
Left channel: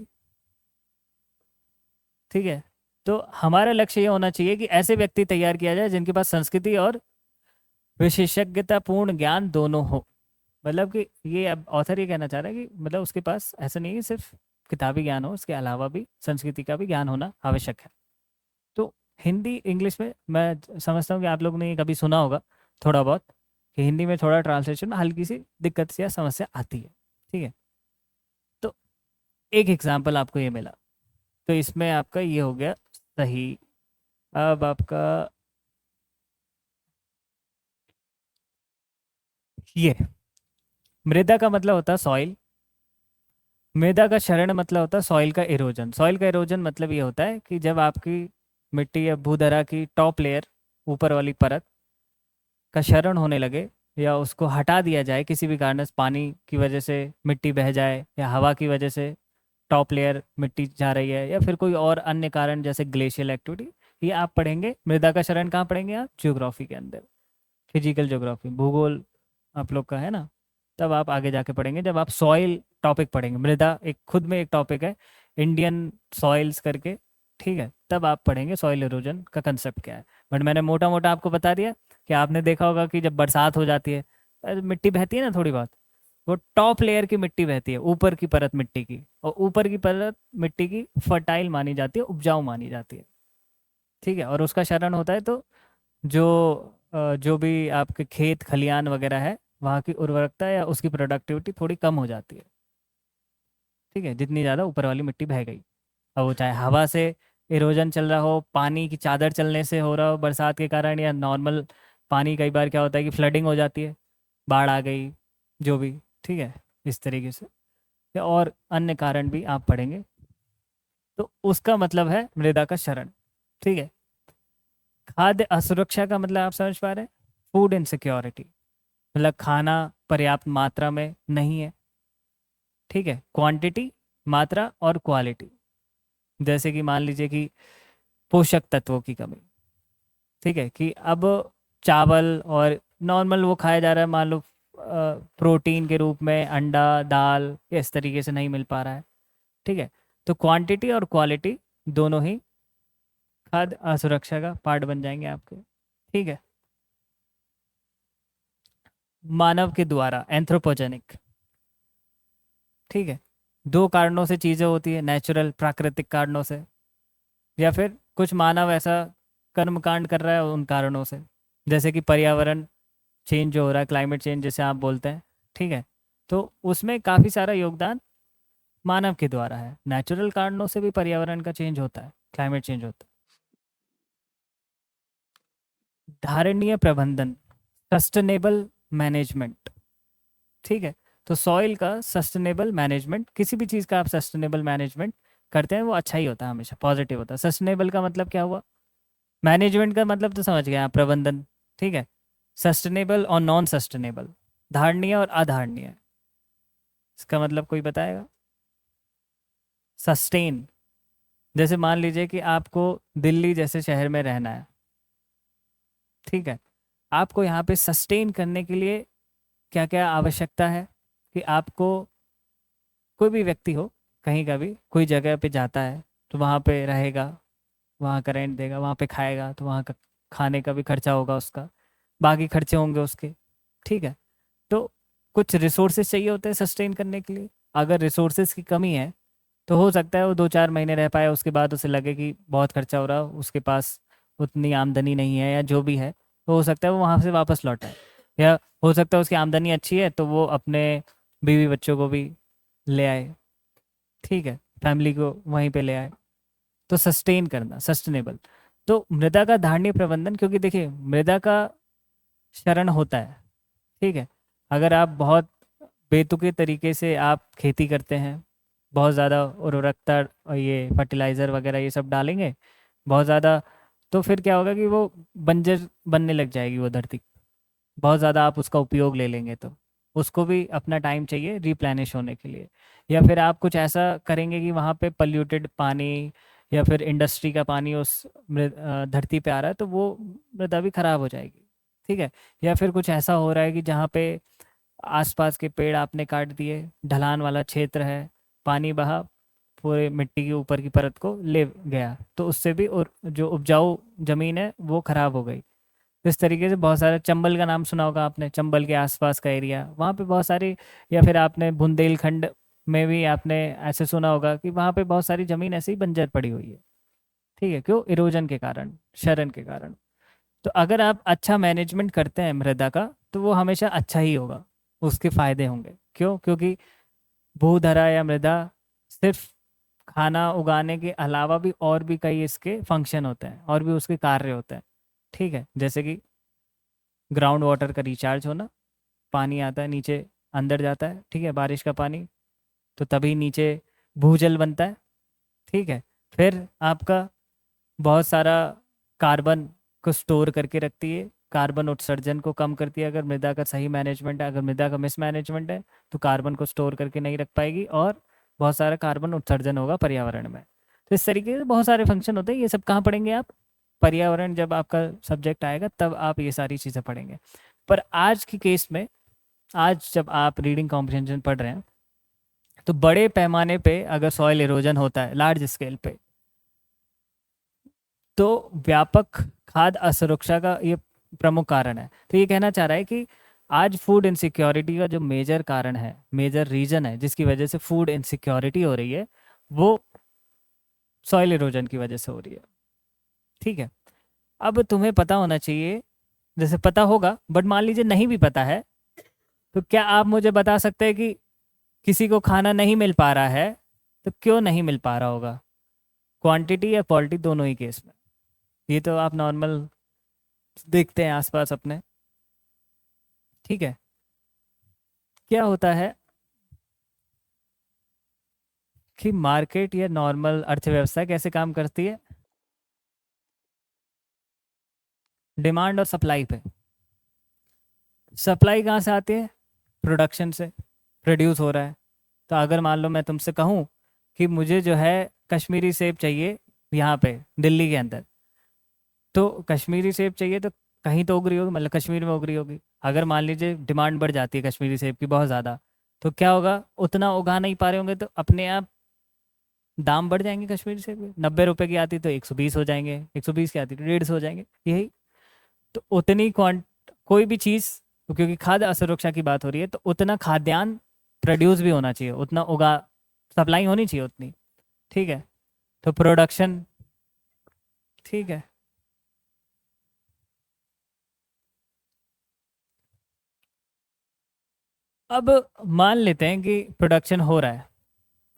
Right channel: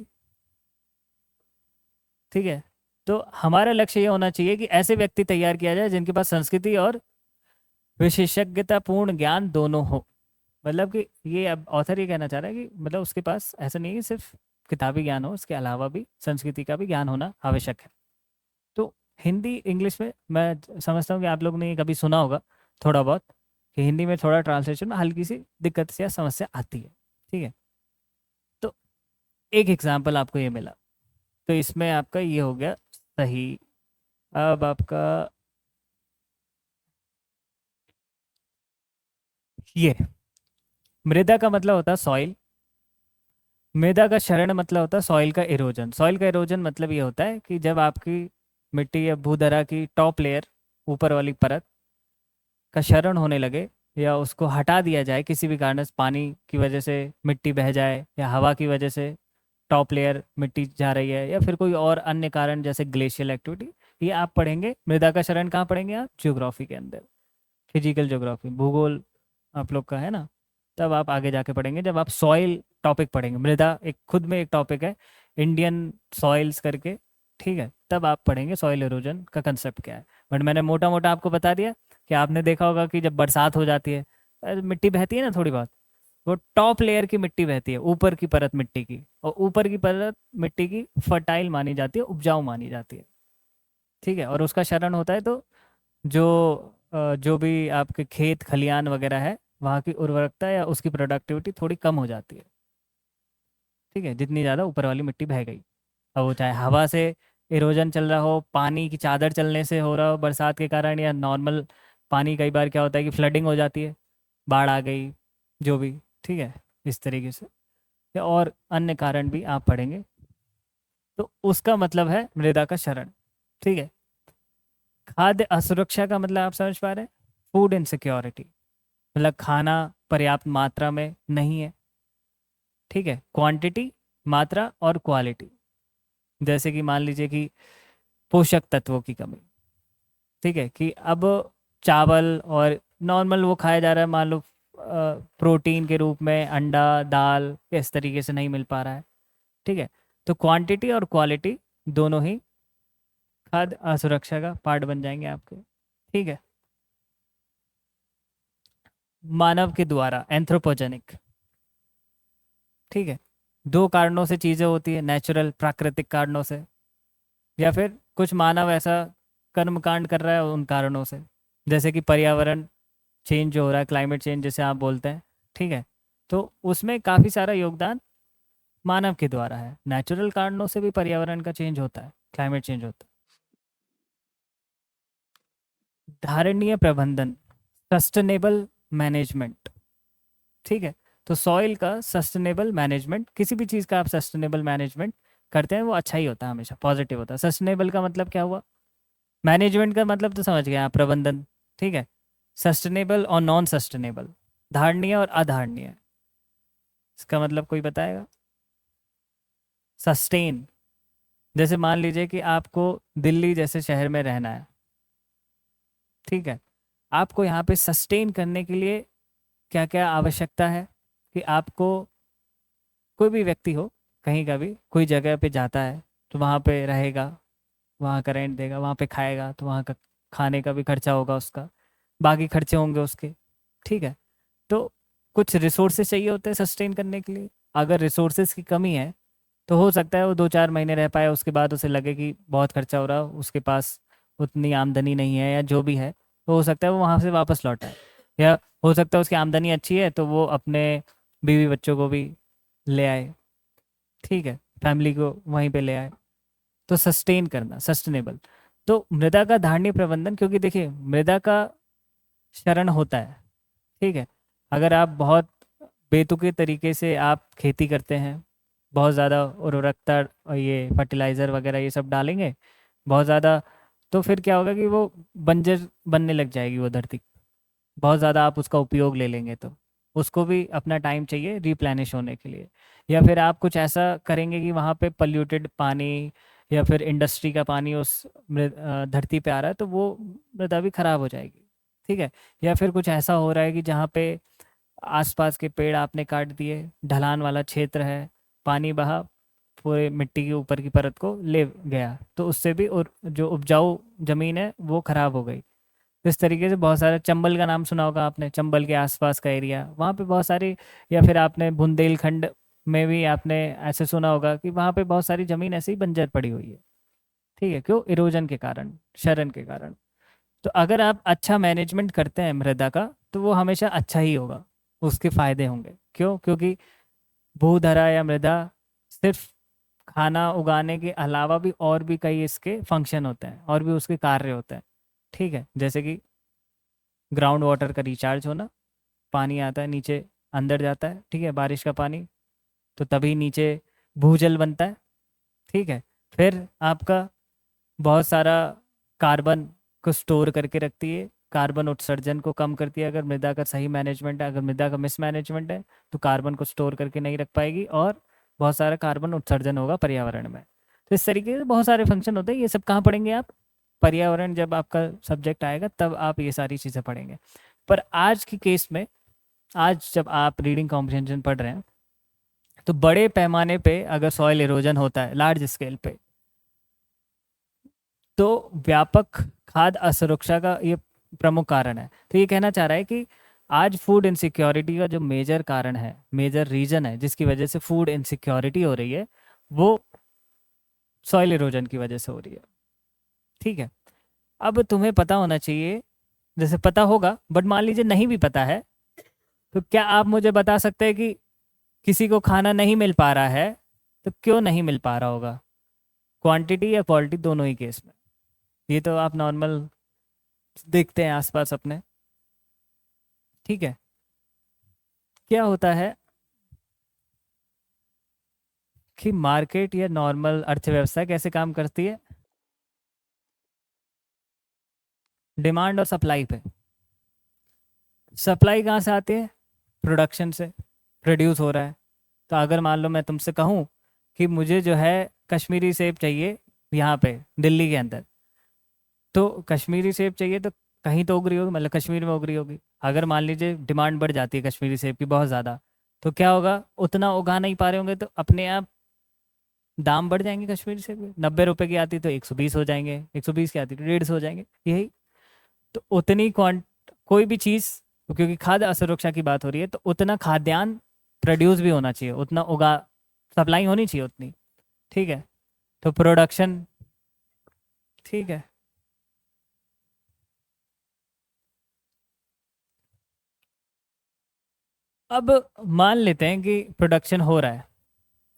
ठीक है। तो हमारा लक्ष्य ये होना चाहिए कि ऐसे व्यक्ति तैयार किया जाए जिनके पास संस्कृति और विशेषज्ञतापूर्ण ज्ञान दोनों हो। मतलब कि ये अब ऑथर ही कहना चाह रहे हैं कि मतलब उसके पास ऐसा नहीं है सिर्फ किताबी ज्ञान हो, उसके अलावा भी संस्कृति का भी ज्ञान होना आवश्यक है। तो हिंदी इंग्लिश में मैं समझता हूँ कि आप लोगों ने ये कभी सुना होगा थोड़ा बहुत कि हिंदी में थोड़ा ट्रांसलेशन में हल्की सी दिक्कत या समस्या आती है, ठीक है। तो एक एग्जाम्पल आपको ये मिला, तो इसमें आपका ये हो गया सही। अब आपका ये मृदा का मतलब होता है सॉइल, मृदा का क्षरण मतलब होता है सॉइल का इरोजन। सॉइल का इरोजन मतलब ये होता है कि जब आपकी मिट्टी या भूधरा की टॉप लेयर, ऊपर वाली परत का क्षरण होने लगे या उसको हटा दिया जाए किसी भी कारण से, पानी की वजह से मिट्टी बह जाए या हवा की वजह से टॉप लेयर मिट्टी जा रही है, या फिर कोई और अन्य कारण जैसे ग्लेशियल एक्टिविटी, ये आप पढ़ेंगे। मृदा का क्षरण कहाँ पढ़ेंगे आप? ज्योग्राफी के अंदर, फिजिकल ज्योग्राफी, भूगोल आप लोग का है ना, तब आप आगे जाके पढ़ेंगे जब आप सॉइल टॉपिक पढ़ेंगे। मृदा एक खुद में एक टॉपिक है, इंडियन सॉइल्स करके, ठीक है, तब आप पढ़ेंगे सॉइल इरोजन का कंसेप्ट क्या है। बट मैंने मोटा मोटा आपको बता दिया कि आपने देखा होगा कि जब बरसात हो जाती है मिट्टी बहती है ना थोड़ी बहुत, वो टॉप लेयर की मिट्टी बहती है, ऊपर की परत मिट्टी की, और ऊपर की परत मिट्टी की फर्टाइल मानी जाती है, उपजाऊ मानी जाती है, ठीक है, और उसका क्षरण होता है। तो जो भी आपके खेत खलियान वगैरह है वहाँ की उर्वरकता या उसकी प्रोडक्टिविटी थोड़ी कम हो जाती है, ठीक है, जितनी ज़्यादा ऊपर वाली मिट्टी बह गई। अब वो चाहे हवा से इरोजन चल रहा हो, पानी की चादर चलने से हो रहा हो बरसात के कारण, या नॉर्मल पानी, कई बार क्या होता है कि फ्लडिंग हो जाती है, बाढ़ आ गई, जो भी, ठीक है, इस तरीके से, या और अन्य कारण भी आप पढ़ेंगे। तो उसका मतलब है मृदा का क्षरण, ठीक है। खाद्य असुरक्षा का मतलब आप समझ पा रहे हैं, फूड इनसिक्योरिटी, मतलब खाना पर्याप्त मात्रा में नहीं है, ठीक है। क्वांटिटी, मात्रा और क्वालिटी। जैसे कि मान लीजिए कि पोषक तत्वों की कमी, ठीक है, कि अब चावल और नॉर्मल वो खाया जा रहा है, मान लो प्रोटीन के रूप में अंडा, दाल, इस तरीके से नहीं मिल पा रहा है, ठीक है। तो क्वांटिटी और क्वालिटी दोनों ही खाद्य असुरक्षा का पार्ट बन जाएंगे आपके, ठीक है। मानव के द्वारा, एंथ्रोपोजेनिक, ठीक है। दो कारणों से चीज़ें होती है, नेचुरल प्राकृतिक कारणों से, या फिर कुछ मानव ऐसा कर्मकांड कर रहा है उन कारणों से, जैसे कि पर्यावरण चेंज जो हो रहा है, क्लाइमेट चेंज जिसे आप बोलते हैं, ठीक है। तो उसमें काफ़ी सारा योगदान मानव के द्वारा है। नेचुरल कारणों से भी पर्यावरण का चेंज होता है, क्लाइमेट चेंज होता है। धारणीय प्रबंधन, सस्टेनेबल मैनेजमेंट, ठीक है। तो सॉइल का सस्टेनेबल मैनेजमेंट, किसी भी चीज़ का आप सस्टेनेबल मैनेजमेंट करते हैं वो अच्छा ही होता है, हमेशा पॉजिटिव होता है। सस्टेनेबल का मतलब क्या हुआ, मैनेजमेंट का मतलब तो समझ गए आप, प्रबंधन, ठीक है। सस्टेनेबल और नॉन सस्टेनेबल, धारणीय और अधारणीय, इसका मतलब कोई बताएगा। सस्टेन, जैसे मान लीजिए कि आपको दिल्ली जैसे शहर में रहना है, ठीक है। आपको यहाँ पे सस्टेन करने के लिए क्या क्या आवश्यकता है, कि आपको, कोई भी व्यक्ति हो, कहीं का भी कोई जगह पे जाता है तो वहाँ पे रहेगा, वहाँ का रेंट देगा, वहाँ पे खाएगा तो वहाँ का खाने का भी खर्चा होगा उसका, बाकी खर्चे होंगे उसके, ठीक है। तो कुछ रिसोर्सेज चाहिए होते हैं सस्टेन करने के लिए। अगर रिसोर्सेज की कमी है तो हो सकता है वो 2-4 महीने रह पाए, उसके बाद उसे लगे कि बहुत खर्चा हो रहा, उसके पास उतनी आमदनी नहीं है या जो भी है, तो हो सकता है वो वहाँ से वापस लौट आए। या हो सकता है उसकी आमदनी अच्छी है तो वो अपने बीवी बच्चों को भी ले आए, ठीक है, फैमिली को वहीं पे ले आए। तो सस्टेन करना, सस्टेनेबल। तो मृदा का धारणीय प्रबंधन, क्योंकि देखिए मृदा का क्षरण होता है, ठीक है। अगर आप बहुत बेतुके तरीके से आप खेती करते हैं, बहुत ज़्यादा उर्वरकता और ये फर्टिलाइज़र वगैरह ये सब डालेंगे बहुत ज़्यादा, तो फिर क्या होगा कि वो बंजर बनने लग जाएगी वो धरती। बहुत ज़्यादा आप उसका उपयोग ले लेंगे तो उसको भी अपना टाइम चाहिए रिप्लेनिश होने के लिए। या फिर आप कुछ ऐसा करेंगे कि वहाँ पे पल्यूटेड पानी या फिर इंडस्ट्री का पानी उस धरती पे आ रहा है तो वो मृदा भी खराब हो जाएगी, ठीक है। या फिर कुछ ऐसा हो रहा है कि जहाँ पे आसपास के पेड़ आपने काट दिए, ढलान वाला क्षेत्र है, पानी बहा पूरे मिट्टी के ऊपर की परत को ले गया, तो उससे भी और जो उपजाऊ जमीन है वो खराब हो गई। इस तरीके से बहुत सारे, चंबल का नाम सुना होगा आपने, चंबल के आसपास का एरिया, वहाँ पे बहुत सारी, या फिर आपने बुंदेलखंड में भी आपने ऐसे सुना होगा कि वहाँ पे बहुत सारी ज़मीन ऐसे ही बंजर पड़ी हुई है, ठीक है। क्यों, इरोजन के कारण, क्षरण के कारण। तो अगर आप अच्छा मैनेजमेंट करते हैं मृदा का तो वो हमेशा अच्छा ही होगा, उसके फायदे होंगे। क्यों, क्योंकि भूधरा या मृदा सिर्फ खाना उगाने के अलावा भी और भी कई इसके फंक्शन होते हैं और भी उसके कार्य होते हैं, ठीक है। जैसे कि ग्राउंड वाटर का रिचार्ज होना, पानी आता है नीचे अंदर जाता है, ठीक है, बारिश का पानी, तो तभी नीचे भूजल बनता है, ठीक है। फिर आपका बहुत सारा कार्बन को स्टोर करके रखती है, कार्बन उत्सर्जन को कम करती है। अगर मृदा का सही मैनेजमेंट है, अगर मृदा का मिसमैनेजमेंट है तो कार्बन को स्टोर करके नहीं रख पाएगी और बहुत सारा कार्बन उत्सर्जन होगा पर्यावरण में। तो इस तरीके से बहुत सारे फंक्शन होते हैं। ये सब कहाँ पढ़ेंगे आप, पर्यावरण जब आपका सब्जेक्ट आएगा तब आप ये सारी चीज़ें पढ़ेंगे। पर आज के केस में, आज जब आप रीडिंग कॉम्प्रिहेंशन पढ़ रहे हैं तो बड़े पैमाने पे अगर सॉइल इरोजन होता है लार्ज स्केल पे, तो व्यापक खाद्य असुरक्षा का ये प्रमुख कारण है। तो ये कहना चाह रहा है कि आज फूड इनसिक्योरिटी का जो मेजर कारण है, मेजर रीजन है जिसकी वजह से फूड इनसिक्योरिटी हो रही है, वो सॉइल इरोजन की वजह से हो रही है, ठीक है। अब तुम्हें पता होना चाहिए, जैसे पता होगा, बट मान लीजिए नहीं भी पता है, तो क्या आप मुझे बता सकते हैं कि किसी को खाना नहीं मिल पा रहा है तो क्यों नहीं मिल पा रहा होगा, क्वांटिटी या क्वालिटी, दोनों ही केस में। ये तो आप नॉर्मल देखते हैं आसपास अपने, ठीक है। क्या होता है कि मार्केट या नॉर्मल अर्थव्यवस्था कैसे काम करती है, डिमांड और सप्लाई पे। सप्लाई कहाँ से आते हैं? प्रोडक्शन से प्रोड्यूस हो रहा है। तो अगर मान लो मैं तुमसे कहूँ कि मुझे जो है कश्मीरी सेब चाहिए यहाँ पे दिल्ली के अंदर, तो कश्मीरी सेब चाहिए तो कहीं तो उग रही होगी, मतलब कश्मीर में उग रही होगी। अगर मान लीजिए डिमांड बढ़ जाती है कश्मीरी सेब की बहुत ज़्यादा, तो क्या होगा, उतना उगा नहीं पा रहे होंगे तो अपने आप दाम बढ़ जाएंगे कश्मीरी सेब के। 90 रुपए की आती तो 120 हो जाएंगे, 120 की आती तो 150 हो जाएंगे। यही तो उतनी कोई भी चीज़, क्योंकि खाद्य असुरक्षा की बात हो रही है, तो उतना खाद्यान्न प्रोड्यूस भी होना चाहिए, उतना उगा, सप्लाई होनी चाहिए उतनी। ठीक है, तो प्रोडक्शन, ठीक है। अब मान लेते हैं कि प्रोडक्शन हो रहा है,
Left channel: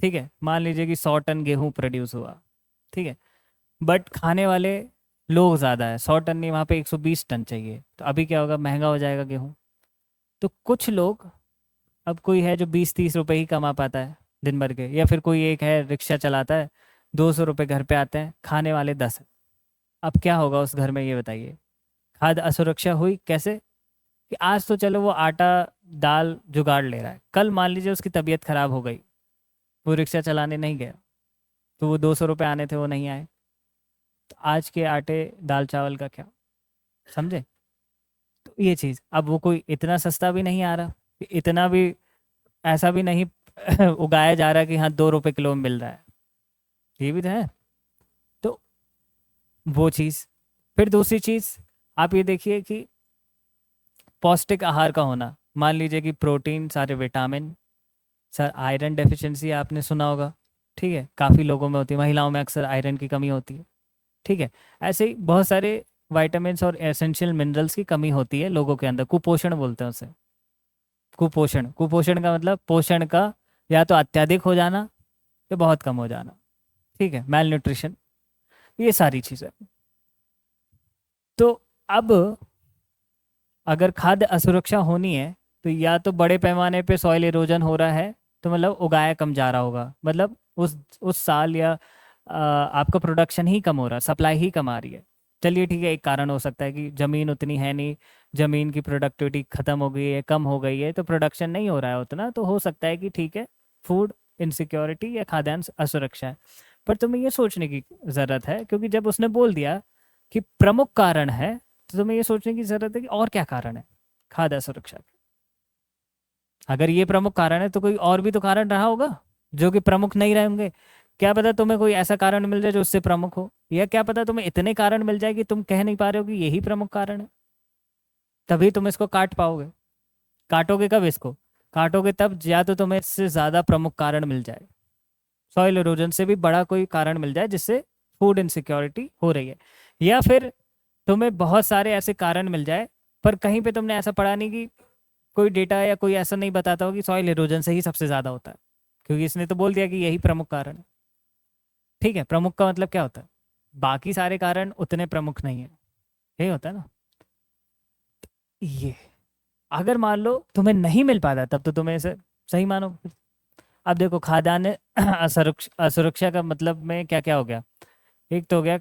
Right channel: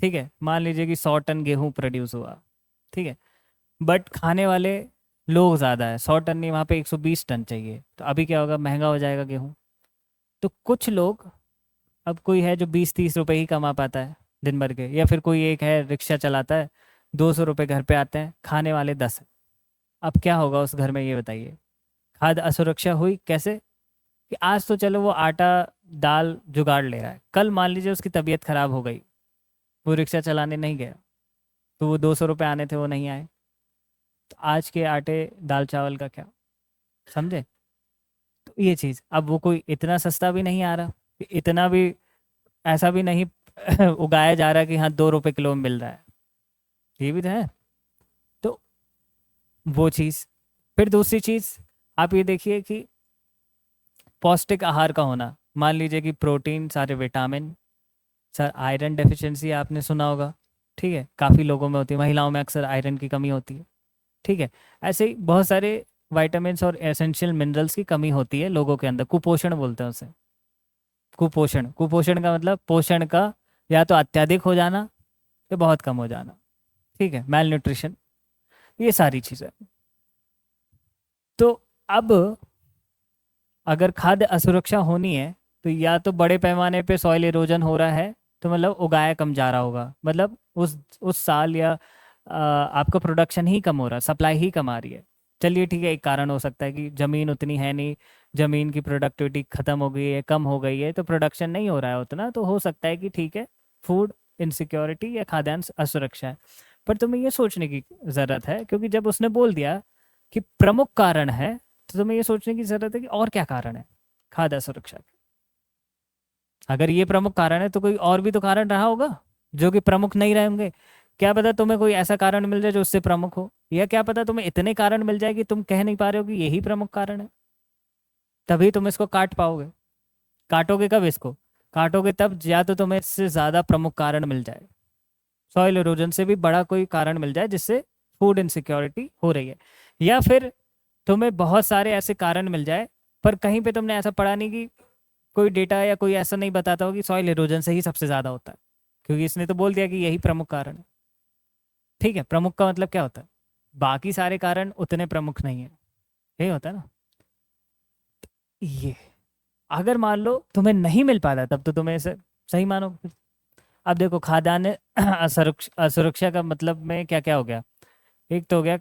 ठीक है, मान लीजिए कि 100 टन गेहूं प्रोड्यूस हुआ, ठीक है, बट खाने वाले लोग ज़्यादा है, 100 टन नहीं, वहाँ पे 120 टन चाहिए, तो अभी क्या होगा, महंगा हो जाएगा गेहूं। तो कुछ लोग, अब कोई है जो 20-30 रुपए ही कमा पाता है दिन भर के, या फिर कोई एक है रिक्शा चलाता है, 200 रुपये घर पे आते हैं, खाने वाले 10 हैं। अब क्या होगा उस घर में, ये बताइए। खाद्य असुरक्षा हुई कैसे, कि आज तो चलो वो आटा दाल जुगाड़ ले रहा है, कल मान लीजिए उसकी तबीयत खराब हो गई, वो रिक्शा चलाने नहीं गया, तो वो 200 रुपये आने थे वो नहीं आए, तो आज के आटे दाल चावल का क्या, समझे। तो ये चीज़, अब वो कोई इतना सस्ता भी नहीं आ रहा, कि इतना भी ऐसा भी नहीं उगाया जा रहा कि हाँ 2 रुपये किलो में मिल रहा है, ये भी तो है। तो वो चीज़, फिर दूसरी चीज़ आप ये देखिए कि पौष्टिक आहार का होना, मान लीजिए कि प्रोटीन, सारे विटामिन, सर आयरन डेफिशिएंसी आपने सुना होगा, ठीक है, काफ़ी लोगों में होती है, महिलाओं में अक्सर आयरन की कमी होती है, ठीक है, ऐसे ही बहुत सारे विटामिन्स और एसेंशियल मिनरल्स की कमी होती है लोगों के अंदर, कुपोषण बोलते हैं उसे। कुपोषण, कुपोषण का मतलब पोषण का या तो अत्यधिक हो जाना या बहुत कम हो जाना, ठीक है, मेल न्यूट्रिशन, ये सारी चीज़ें। तो अब अगर खाद्य असुरक्षा होनी है, तो या तो बड़े पैमाने पे सॉइल इरोजन हो रहा है, तो मतलब उगाया कम जा रहा होगा, मतलब उस साल या आपका प्रोडक्शन ही कम हो रहा है, सप्लाई ही कम आ रही है। चलिए ठीक है, एक कारण हो सकता है कि ज़मीन उतनी है नहीं, ज़मीन की प्रोडक्टिविटी ख़त्म हो गई है, कम हो गई है, तो प्रोडक्शन नहीं हो रहा है उतना, तो हो सकता है कि ठीक है, फूड इनसिक्योरिटी या खाद्यान्न असुरक्षा है। पर तुम्हें ये सोचने की ज़रूरत है, क्योंकि जब उसने बोल दिया कि प्रमुख कारण है, तो तुम्हें ये सोचने की ज़रूरत है कि और क्या कारण है खाद्य असुरक्षा के। अगर ये प्रमुख कारण है तो कोई और भी तो कारण रहा होगा जो कि प्रमुख नहीं रहे होंगे। क्या पता तुम्हें कोई ऐसा कारण मिल जाए जो उससे प्रमुख हो, या क्या पता तुम्हें इतने कारण मिल जाए कि तुम कह नहीं पा रहे हो कि यही प्रमुख कारण है, तभी तुम इसको काट पाओगे। काटोगे कब इसको, काटोगे तब या तो तुम्हें इससे ज़्यादा प्रमुख कारण मिल जाए, सॉइल इरोजन से भी बड़ा कोई कारण मिल जाए जिससे फूड इनसिक्योरिटी हो रही है, या फिर तुम्हें बहुत सारे ऐसे कारण मिल जाए, पर कहीं पे तुमने ऐसा पढ़ा नहीं कि कोई डेटा या कोई ऐसा नहीं बताता हो कि सॉइल इरोजन से ही सबसे ज़्यादा होता है, क्योंकि इसने तो बोल दिया कि यही प्रमुख कारण है। ठीक है, प्रमुख का मतलब क्या होता है, बाकी सारे कारण उतने प्रमुख नहीं है, यही होता है ना। ये अगर मान लो तुम्हें नहीं मिल पाता, तब तो तुम्हें इसे सही मानो। अब देखो खाद्यान्न असुरक्षा का मतलब में क्या क्या हो गया, एक तो हो गया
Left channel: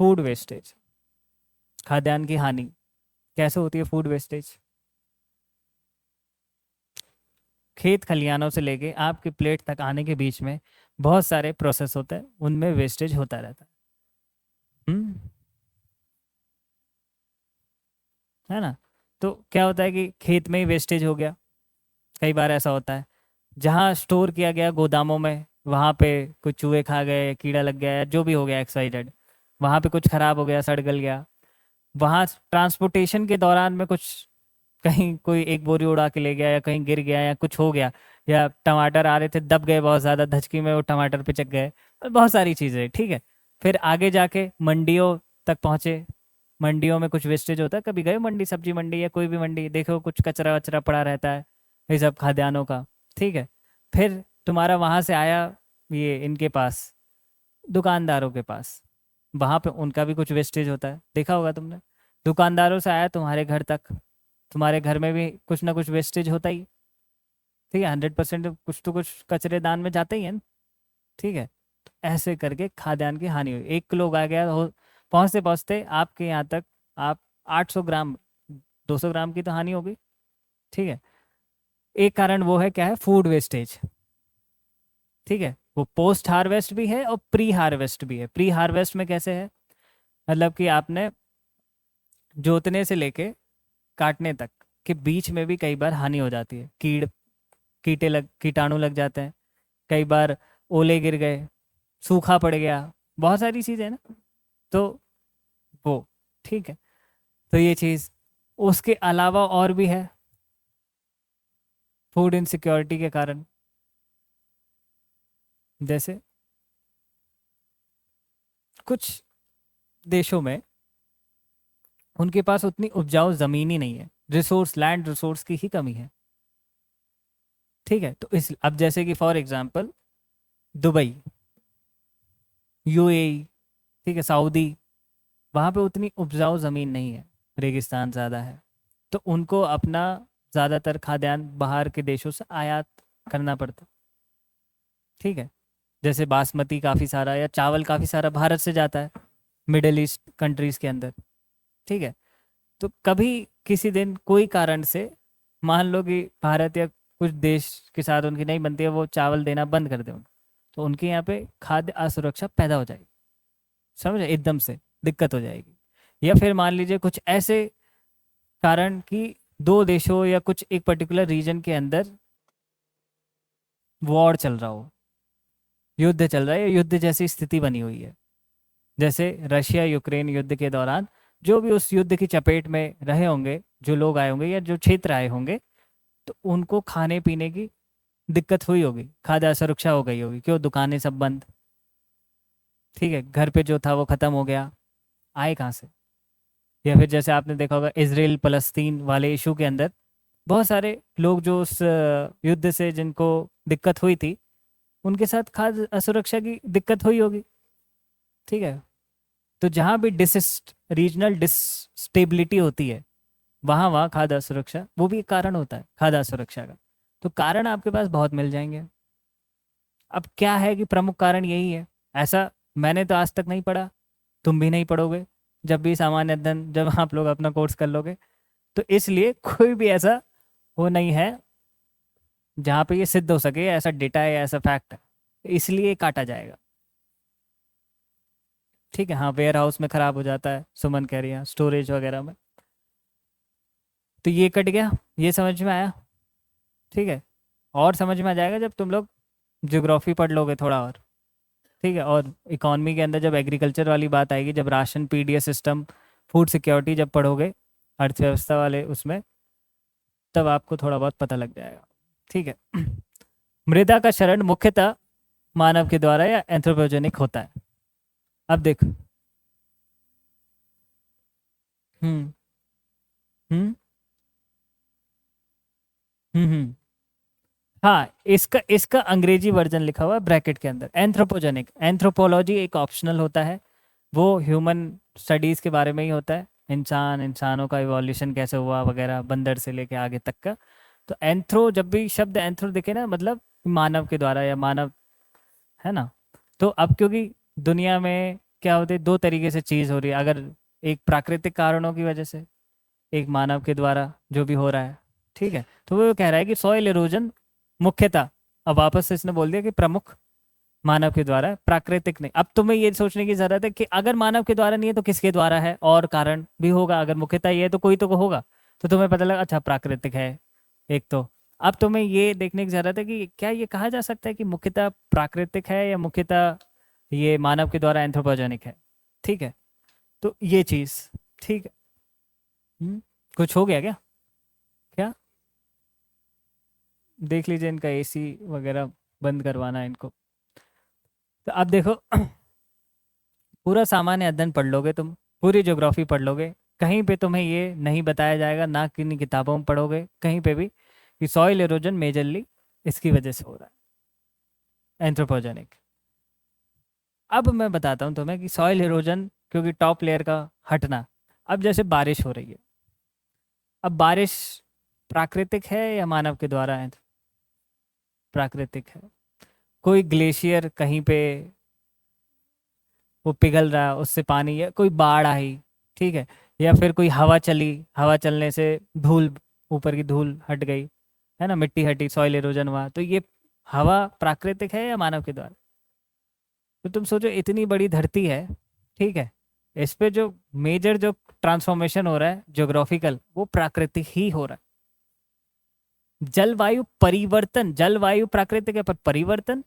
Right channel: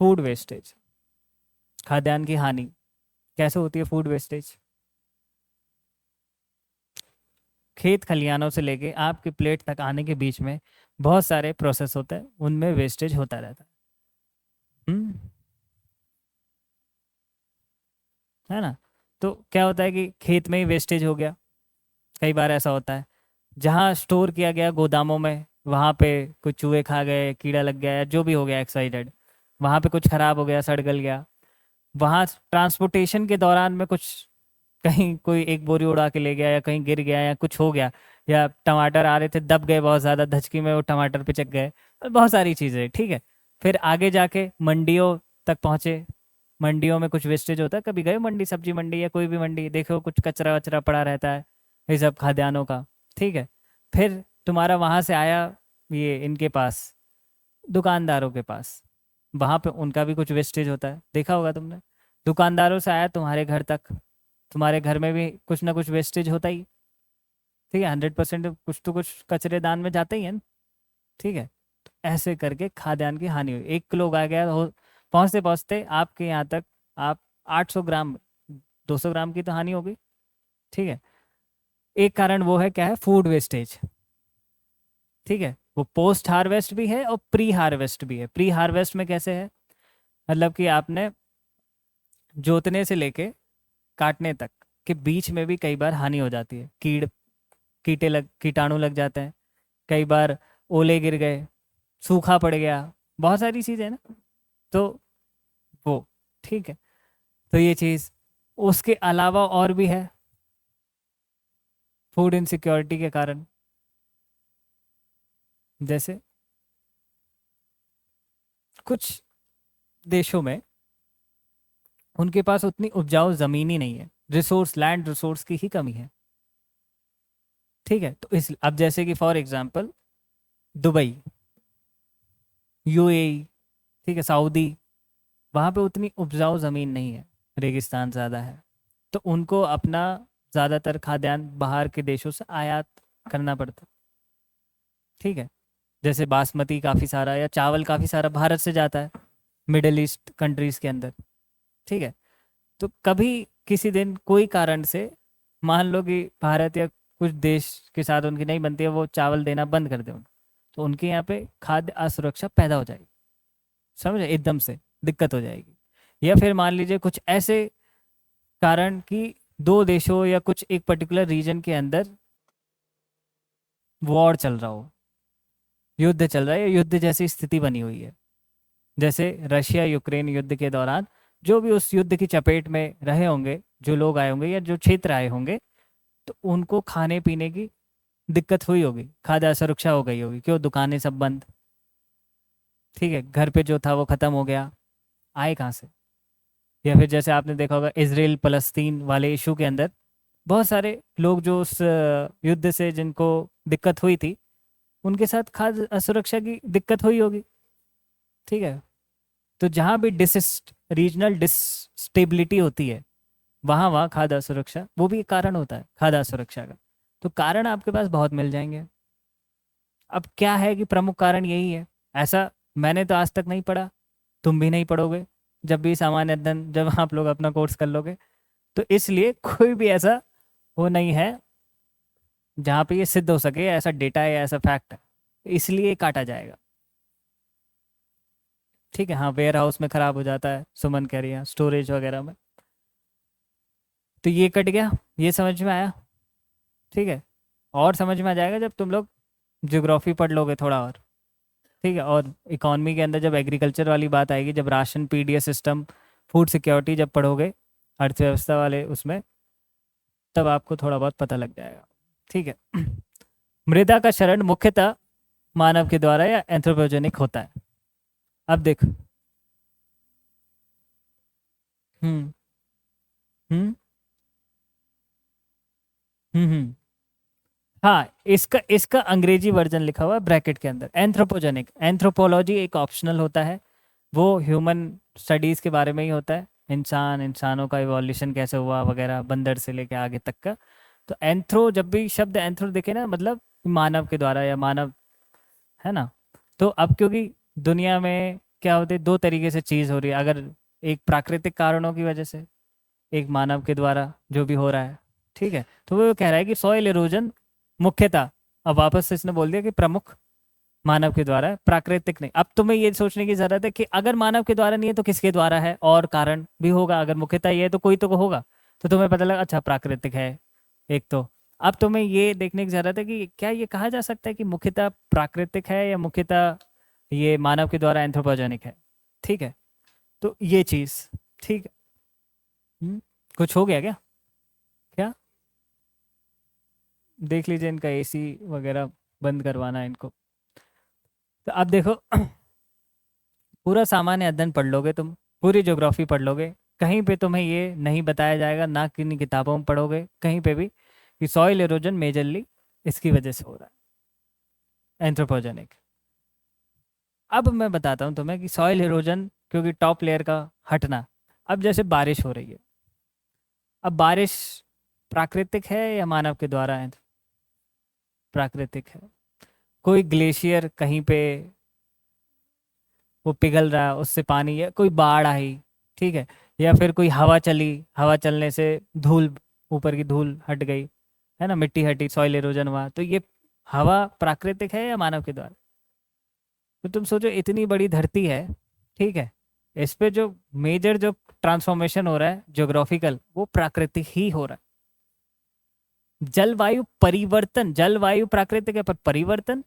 फूड वेस्टेज, खाद्यान्न की हानि। कैसे होती है फूड वेस्टेज, खेत खलिहानों से लेके आपकी प्लेट तक आने के बीच में बहुत सारे प्रोसेस होते हैं, उनमें वेस्टेज होता रहता है। है ना। तो क्या होता है कि खेत में ही वेस्टेज हो गया, कई बार ऐसा होता है, जहाँ स्टोर किया गया गोदामों में, वहाँ पे कुछ चूहे खा गए, कीड़ा लग गया, जो भी हो गया एक्साइडेड, वहाँ पे कुछ खराब हो गया, सड़ गल गया, वहाँ ट्रांसपोर्टेशन के दौरान में कुछ, कहीं कोई एक बोरी उड़ा के ले गया, या कहीं गिर गया, या कुछ हो गया, या टमाटर आ रहे थे दब गए बहुत ज़्यादा, धचकी में वो टमाटर पे चक गए, बहुत सारी चीज़ें, ठीक है। फिर आगे जाके मंडियों तक पहुँचे, मंडियों में कुछ वेस्टेज होता है, कभी गए मंडी, सब्जी मंडी या कोई भी मंडी, देखो कुछ कचरा वचरा पड़ा रहता है, ये सब खाद्यान्नों का, ठीक है। फिर तुम्हारा वहाँ से आया ये इनके पास, दुकानदारों के पास, वहाँ पे उनका भी कुछ वेस्टेज होता है, देखा होगा तुमने। दुकानदारों से आया तुम्हारे घर तक, तुम्हारे घर में भी कुछ ना कुछ वेस्टेज होता ही, ठीक है, 100% कुछ तो कुछ कचरे दान में जाता ही है ना, ठीक है। तो ऐसे करके खाद्यान्न की हानि हुई, 1 किलो उगाया गया और पहुँचते पहुँचते आपके यहाँ तक आप 800 ग्राम 200 ग्राम की तो हानि हो गई। ठीक है, एक कारण वो है, क्या है, फूड वेस्टेज। ठीक है, वो पोस्ट हार्वेस्ट भी है और प्री हार्वेस्ट भी है। प्री हार्वेस्ट में कैसे है, मतलब कि आपने जोतने से लेके काटने तक के बीच में भी कई बार हानि हो जाती है, कीटाणु लग जाते हैं, कई बार ओले गिर गए, सूखा पड़ गया, बहुत सारी चीज़ें ना, तो वो ठीक है। तो ये चीज़, उसके अलावा और भी है फूड इनसिक्योरिटी के कारण, जैसे कुछ देशों में उनके पास उतनी उपजाऊ ज़मीन ही नहीं है, लैंड रिसोर्स की ही कमी है। ठीक है, तो इस अब जैसे कि फॉर एग्जांपल दुबई, यूएई, ठीक है, सऊदी, वहाँ पे उतनी उपजाऊ ज़मीन नहीं है, रेगिस्तान ज़्यादा है, तो उनको अपना ज़्यादातर खाद्यान्न बाहर के देशों से आयात करना पड़ता है। ठीक है, जैसे बासमती काफ़ी सारा या चावल काफ़ी सारा भारत से जाता है मिडिल ईस्ट कंट्रीज़ के अंदर। ठीक है, तो कभी किसी दिन कोई कारण से मान लो कि भारत या कुछ देश के साथ उनकी नहीं बनती है, वो चावल देना बंद कर दें, तो उनके यहाँ पे खाद्य असुरक्षा पैदा हो जाएगी, समझे, एकदम से दिक्कत हो जाएगी। या फिर मान लीजिए कुछ ऐसे कारण कि दो देशों या कुछ एक पर्टिकुलर रीजन के अंदर वॉर चल रहा हो, युद्ध चल रहा है, या युद्ध जैसी स्थिति बनी हुई है, जैसे रशिया यूक्रेन युद्ध के दौरान जो भी उस युद्ध की चपेट में रहे होंगे, जो लोग आए होंगे या जो क्षेत्र आए होंगे, तो उनको खाने पीने की दिक्कत हुई होगी, खाद्य असुरक्षा हो गई होगी, क्यों, दुकानें सब बंद। ठीक है, घर पे जो था वो खत्म हो गया, आए कहाँ से। या फिर जैसे आपने देखा होगा इजराइल फलस्तीन वाले इशू के अंदर बहुत सारे लोग जो उस युद्ध से जिनको दिक्कत हुई थी, उनके साथ खाद्य असुरक्षा की दिक्कत हुई होगी। ठीक है, तो जहाँ भी रीजनल डिस्टेबिलिटी होती है, वहाँ वहाँ खाद्य असुरक्षा वो भी एक कारण होता है खाद्य असुरक्षा का। तो कारण आपके पास बहुत मिल जाएंगे। अब क्या है कि प्रमुख कारण यही है, ऐसा मैंने तो आज तक नहीं पढ़ा, तुम भी नहीं पढ़ोगे जब भी सामान्य अध्ययन, जब आप लोग अपना कोर्स कर लोगे, तो इसलिए कोई भी ऐसा वो नहीं है जहाँ पे ये सिद्ध हो सके, ऐसा डेटा है, ऐसा फैक्ट है, इसलिए काटा जाएगा। ठीक है, हाँ, वेयर हाउस में खराब हो जाता है, सुमन कह रही है, स्टोरेज वगैरह में, तो ये कट गया, ये समझ में आया। ठीक है, और समझ में आ जाएगा जब तुम लोग ज्योग्राफी पढ़ लोगे थोड़ा और। ठीक है, और इकोनॉमी के अंदर जब एग्रीकल्चर वाली बात आएगी, जब ration PDS system, food security जब पढ़ोगे अर्थव्यवस्था वाले उसमें, तब आपको थोड़ा बहुत पता लग जाएगा। ठीक है, मृदा का क्षरण मुख्यतः मानव के द्वारा या एंथ्रोपोजेनिक होता है। अब देखो, हम्म हम्म हम्म, हाँ, इसका इसका अंग्रेजी वर्जन लिखा हुआ है ब्रैकेट के अंदर, एंथ्रोपोजेनिक। एंथ्रोपोलॉजी एक ऑप्शनल होता है, वो ह्यूमन स्टडीज के बारे में ही होता है, इंसानों का इवोल्यूशन कैसे हुआ वगैरह, बंदर से लेके आगे तक का। तो एंथ्रो, जब भी शब्द एंथ्रो दिखे ना, मतलब मानव के द्वारा या मानव, है ना। तो अब क्योंकि दुनिया में क्या होते, दो तरीके से चीज़ हो रही है, अगर एक प्राकृतिक कारणों की वजह से, एक मानव के द्वारा जो भी हो रहा है। ठीक है, तो वो कह रहा है कि सॉइल इरोजन मुख्यतः, अब वापस से इसने बोल दिया कि प्रमुख मानव के द्वारा है, प्राकृतिक नहीं। अब तुम्हें ये सोचने की जरूरत है कि अगर मानव के द्वारा नहीं है तो किसके द्वारा है, और कारण भी होगा, अगर मुख्यतः ये है तो कोई तो होगा, तो तुम्हें पता लगा अच्छा प्राकृतिक है एक तो। अब तुम्हें ये देखने की जरूरत है कि क्या ये कहा जा सकता है कि मुख्यतः प्राकृतिक है या मुख्यतः ये मानव के द्वारा एंथ्रोपोजेनिक है। ठीक है, तो ये चीज, ठीक है। कुछ हो गया क्या, क्या देख लीजिए, इनका एसी वगैरह बंद करवाना है इनको। तो अब देखो, पूरा सामान्य अध्ययन पढ़ लोगे तुम, पूरी ज्योग्राफी पढ़ लोगे, कहीं पे तुम्हें ये नहीं बताया जाएगा, ना किन्हीं किताबों में पढ़ोगे कहीं पे भी, कि सॉइल इरोजन मेजरली इसकी वजह से हो रहा है, एंथ्रोपोजेनिक। अब मैं बताता हूँ तुम्हें कि सॉइल इरोजन क्योंकि टॉप लेयर का हटना, अब जैसे बारिश हो रही है, अब बारिश प्राकृतिक है या मानव के द्वारा है, प्राकृतिक है। कोई ग्लेशियर कहीं पे वो पिघल रहा, उससे पानी है, कोई बाढ़ आई, ठीक है, या फिर कोई हवा चली, हवा चलने से धूल, ऊपर की धूल हट गई, है ना, मिट्टी हटी, सॉइल इरोजन हुआ, तो ये हवा प्राकृतिक है या मानव के द्वारा? तो तुम सोचो इतनी बड़ी धरती है, ठीक है, इस पे जो मेजर जो ट्रांसफॉर्मेशन हो रहा है ज्योग्राफिकल, वो प्राकृतिक ही हो रहा है। जलवायु परिवर्तन, जलवायु प्राकृतिक है पर परिवर्तन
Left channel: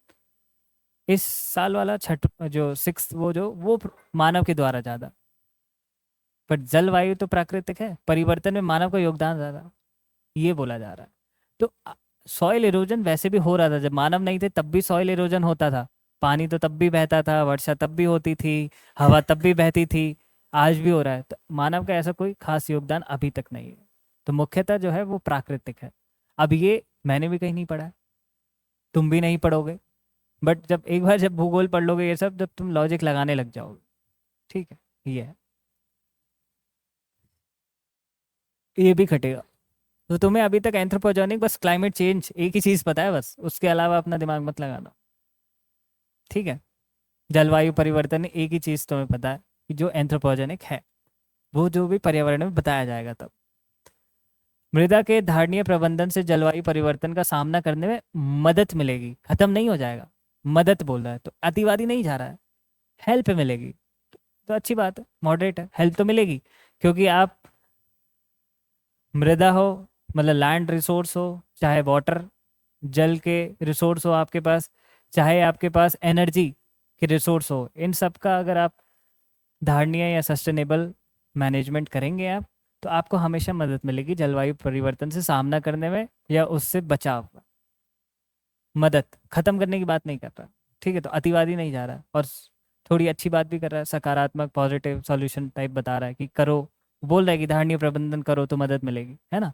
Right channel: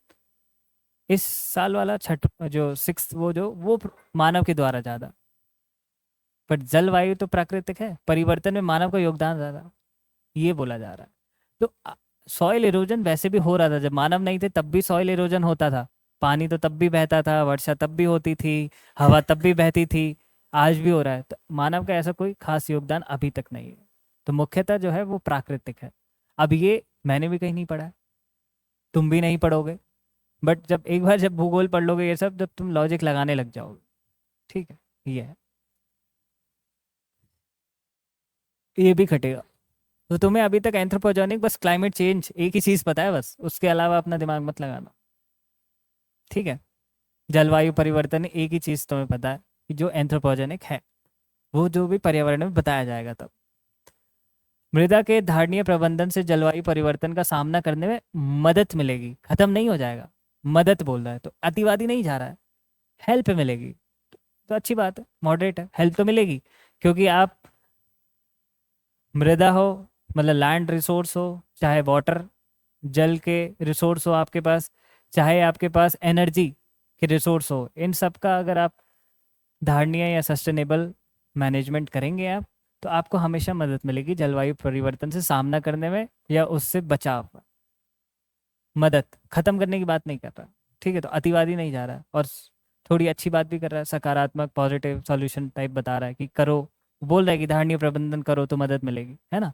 इस साल वाला छठ जो सिक्स वो मानव के द्वारा ज्यादा, पर जलवायु तो प्राकृतिक है, परिवर्तन में मानव का योगदान ज्यादा, ये बोला जा रहा है। तो सॉइल इरोजन वैसे भी हो रहा था, जब मानव नहीं थे तब भी सॉइल इरोजन होता था, पानी तो तब भी बहता था, वर्षा तब भी होती थी, हवा तब भी बहती थी, आज भी हो रहा है। तो मानव का ऐसा कोई खास योगदान अभी तक नहीं है, तो मुख्यतः जो है वो प्राकृतिक है। अब ये मैंने भी कहीं नहीं पढ़ा है, तुम भी नहीं पढ़ोगे, बट जब एक बार जब भूगोल पढ़ लोगे ये सब, जब तुम लॉजिक लगाने लग जाओगे, ठीक है, ये है, ये भी खटेगा। तो तुम्हें अभी तक एंथ्रोपोजेनिक बस क्लाइमेट चेंज एक ही चीज पता है बस, उसके अलावा अपना दिमाग मत लगाना, ठीक है। जलवायु परिवर्तन एक ही चीज तुम्हें पता है कि जो एंथ्रोपोजेनिक है, वो जो भी पर्यावरण में बताया जाएगा तब। मृदा के धारणीय प्रबंधन से जलवायु परिवर्तन का सामना करने में मदद मिलेगी, खत्म नहीं हो जाएगा, मदद बोल रहा है तो अतिवादी नहीं जा रहा है, हेल्प मिलेगी, तो अच्छी बात है, मॉडरेट है, हेल्प तो मिलेगी, क्योंकि आप मृदा हो, मतलब लैंड रिसोर्स हो, चाहे वाटर जल के रिसोर्स हो आपके पास, चाहे आपके पास एनर्जी के रिसोर्स हो, इन सब का अगर आप धारणीय या सस्टेनेबल मैनेजमेंट करेंगे आप, तो आपको हमेशा मदद मिलेगी जलवायु परिवर्तन से सामना करने में या उससे बचाव में। मदद, खत्म करने की बात नहीं कर रहा, ठीक है, तो अतिवादी नहीं जा रहा, और थोड़ी अच्छी बात भी कर रहा है, सकारात्मक पॉजिटिव सॉल्यूशन टाइप बता रहा है कि करो, बोल रहा है कि धारणीय प्रबंधन करो तो मदद मिलेगी, है ना।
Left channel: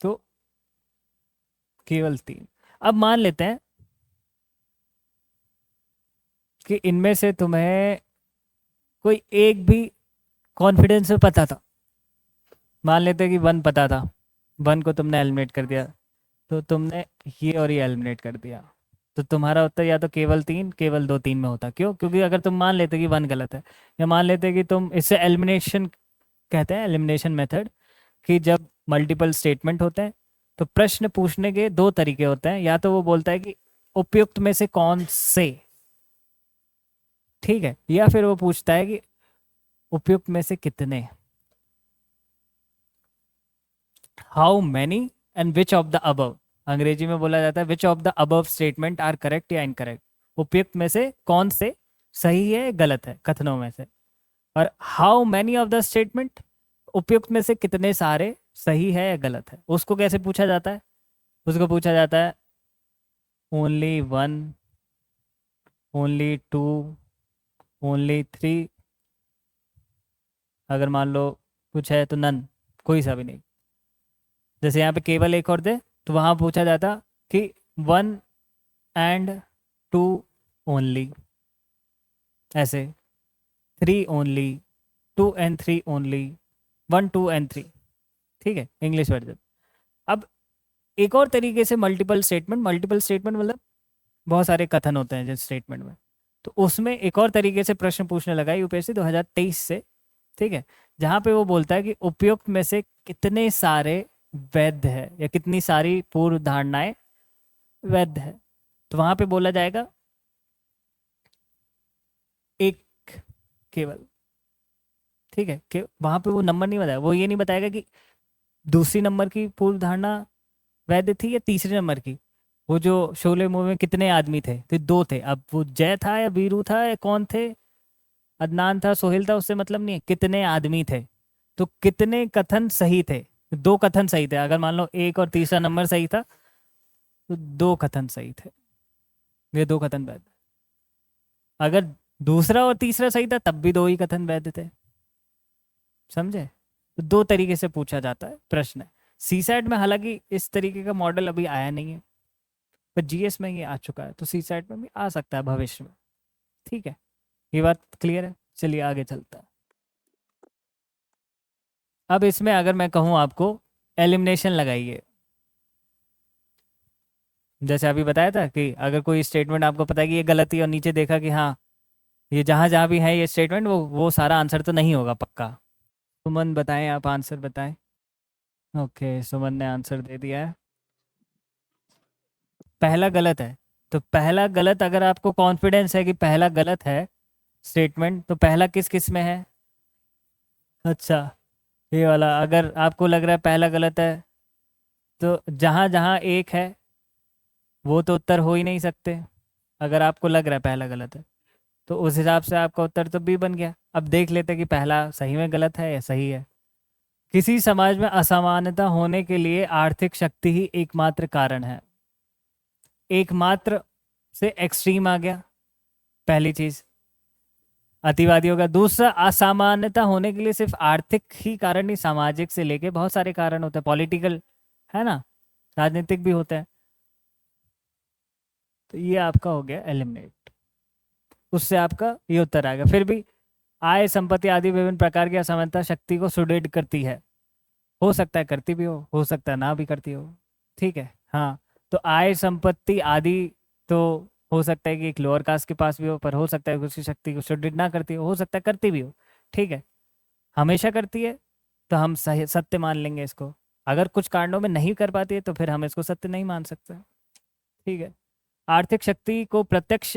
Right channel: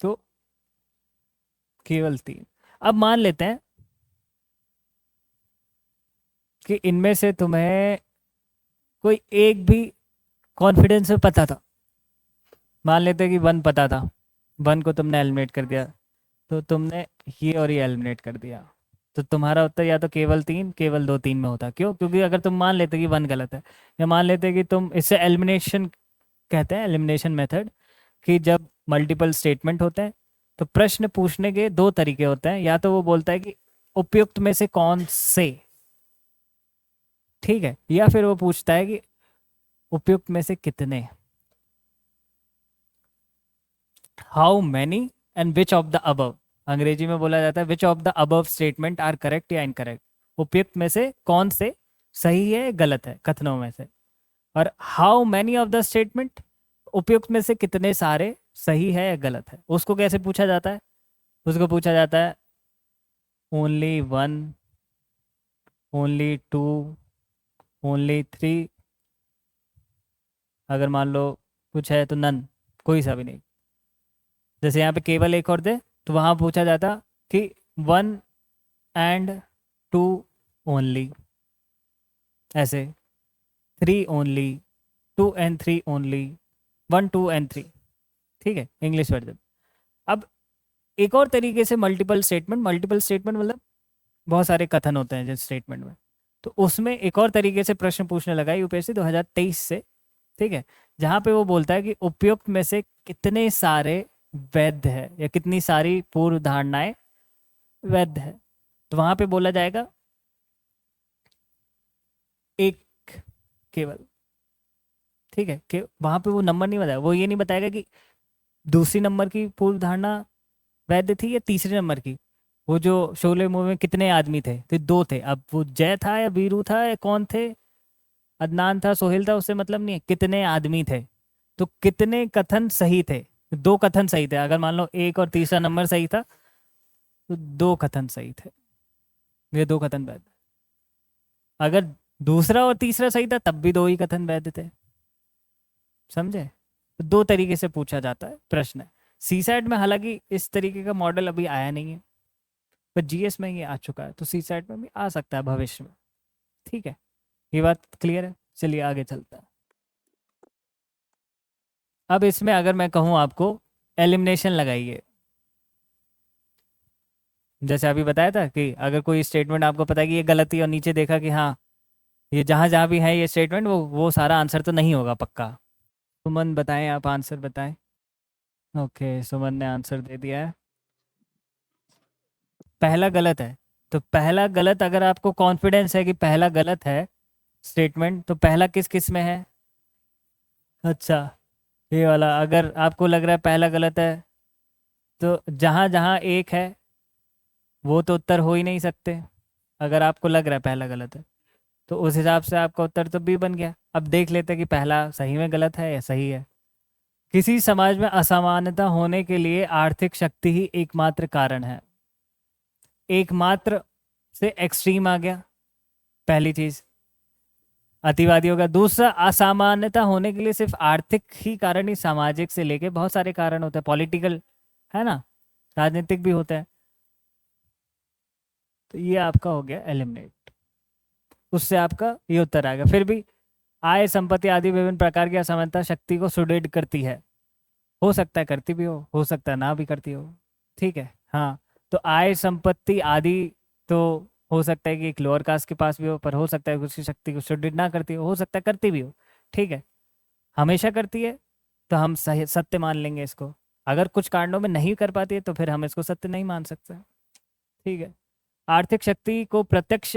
तो केवल 3। अब मान लेते हैं कि इनमें से तुम्हें कोई एक भी कॉन्फिडेंस में पता था, मान लेते हैं कि 1 पता था, 1 को तुमने एलिमिनेट कर दिया, तो तुमने ये और ये एलिमिनेट कर दिया, तो तुम्हारा उत्तर या तो केवल 3, केवल 2, 3 में होता। क्यों? क्योंकि अगर तुम मान लेते कि 1 गलत है, या मान लेते कि तुम इसे एलिमिनेशन कहते हैं, एलिमिनेशन मेथड, कि जब मल्टीपल स्टेटमेंट होते हैं तो प्रश्न पूछने के 2 तरीके होते हैं, या तो वो बोलता है कि उपयुक्त में से कौन से, ठीक है, या फिर वो पूछता है कि उपयुक्त में से कितने, how many and which of the above, अंग्रेजी में बोला जाता है which of the above statement are correct या इनकरेक्ट, उपयुक्त में से कौन से सही है गलत है कथनों में से, और how many of the statement, उपयुक्त में से कितने सारे सही है या गलत है। उसको कैसे पूछा जाता है? उसको पूछा जाता है ओनली 1, ओनली 2, ओनली 3, अगर मान लो कुछ है तो नन, कोई सा भी नहीं। जैसे यहाँ पे केवल 1 और दे, तो वहां पूछा जाता कि 1 and 2 ओनली, ऐसे 3 ओनली, 2 and 3 ओनली, 1, 2 and 3, ठीक है, इंग्लिश वर्जन। अब एक और तरीके से मल्टीपल स्टेटमेंट मतलब बहुत सारे कथन होते हैं जिस स्टेटमेंट में, तो उसमें एक और तरीके से प्रश्न पूछने लगा यूपीएससी 2023 से, ठीक है, जहां पे वो बोलता है कि उपयुक्त में से कितने सारे वैध है या कितनी सारी पूर्व धारणाएं वैध है, तो वहां पे बोला जाएगा एक केवल, ठीक है, कि वहां पे वो नंबर नहीं बताया, वो ये नहीं बताएगा कि दूसरी नंबर की पूर्व धारणा वैध थी या तीसरे नंबर की। वो जो शोले मूवी में कितने आदमी थे, तो 2 थे, अब वो जय था या वीरू था या कौन थे, अदनान था, सोहेल था, उससे मतलब नहीं है, कितने आदमी थे, तो कितने कथन सही थे, 2 कथन सही थे, अगर मान लो 1 और तीसरा नंबर सही था तो 2 कथन सही थे, ये 2 कथन वैध। अगर दूसरा और तीसरा सही था तब भी 2 ही कथन वैध थे, समझे। तो 2 तरीके से पूछा जाता है प्रश्न। सीसैट में हालांकि इस तरीके का मॉडल अभी आया नहीं है, पर जीएस में ये आ चुका है, तो सीसैट में भी आ सकता है भविष्य में, ठीक है, ये बात क्लियर है। चलिए आगे चलता है। अब इसमें अगर मैं कहूँ आपको एलिमिनेशन लगाइए, जैसे अभी बताया था कि अगर कोई स्टेटमेंट आपको पता है कि ये गलत है और नीचे देखा कि हाँ ये जहाँ जहाँ भी है ये स्टेटमेंट, वो सारा आंसर तो नहीं होगा पक्का। सुमन बताएं, आप आंसर बताएं। ओके, सुमन ने आंसर दे दिया है। पहला गलत है। तो पहला गलत, अगर आपको कॉन्फिडेंस है कि पहला गलत है स्टेटमेंट, तो पहला किस किस में है? अच्छा, ये वाला। अगर आपको लग रहा है पहला गलत है, तो जहाँ जहाँ एक है वो तो उत्तर हो ही नहीं सकते। अगर आपको लग रहा है पहला गलत है, तो उस हिसाब से आपका उत्तर तो बी बन गया। अब देख लेते हैं कि पहला सही में गलत है या सही है। किसी समाज में असमानता होने के लिए आर्थिक शक्ति ही एकमात्र कारण है। एकमात्र से एक्सट्रीम आ गया, पहली चीज अतिवादियों का। दूसरा, असमानता होने के लिए सिर्फ आर्थिक ही कारण नहीं, सामाजिक से लेके बहुत सारे कारण होते हैं, पॉलिटिकल, है ना, राजनीतिक भी होते हैं। तो ये आपका हो गया एलिमिनेट, उससे आपका ये उत्तर आएगा। फिर भी आय, संपत्ति आदि विभिन्न प्रकार की असमानता शक्ति को सुदृढ़ करती है। हो सकता है करती भी हो सकता है ना भी करती हो। ठीक है, हाँ। तो आय, संपत्ति आदि तो हो सकता है कि एक लोअर कास्ट के पास भी हो, पर हो सकता है कि उसकी शक्ति को सुदृढ़ ना करती हो सकता है करती भी हो। ठीक है, हमेशा करती है तो हम सही सत्य मान लेंगे इसको। अगर कुछ कारणों में नहीं कर पाती है तो फिर हम इसको सत्य नहीं मान सकते। ठीक है, आर्थिक शक्ति को प्रत्यक्ष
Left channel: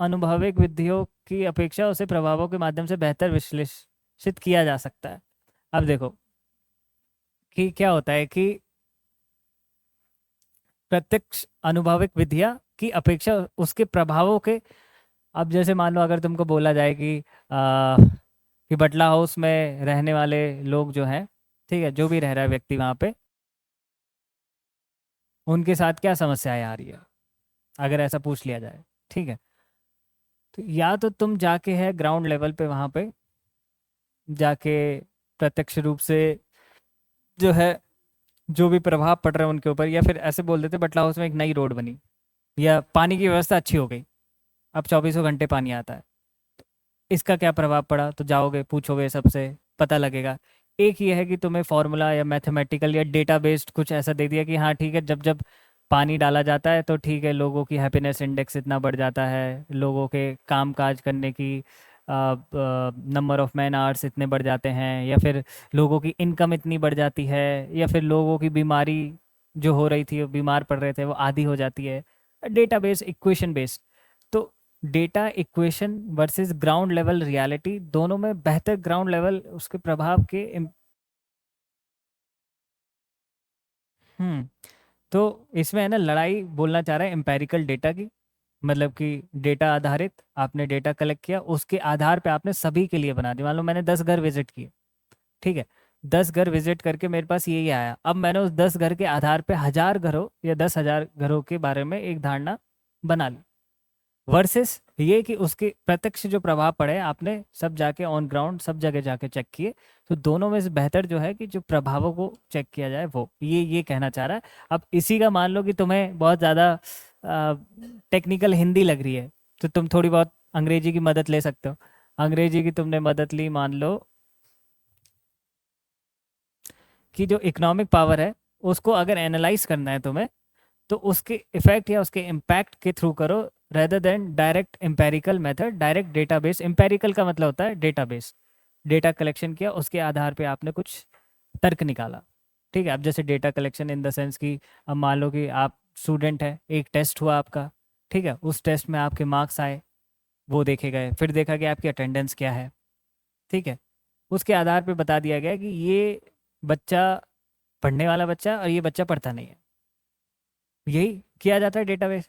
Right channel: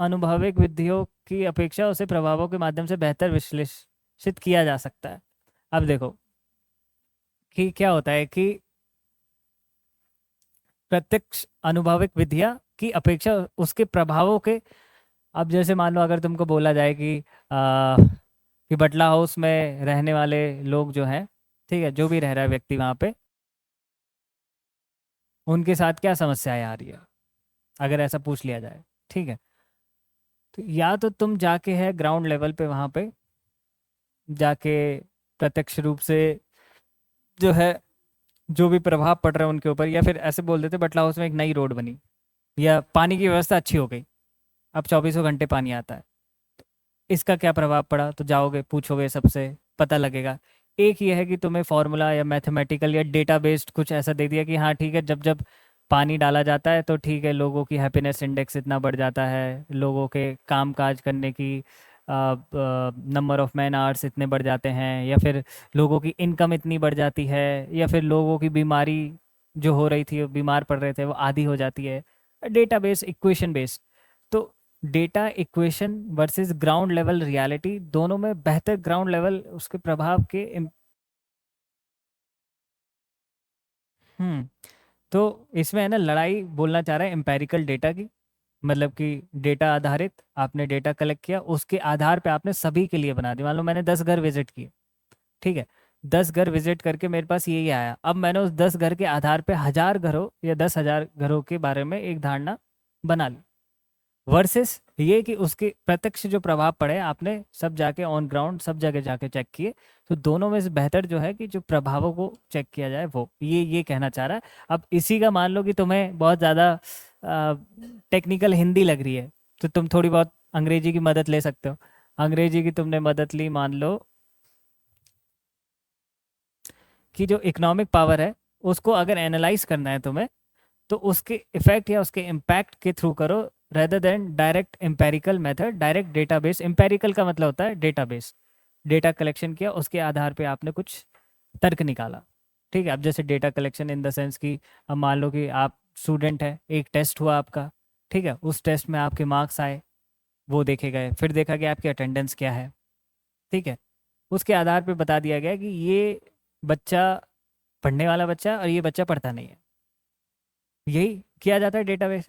अनुभविक विधियों की अपेक्षा उसे प्रभावों के माध्यम से बेहतर विश्लेषित किया जा सकता है। अब देखो कि क्या होता है कि प्रत्यक्ष अनुभविक विधियां की अपेक्षा उसके प्रभावों के, अब जैसे मान लो अगर तुमको बोला जाए कि बटला हाउस में रहने वाले लोग जो हैं, ठीक है, जो भी रह रहा है व्यक्ति वहाँ पे, उनके साथ क्या समस्याएं आ रही है, अगर ऐसा पूछ लिया जाए। ठीक है, तो या तो तुम जाके है ग्राउंड लेवल पे वहाँ पे जाके प्रत्यक्ष रूप से जो है जो भी प्रभाव पड़ रहा है उनके ऊपर, या फिर ऐसे बोल देते बटला हाउस में एक नई रोड बनी या पानी की व्यवस्था अच्छी हो गई, अब 24 घंटे पानी आता है, इसका क्या प्रभाव पड़ा, तो जाओगे पूछोगे सबसे, पता लगेगा। एक ये है कि तुम्हें फॉर्मूला या मैथमेटिकल या डेटा बेस्ड कुछ ऐसा दे दिया कि हाँ ठीक है, जब जब पानी डाला जाता है तो ठीक है, लोगों की हैप्पीनेस इंडेक्स इतना बढ़ जाता है, लोगों के काम काज करने की नंबर ऑफ मैन आवर्स इतने बढ़ जाते हैं, या फिर लोगों की इनकम इतनी बढ़ जाती है, या फिर लोगों की बीमारी जो हो रही थी, वो बीमार पड़ रहे थे, वो आधी हो जाती है। Data based, equation based. तो data equation versus ground level reality, दोनों में बेहतर ग्राउंड लेवल उसके प्रभाव के हम्म। तो इसमें है ना, लड़ाई बोलना चाह रहा है एम्पेरिकल डेटा की, मतलब कि डेटा आधारित, आपने डेटा कलेक्ट किया, उसके आधार पे आपने सभी के लिए बना दिया। मान लो मैंने 10 घर विजिट किए, ठीक है, 10 घर विजिट करके मेरे पास यही आया, अब मैंने उस 10 घर के आधार पे 1000 घरों या 10,000 घरों के बारे में एक धारणा बना ली। वर्सेस ये कि उसके प्रत्यक्ष जो प्रभाव पड़े, आपने सब जाके ऑन ग्राउंड सब जगह जाके चेक किए, तो दोनों में से बेहतर जो है कि जो प्रभावों को चेक किया जाए वो, ये कहना चाह रहा है। अब इसी का मान लो कि तुम्हें बहुत ज़्यादा टेक्निकल हिंदी लग रही है, तो तुम थोड़ी बहुत अंग्रेजी की मदद ले सकते हो। अंग्रेजी की तुमने मदद ली, मान लो कि जो इकोनॉमिक पावर है उसको अगर एनालाइज करना है तुम्हें, तो उसकी इफेक्ट या उसके इम्पैक्ट के थ्रू करो, rather than direct empirical method. Direct database, empirical का मतलब होता है डेटाबेस, डेटा कलेक्शन किया, उसके आधार पे आपने कुछ तर्क निकाला। ठीक है, अब जैसे data collection in the sense कि अब मान लो कि आप स्टूडेंट है, एक टेस्ट हुआ आपका, ठीक है, उस टेस्ट में आपके मार्क्स आए, वो देखे गए, फिर देखा कि आपकी अटेंडेंस क्या है, ठीक है, उसके आधार पे बता दिया गया कि ये बच्चा पढ़ने वाला बच्चा और ये बच्चा पढ़ता नहीं है। यही किया जाता है डेटाबेस।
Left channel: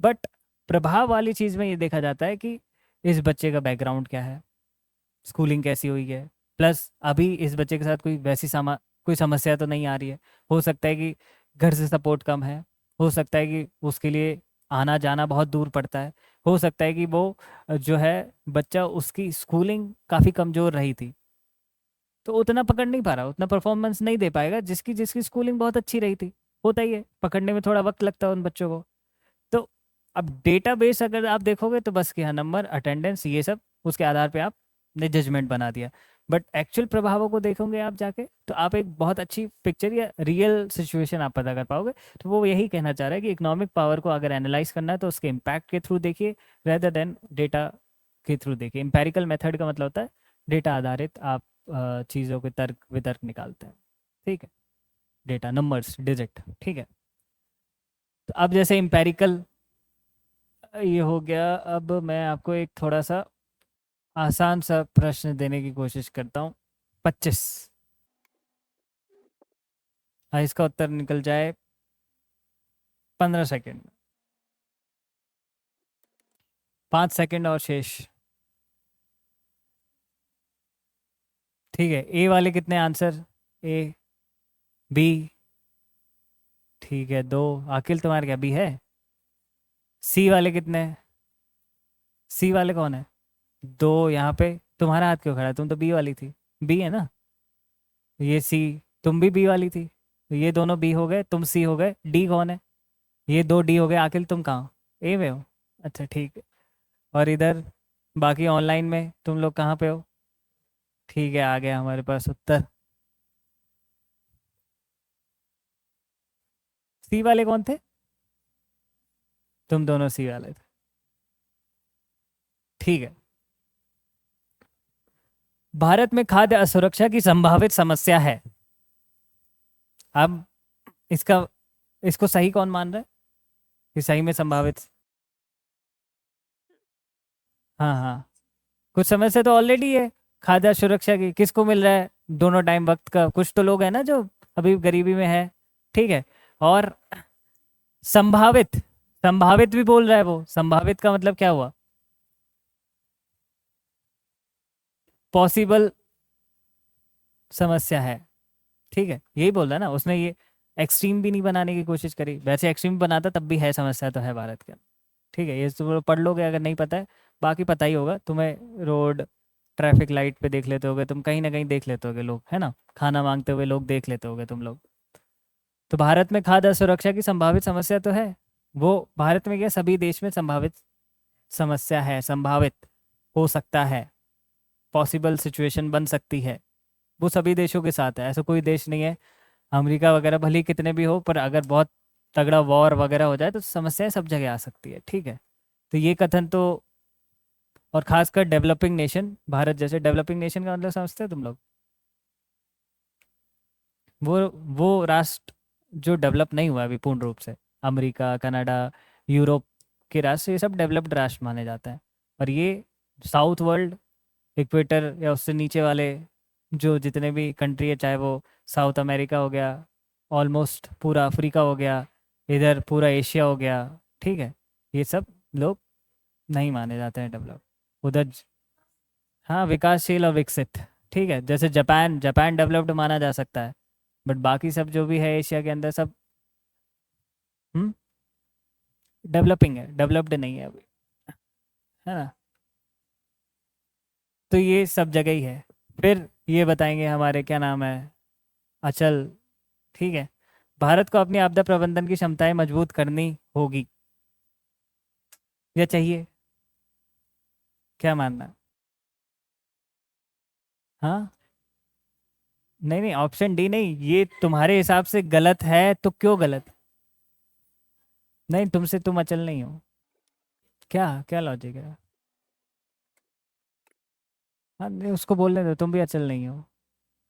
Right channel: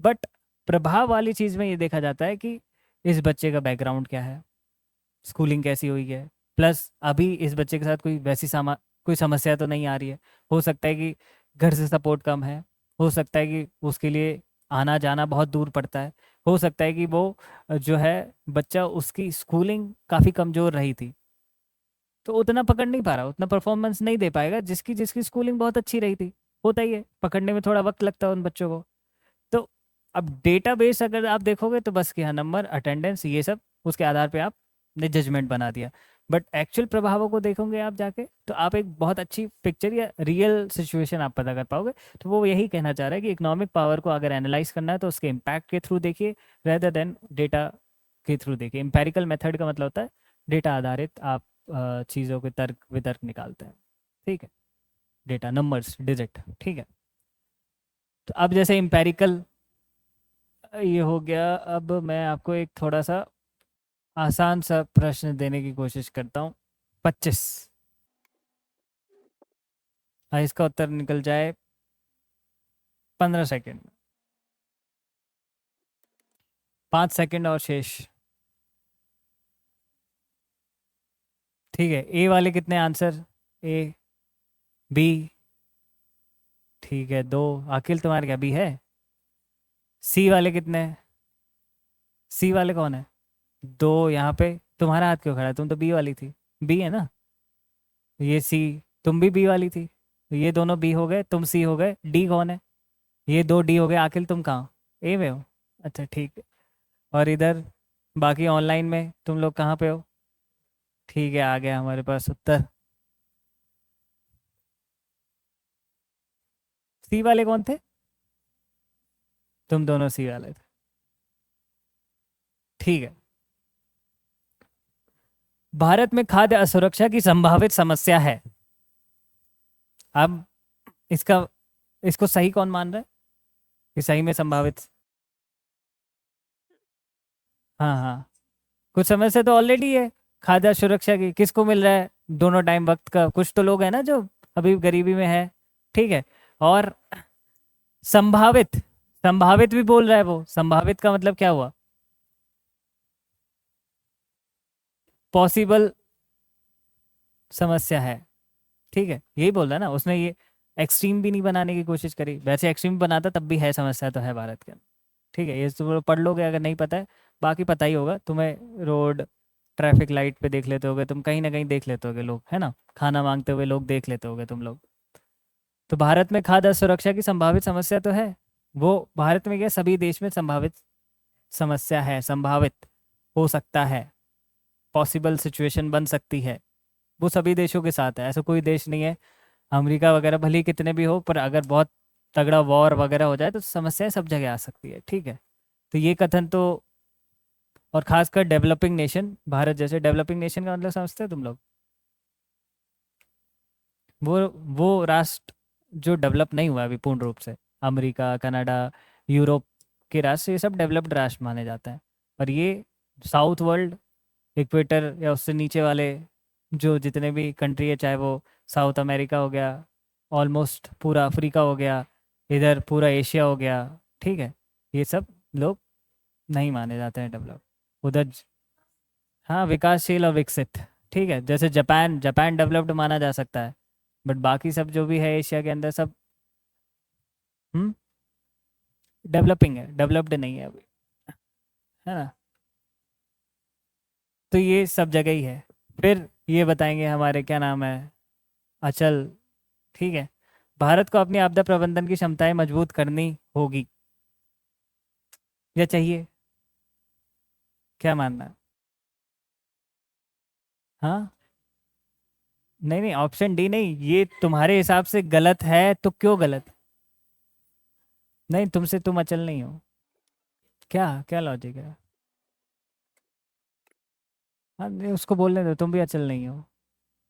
बट प्रभाव वाली चीज़ में ये देखा जाता है कि इस बच्चे का बैकग्राउंड क्या है, स्कूलिंग कैसी हुई है, प्लस अभी इस बच्चे के साथ कोई वैसी कोई समस्या तो नहीं आ रही है। हो सकता है कि घर से सपोर्ट कम है, हो सकता है कि उसके लिए आना जाना बहुत दूर पड़ता है, हो सकता है कि वो जो है बच्चा, उसकी स्कूलिंग काफ़ी कमज़ोर रही थी, तो उतना पकड़ नहीं पा रहा, उतना परफॉर्मेंस नहीं दे पाएगा जिसकी जिसकी स्कूलिंग बहुत अच्छी रही थी। होता ही है, पकड़ने में थोड़ा वक्त लगता है उन बच्चों को। तो अब डेटाबेस अगर आप देखोगे तो बस कि हाँ, नंबर, अटेंडेंस, ये सब उसके आधार पे आपने जजमेंट बना दिया। बट एक्चुअल प्रभावों को देखोगे आप जाके, तो आप एक बहुत अच्छी पिक्चर या रियल सिचुएशन आप पता कर पाओगे। तो वो यही कहना चाह रहा है कि इकोनॉमिक पावर को अगर एनालाइज करना है तो उसके इम्पैक्ट के थ्रू देखिए, रेदर देन डेटा के थ्रू देखिए। एम्पेरिकल मेथड का मतलब होता है डेटा आधारित आप चीज़ों के तर्क वितर्क निकालते हैं, ठीक है, डेटा नंबर्स डिजिट, ठीक है। तो अब जैसे एम्पेरिकल ये हो गया, अब मैं आपको एक थोड़ा सा आसान सा प्रश्न देने की कोशिश करता हूँ। 25, हाँ, इसका उत्तर निकल जाए 15 सेकेंड, 5 सेकेंड और शेष, ठीक है। ए वाले कितने आंसर? ए, बी, ठीक है 2, आखिल तुम्हारे क्या बी है? सी वाले कितने हैं? सी वाले कौन है? 2, यहाँ पे तुम्हारा हाथ क्यों खड़ा है? तुम तो बी वाली थी, बी है ना, ये सी, तुम भी बी वाली थी, ये दोनों बी हो गए, तुम सी हो गए, डी कौन है? ये 2 डी हो गए, आखिल तुम कहाँ? ए में हो, अच्छा ठीक है। और इधर बाकी ऑनलाइन में तुम लोग कहाँ पे हो? ठीक है, आ गया हमारे पास उत्तर। सी वाले कौन थे? तुम दोनों सी वाले थे, ठीक है। भारत में खाद्य असुरक्षा की संभावित समस्या है। अब इसका इसको सही कौन मान रहा है कि सही में संभावित? हाँ हाँ, कुछ समस्या तो ऑलरेडी है खाद्य सुरक्षा की। किसको मिल रहा है दोनों टाइम वक्त का? कुछ तो लोग हैं ना जो अभी गरीबी में है, ठीक है। और संभावित, संभावित भी बोल रहा है वो। संभावित का मतलब क्या हुआ? पॉसिबल समस्या है, ठीक है, यही बोल रहा है ना उसने। ये एक्सट्रीम भी नहीं बनाने की कोशिश करी, वैसे एक्सट्रीम बनाता तब भी है, समस्या तो है भारत के, ठीक है। ये तो पढ़ लोगे अगर नहीं पता है, बाकी पता ही होगा तुम्हें। रोड ट्रैफिक लाइट पे देख लेते होगे तुम, कहीं ना कहीं देख लेते होगे लोग, है ना, खाना मांगते हुए लोग देख लेते होगे तुम लोग। तो भारत में खाद्य सुरक्षा की संभावित समस्या तो है, वो भारत में क्या सभी देश में संभावित समस्या है, संभावित हो सकता है, पॉसिबल सिचुएशन बन सकती है, वो सभी देशों के साथ है। ऐसा कोई देश नहीं है, अमेरिका वगैरह भले ही कितने भी हो, पर अगर बहुत तगड़ा वॉर वगैरह हो जाए तो समस्याएं सब जगह आ सकती है, ठीक है। तो ये कथन तो, और खासकर डेवलपिंग नेशन, भारत जैसे डेवलपिंग नेशन का मतलब समझते हो तुम लोग? वो राष्ट्र जो डेवलप नहीं हुआ अभी पूर्ण रूप से, अमेरिका, कनाडा, यूरोप के राष्ट्र, ये सब डेवलप्ड राष्ट्र माने जाते हैं। पर ये साउथ वर्ल्ड, इक्वेटर या उससे नीचे वाले जो जितने भी कंट्री है, चाहे वो साउथ अमेरिका हो गया, ऑलमोस्ट पूरा अफ्रीका हो गया, इधर पूरा एशिया हो गया, ठीक है, ये सब लोग नहीं माने जाते हैं डेवलप। उधर हाँ, विकासशील और विकसित, ठीक है, जैसे जापान, जापान डेवलप्ड माना जा सकता है, बट बाकी सब जो भी है एशिया के अंदर सब डेवलपिंग है, डेवलप्ड नहीं है अभी, है ना। तो ये सब जगह ही है। फिर ये बताएंगे हमारे क्या नाम है, अचल, ठीक है। भारत को अपनी आपदा प्रबंधन की क्षमताएं मजबूत करनी होगी या चाहिए, क्या मानना है? हाँ, नहीं नहीं, ऑप्शन डी नहीं, ये तुम्हारे हिसाब से गलत है तो क्यों गलत? नहीं, तुमसे तुम अचल नहीं हो, क्या क्या लॉजिक है? हाँ नहीं, उसको बोलने दो, तुम भी अचल नहीं हो।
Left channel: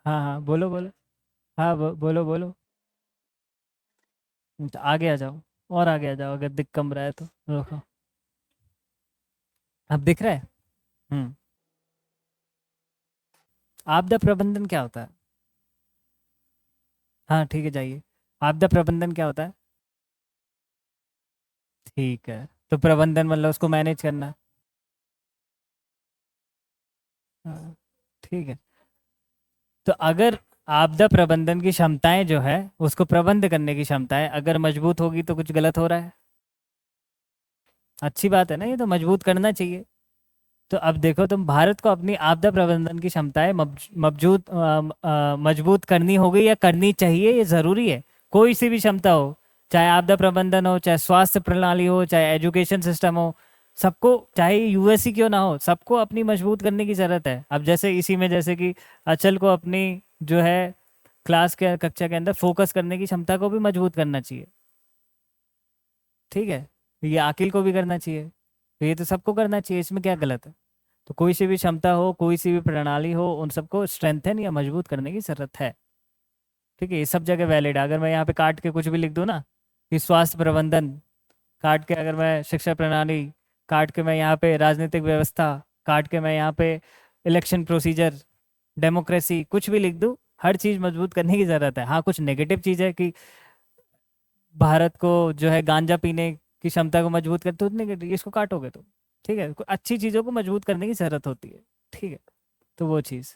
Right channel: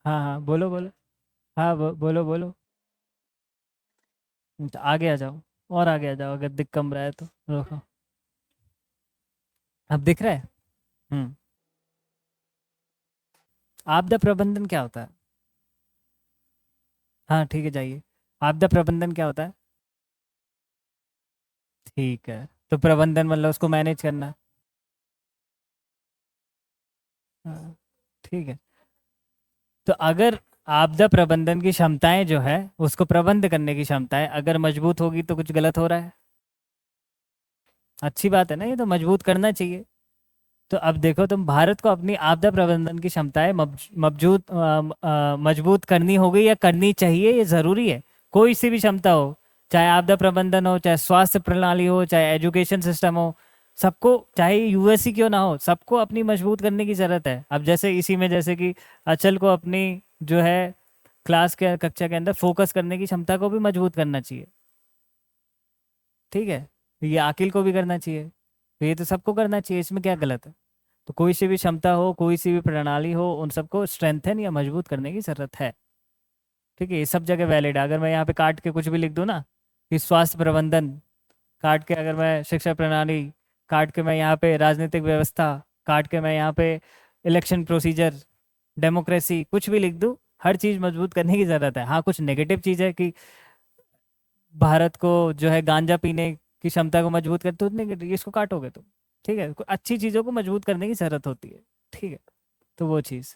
हाँ हाँ, बोलो बोलो, हाँ बोलो बोलो। तो आगे आ जाओ, और आगे आ जाओ, अगर दिख कम रहा है तो रोको। आप दिख रहे हैं? हम्म, आपदा प्रबंधन क्या होता है? हाँ ठीक है, जाइए। आपदा प्रबंधन क्या होता है? ठीक है, तो प्रबंधन मतलब उसको मैनेज करना, हाँ ठीक है। तो अगर आपदा प्रबंधन की क्षमताएं जो है, उसको प्रबंध करने की क्षमताएं अगर मजबूत होगी तो कुछ गलत हो रहा है? अच्छी बात है ना, ये तो मजबूत करना चाहिए। तो अब देखो, तुम भारत को अपनी आपदा प्रबंधन की क्षमताएं मजबूत करनी होगी या करनी चाहिए, ये जरूरी है। कोई सी भी क्षमता हो, चाहे आपदा प्रबंधन हो, चाहे स्वास्थ्य प्रणाली हो, चाहे एजुकेशन सिस्टम हो, सबको, चाहे यूएससी क्यों ना हो, सबको अपनी मजबूत करने की जरूरत है। अब जैसे इसी में, जैसे कि अचल को अपनी जो है क्लास के कक्षा के अंदर फोकस करने की क्षमता को भी मजबूत करना चाहिए, ठीक है। ये आकिल को भी करना चाहिए, तो ये तो सबको करना चाहिए, इसमें क्या गलत है? तो कोई सी भी क्षमता हो, कोई सी भी प्रणाली हो, उन सबको स्ट्रेंथन या मजबूत करने की ज़रूरत है। ठीक है, ये सब जगह वैलिड है। अगर मैं यहाँ पे काट के कुछ भी लिख दूँ ना कि स्वास्थ्य प्रबंधन, काट के अगर मैं शिक्षा प्रणाली, काट के मैं यहाँ पे राजनीतिक व्यवस्था, काट के मैं यहाँ पे इलेक्शन प्रोसीजर, डेमोक्रेसी, कुछ भी लिख दूँ, हर चीज़ मजबूत करने की ज़रूरत है। हाँ, कुछ नेगेटिव चीज़ है कि भारत को जो है गांजा पीने की क्षमता को मजबूत कर, तो नेगेटिव इसको काटोगे तुम। ठीक है, अच्छी चीज़ों को मजबूत करने की ज़रूरत होती है। ठीक है, तो वो चीज़,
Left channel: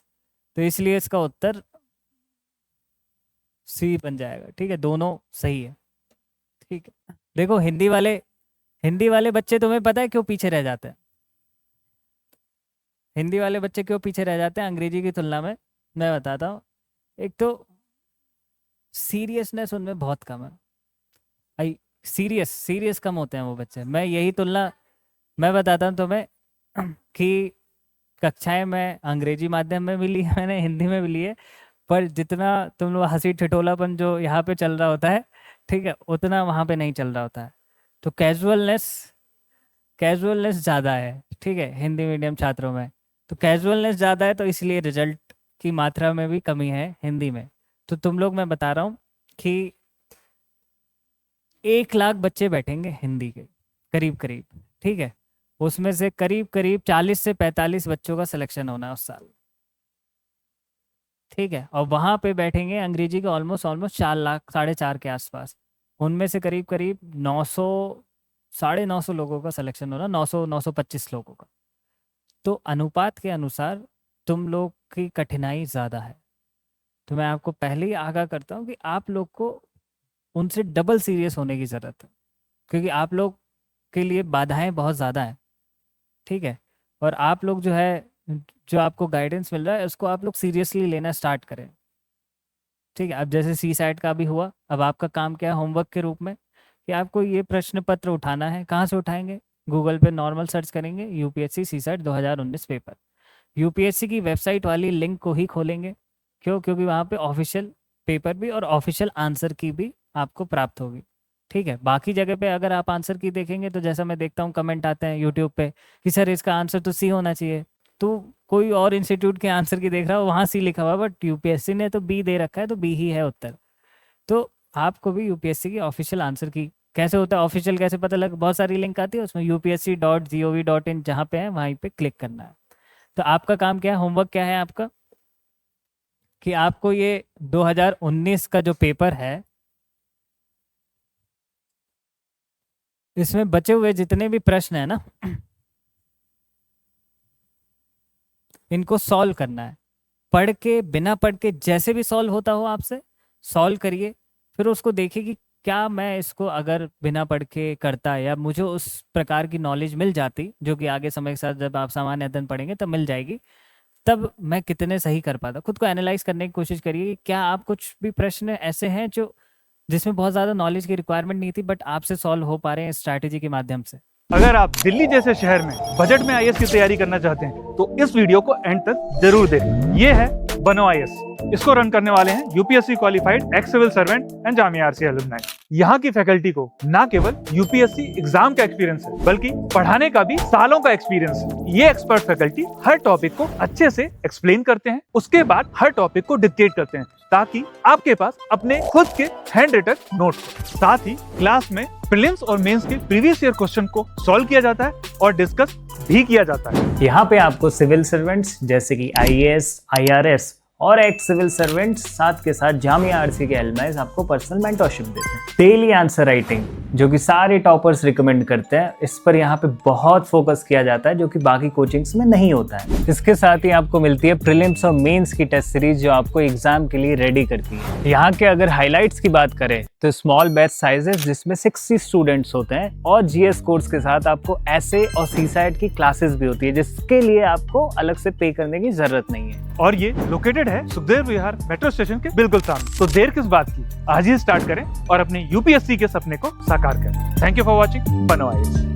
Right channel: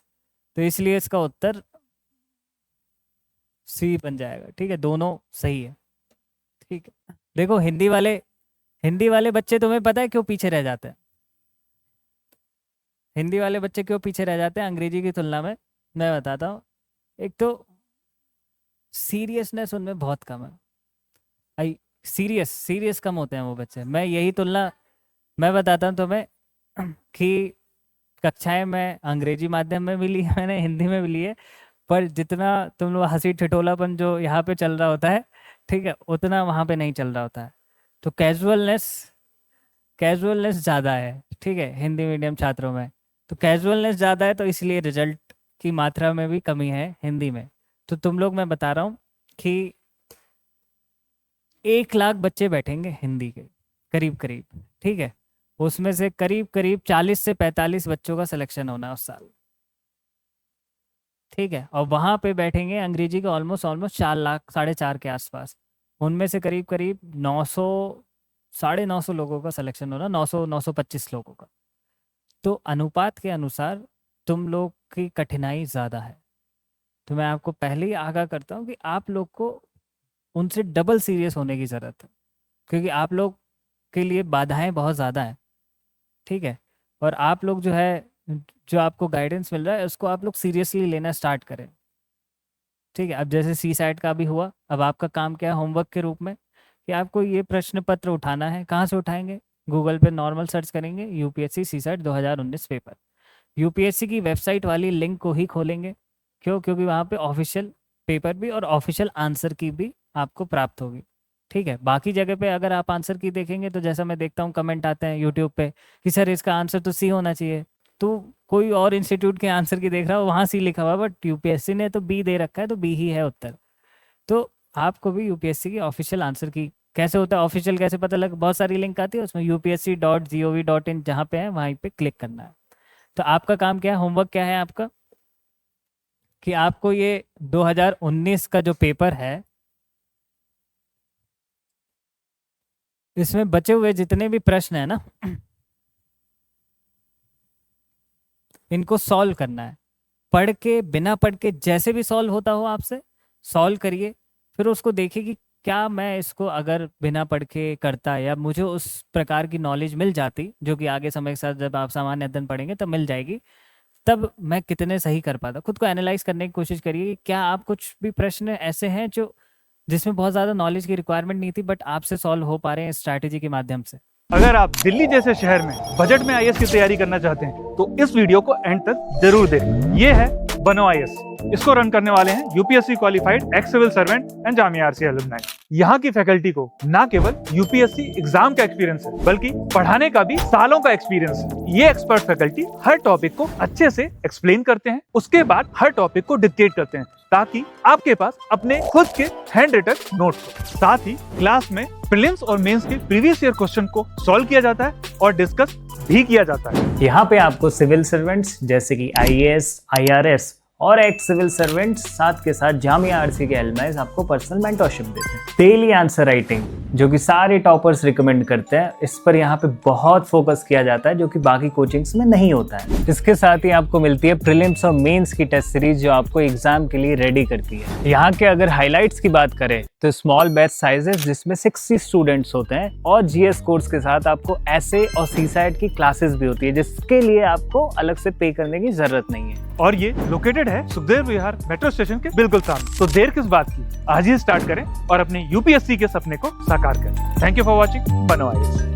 तो इसलिए इसका उत्तर सी बन जाएगा। ठीक है, दोनों सही है। ठीक है, देखो हिंदी वाले बच्चे तुम्हें पता है क्यों पीछे रह जाते हैं? हिंदी वाले बच्चे क्यों पीछे रह जाते हैं अंग्रेजी की तुलना में? मैं बताता हूँ। एक तो सीरियसनेस उनमें बहुत कम है। सीरियस कम होते हैं वो बच्चे। मैं बताता हूँ तुम्हें कि कक्षाएं में अंग्रेजी माध्यम में भी ली है मैंने, हिंदी में भी ली है, पर जितना तुम लोग हंसी ठिठोलापन जो यहाँ पे चल रहा होता है, ठीक है, उतना वहाँ पे नहीं चल रहा होता है। तो कैजुअलनेस ज़्यादा है। ठीक है, हिंदी मीडियम छात्रों में तो कैजुअलनेस ज़्यादा है, तो इसलिए रिजल्ट की मात्रा में भी कमी है हिंदी में। तो तुम लोग, मैं बता रहा हूँ कि 1 लाख बच्चे बैठेंगे हिंदी के करीब। ठीक है, उसमें से करीब 40 से 45 बच्चों का सिलेक्शन होना है उस साल। ठीक है, और वहाँ पे बैठेंगे अंग्रेजी के ऑलमोस्ट 4 लाख, 4.5 के आसपास। उनमें से करीब 900, 950 लोगों का सिलेक्शन होना, 925 लोगों का। तो अनुपात के अनुसार तुम लोग की कठिनाई ज़्यादा है। तो मैं आपको पहले ही आगाह करता हूँ कि आप लोग को उनसे डबल सीरियस होने की ज़रूरत है, क्योंकि आप लोग के लिए बाधाएं बहुत ज़्यादा है। ठीक है, और आप लोग जो है, जो आपको गाइडेंस मिल रहा है, उसको आप लोग सीरियसली लेना स्टार्ट करें। ठीक है, अब जैसे सी सैट का भी हुआ, अब आपका काम क्या है होमवर्क के रूप में, कि आपको ये प्रश्न पत्र उठाना है। कहाँ से उठाएंगे? गूगल पे नॉर्मल सर्च करेंगे, UPSC CSAT 2019 paper. UPSC की वेबसाइट वाली लिंक को ही खोलेंगे। क्यों? क्योंकि वहाँ पे ऑफिशियल पेपर भी और ऑफिशियल आंसर की भी आपको प्राप्त होगी। ठीक है, बाकी जगह पे अगर आप आंसर की देखेंगे तो जैसा मैं देखता हूँ कमेंट आते हैं यूट्यूब पे कि सर इसका आंसर तो सी होना चाहिए, तो कोई और इंस्टीट्यूट के आंसर की देख रहा हो, वहाँ सी लिखा हुआ, बट यूपीएससी ने तो बी दे रखा है, तो बी ही है उत्तर। तो आपको भी यूपीएससी की ऑफिशियल आंसर की कैसे होता है, ऑफिशियल कैसे पता लगे? बहुत सारी लिंक आती है, उसमें upsc.gov.in जहाँ पे है वहीं पे क्लिक करना है। तो आपका काम क्या है, होमवर्क क्या है आपका, कि आपको ये 2019 का जो पेपर है, इसमें बचे हुए जितने भी प्रश्न है ना, इनको सॉल्व करना है। पढ़ के, बिना पढ़ के, जैसे भी सॉल्व होता हो आपसे सॉल्व करिए। फिर उसको देखिए कि क्या मैं इसको अगर बिना पढ़ के करता, या मुझे उस प्रकार की नॉलेज मिल जाती जो कि आगे समय के साथ जब आप सामान्य अध्ययन पढ़ेंगे तब मिल जाएगी, तब मैं कितने सही कर पाता। खुद को एनालाइज करने की कोशिश करिए कि क्या आप कुछ भी प्रश्न ऐसे हैं जो जिसमें बहुत ज़्यादा नॉलेज की रिक्वायरमेंट नहीं थी, बट आपसे सॉल्व हो पा रहे हैं स्ट्रैटेजी के माध्यम से। अगर आप दिल्ली जैसे शहर में बजट में आईएएस की तैयारी करना चाहते हैं तो इस वीडियो को एंड तक जरूर देखें। ये है बनो आईएएस। इसको रन करने वाले हैं UPSC qualified ex civil servant and Jamia RC alumni. यहाँ की फैकल्टी को ना केवल यूपीएससी एग्जाम का एक्सपीरियंस है, बल्कि पढ़ाने का भी सालों का एक्सपीरियंस है। ये एक्सपर्ट फैकल्टी हर टॉपिक को अच्छे से एक्सप्लेन करते हैं, उसके बाद हर टॉपिक को डिक्टेट करते हैं, ताकि आपके पास अपने खुद के हैंड रिटन नोट्स हो। साथ ही क्लास में प्रीलिम्स और मेंस के प्रीवियस ईयर क्वेश्चन को सॉल्व किया जाता है और डिस्कस भी किया जाता है। यहाँ पे आपको सिविल सर्वेंट्स जैसे कि आईएएस, आईआरएस और एक्स सिविल सर्वेंट्स, साथ के साथ जामिया आरसी के एलुमनाई आपको पर्सनल मेंटरशिप देते हैं। डेली आंसर राइटिंग जो कि सारे टॉपर्स रिकमेंड करते हैं, इस पर यहाँ पे बहुत फोकस किया जाता है, जो कि बाकी कोचिंग्स में नहीं होता है। इसके साथ ही आपको मिलती है प्रीलिम्स और मेंस की टेस्ट सीरीज जो आपको एग्जाम के लिए रेडी करती है। यहाँ के अगर हाईलाइट्स की बात करें तो स्मॉल बैच साइजेस जिसमें 60 स्टूडेंट्स होते हैं, और जीएस कोर्स के साथ आपको ऐसे और सीसैट की क्लासेस भी होती है, जिसके लिए आपको अलग से पे करने की जरूरत नहीं है। और ये लोकेटेड है सुखदेव विहार मेट्रो स्टेशन के बिल्कुल सामने। तो देर किस बात की, आज ही स्टार्ट करें और अपने यूपीएससी के सपने को साकार करें। थैंक यू फॉर वॉचिंग बनो आईएएस।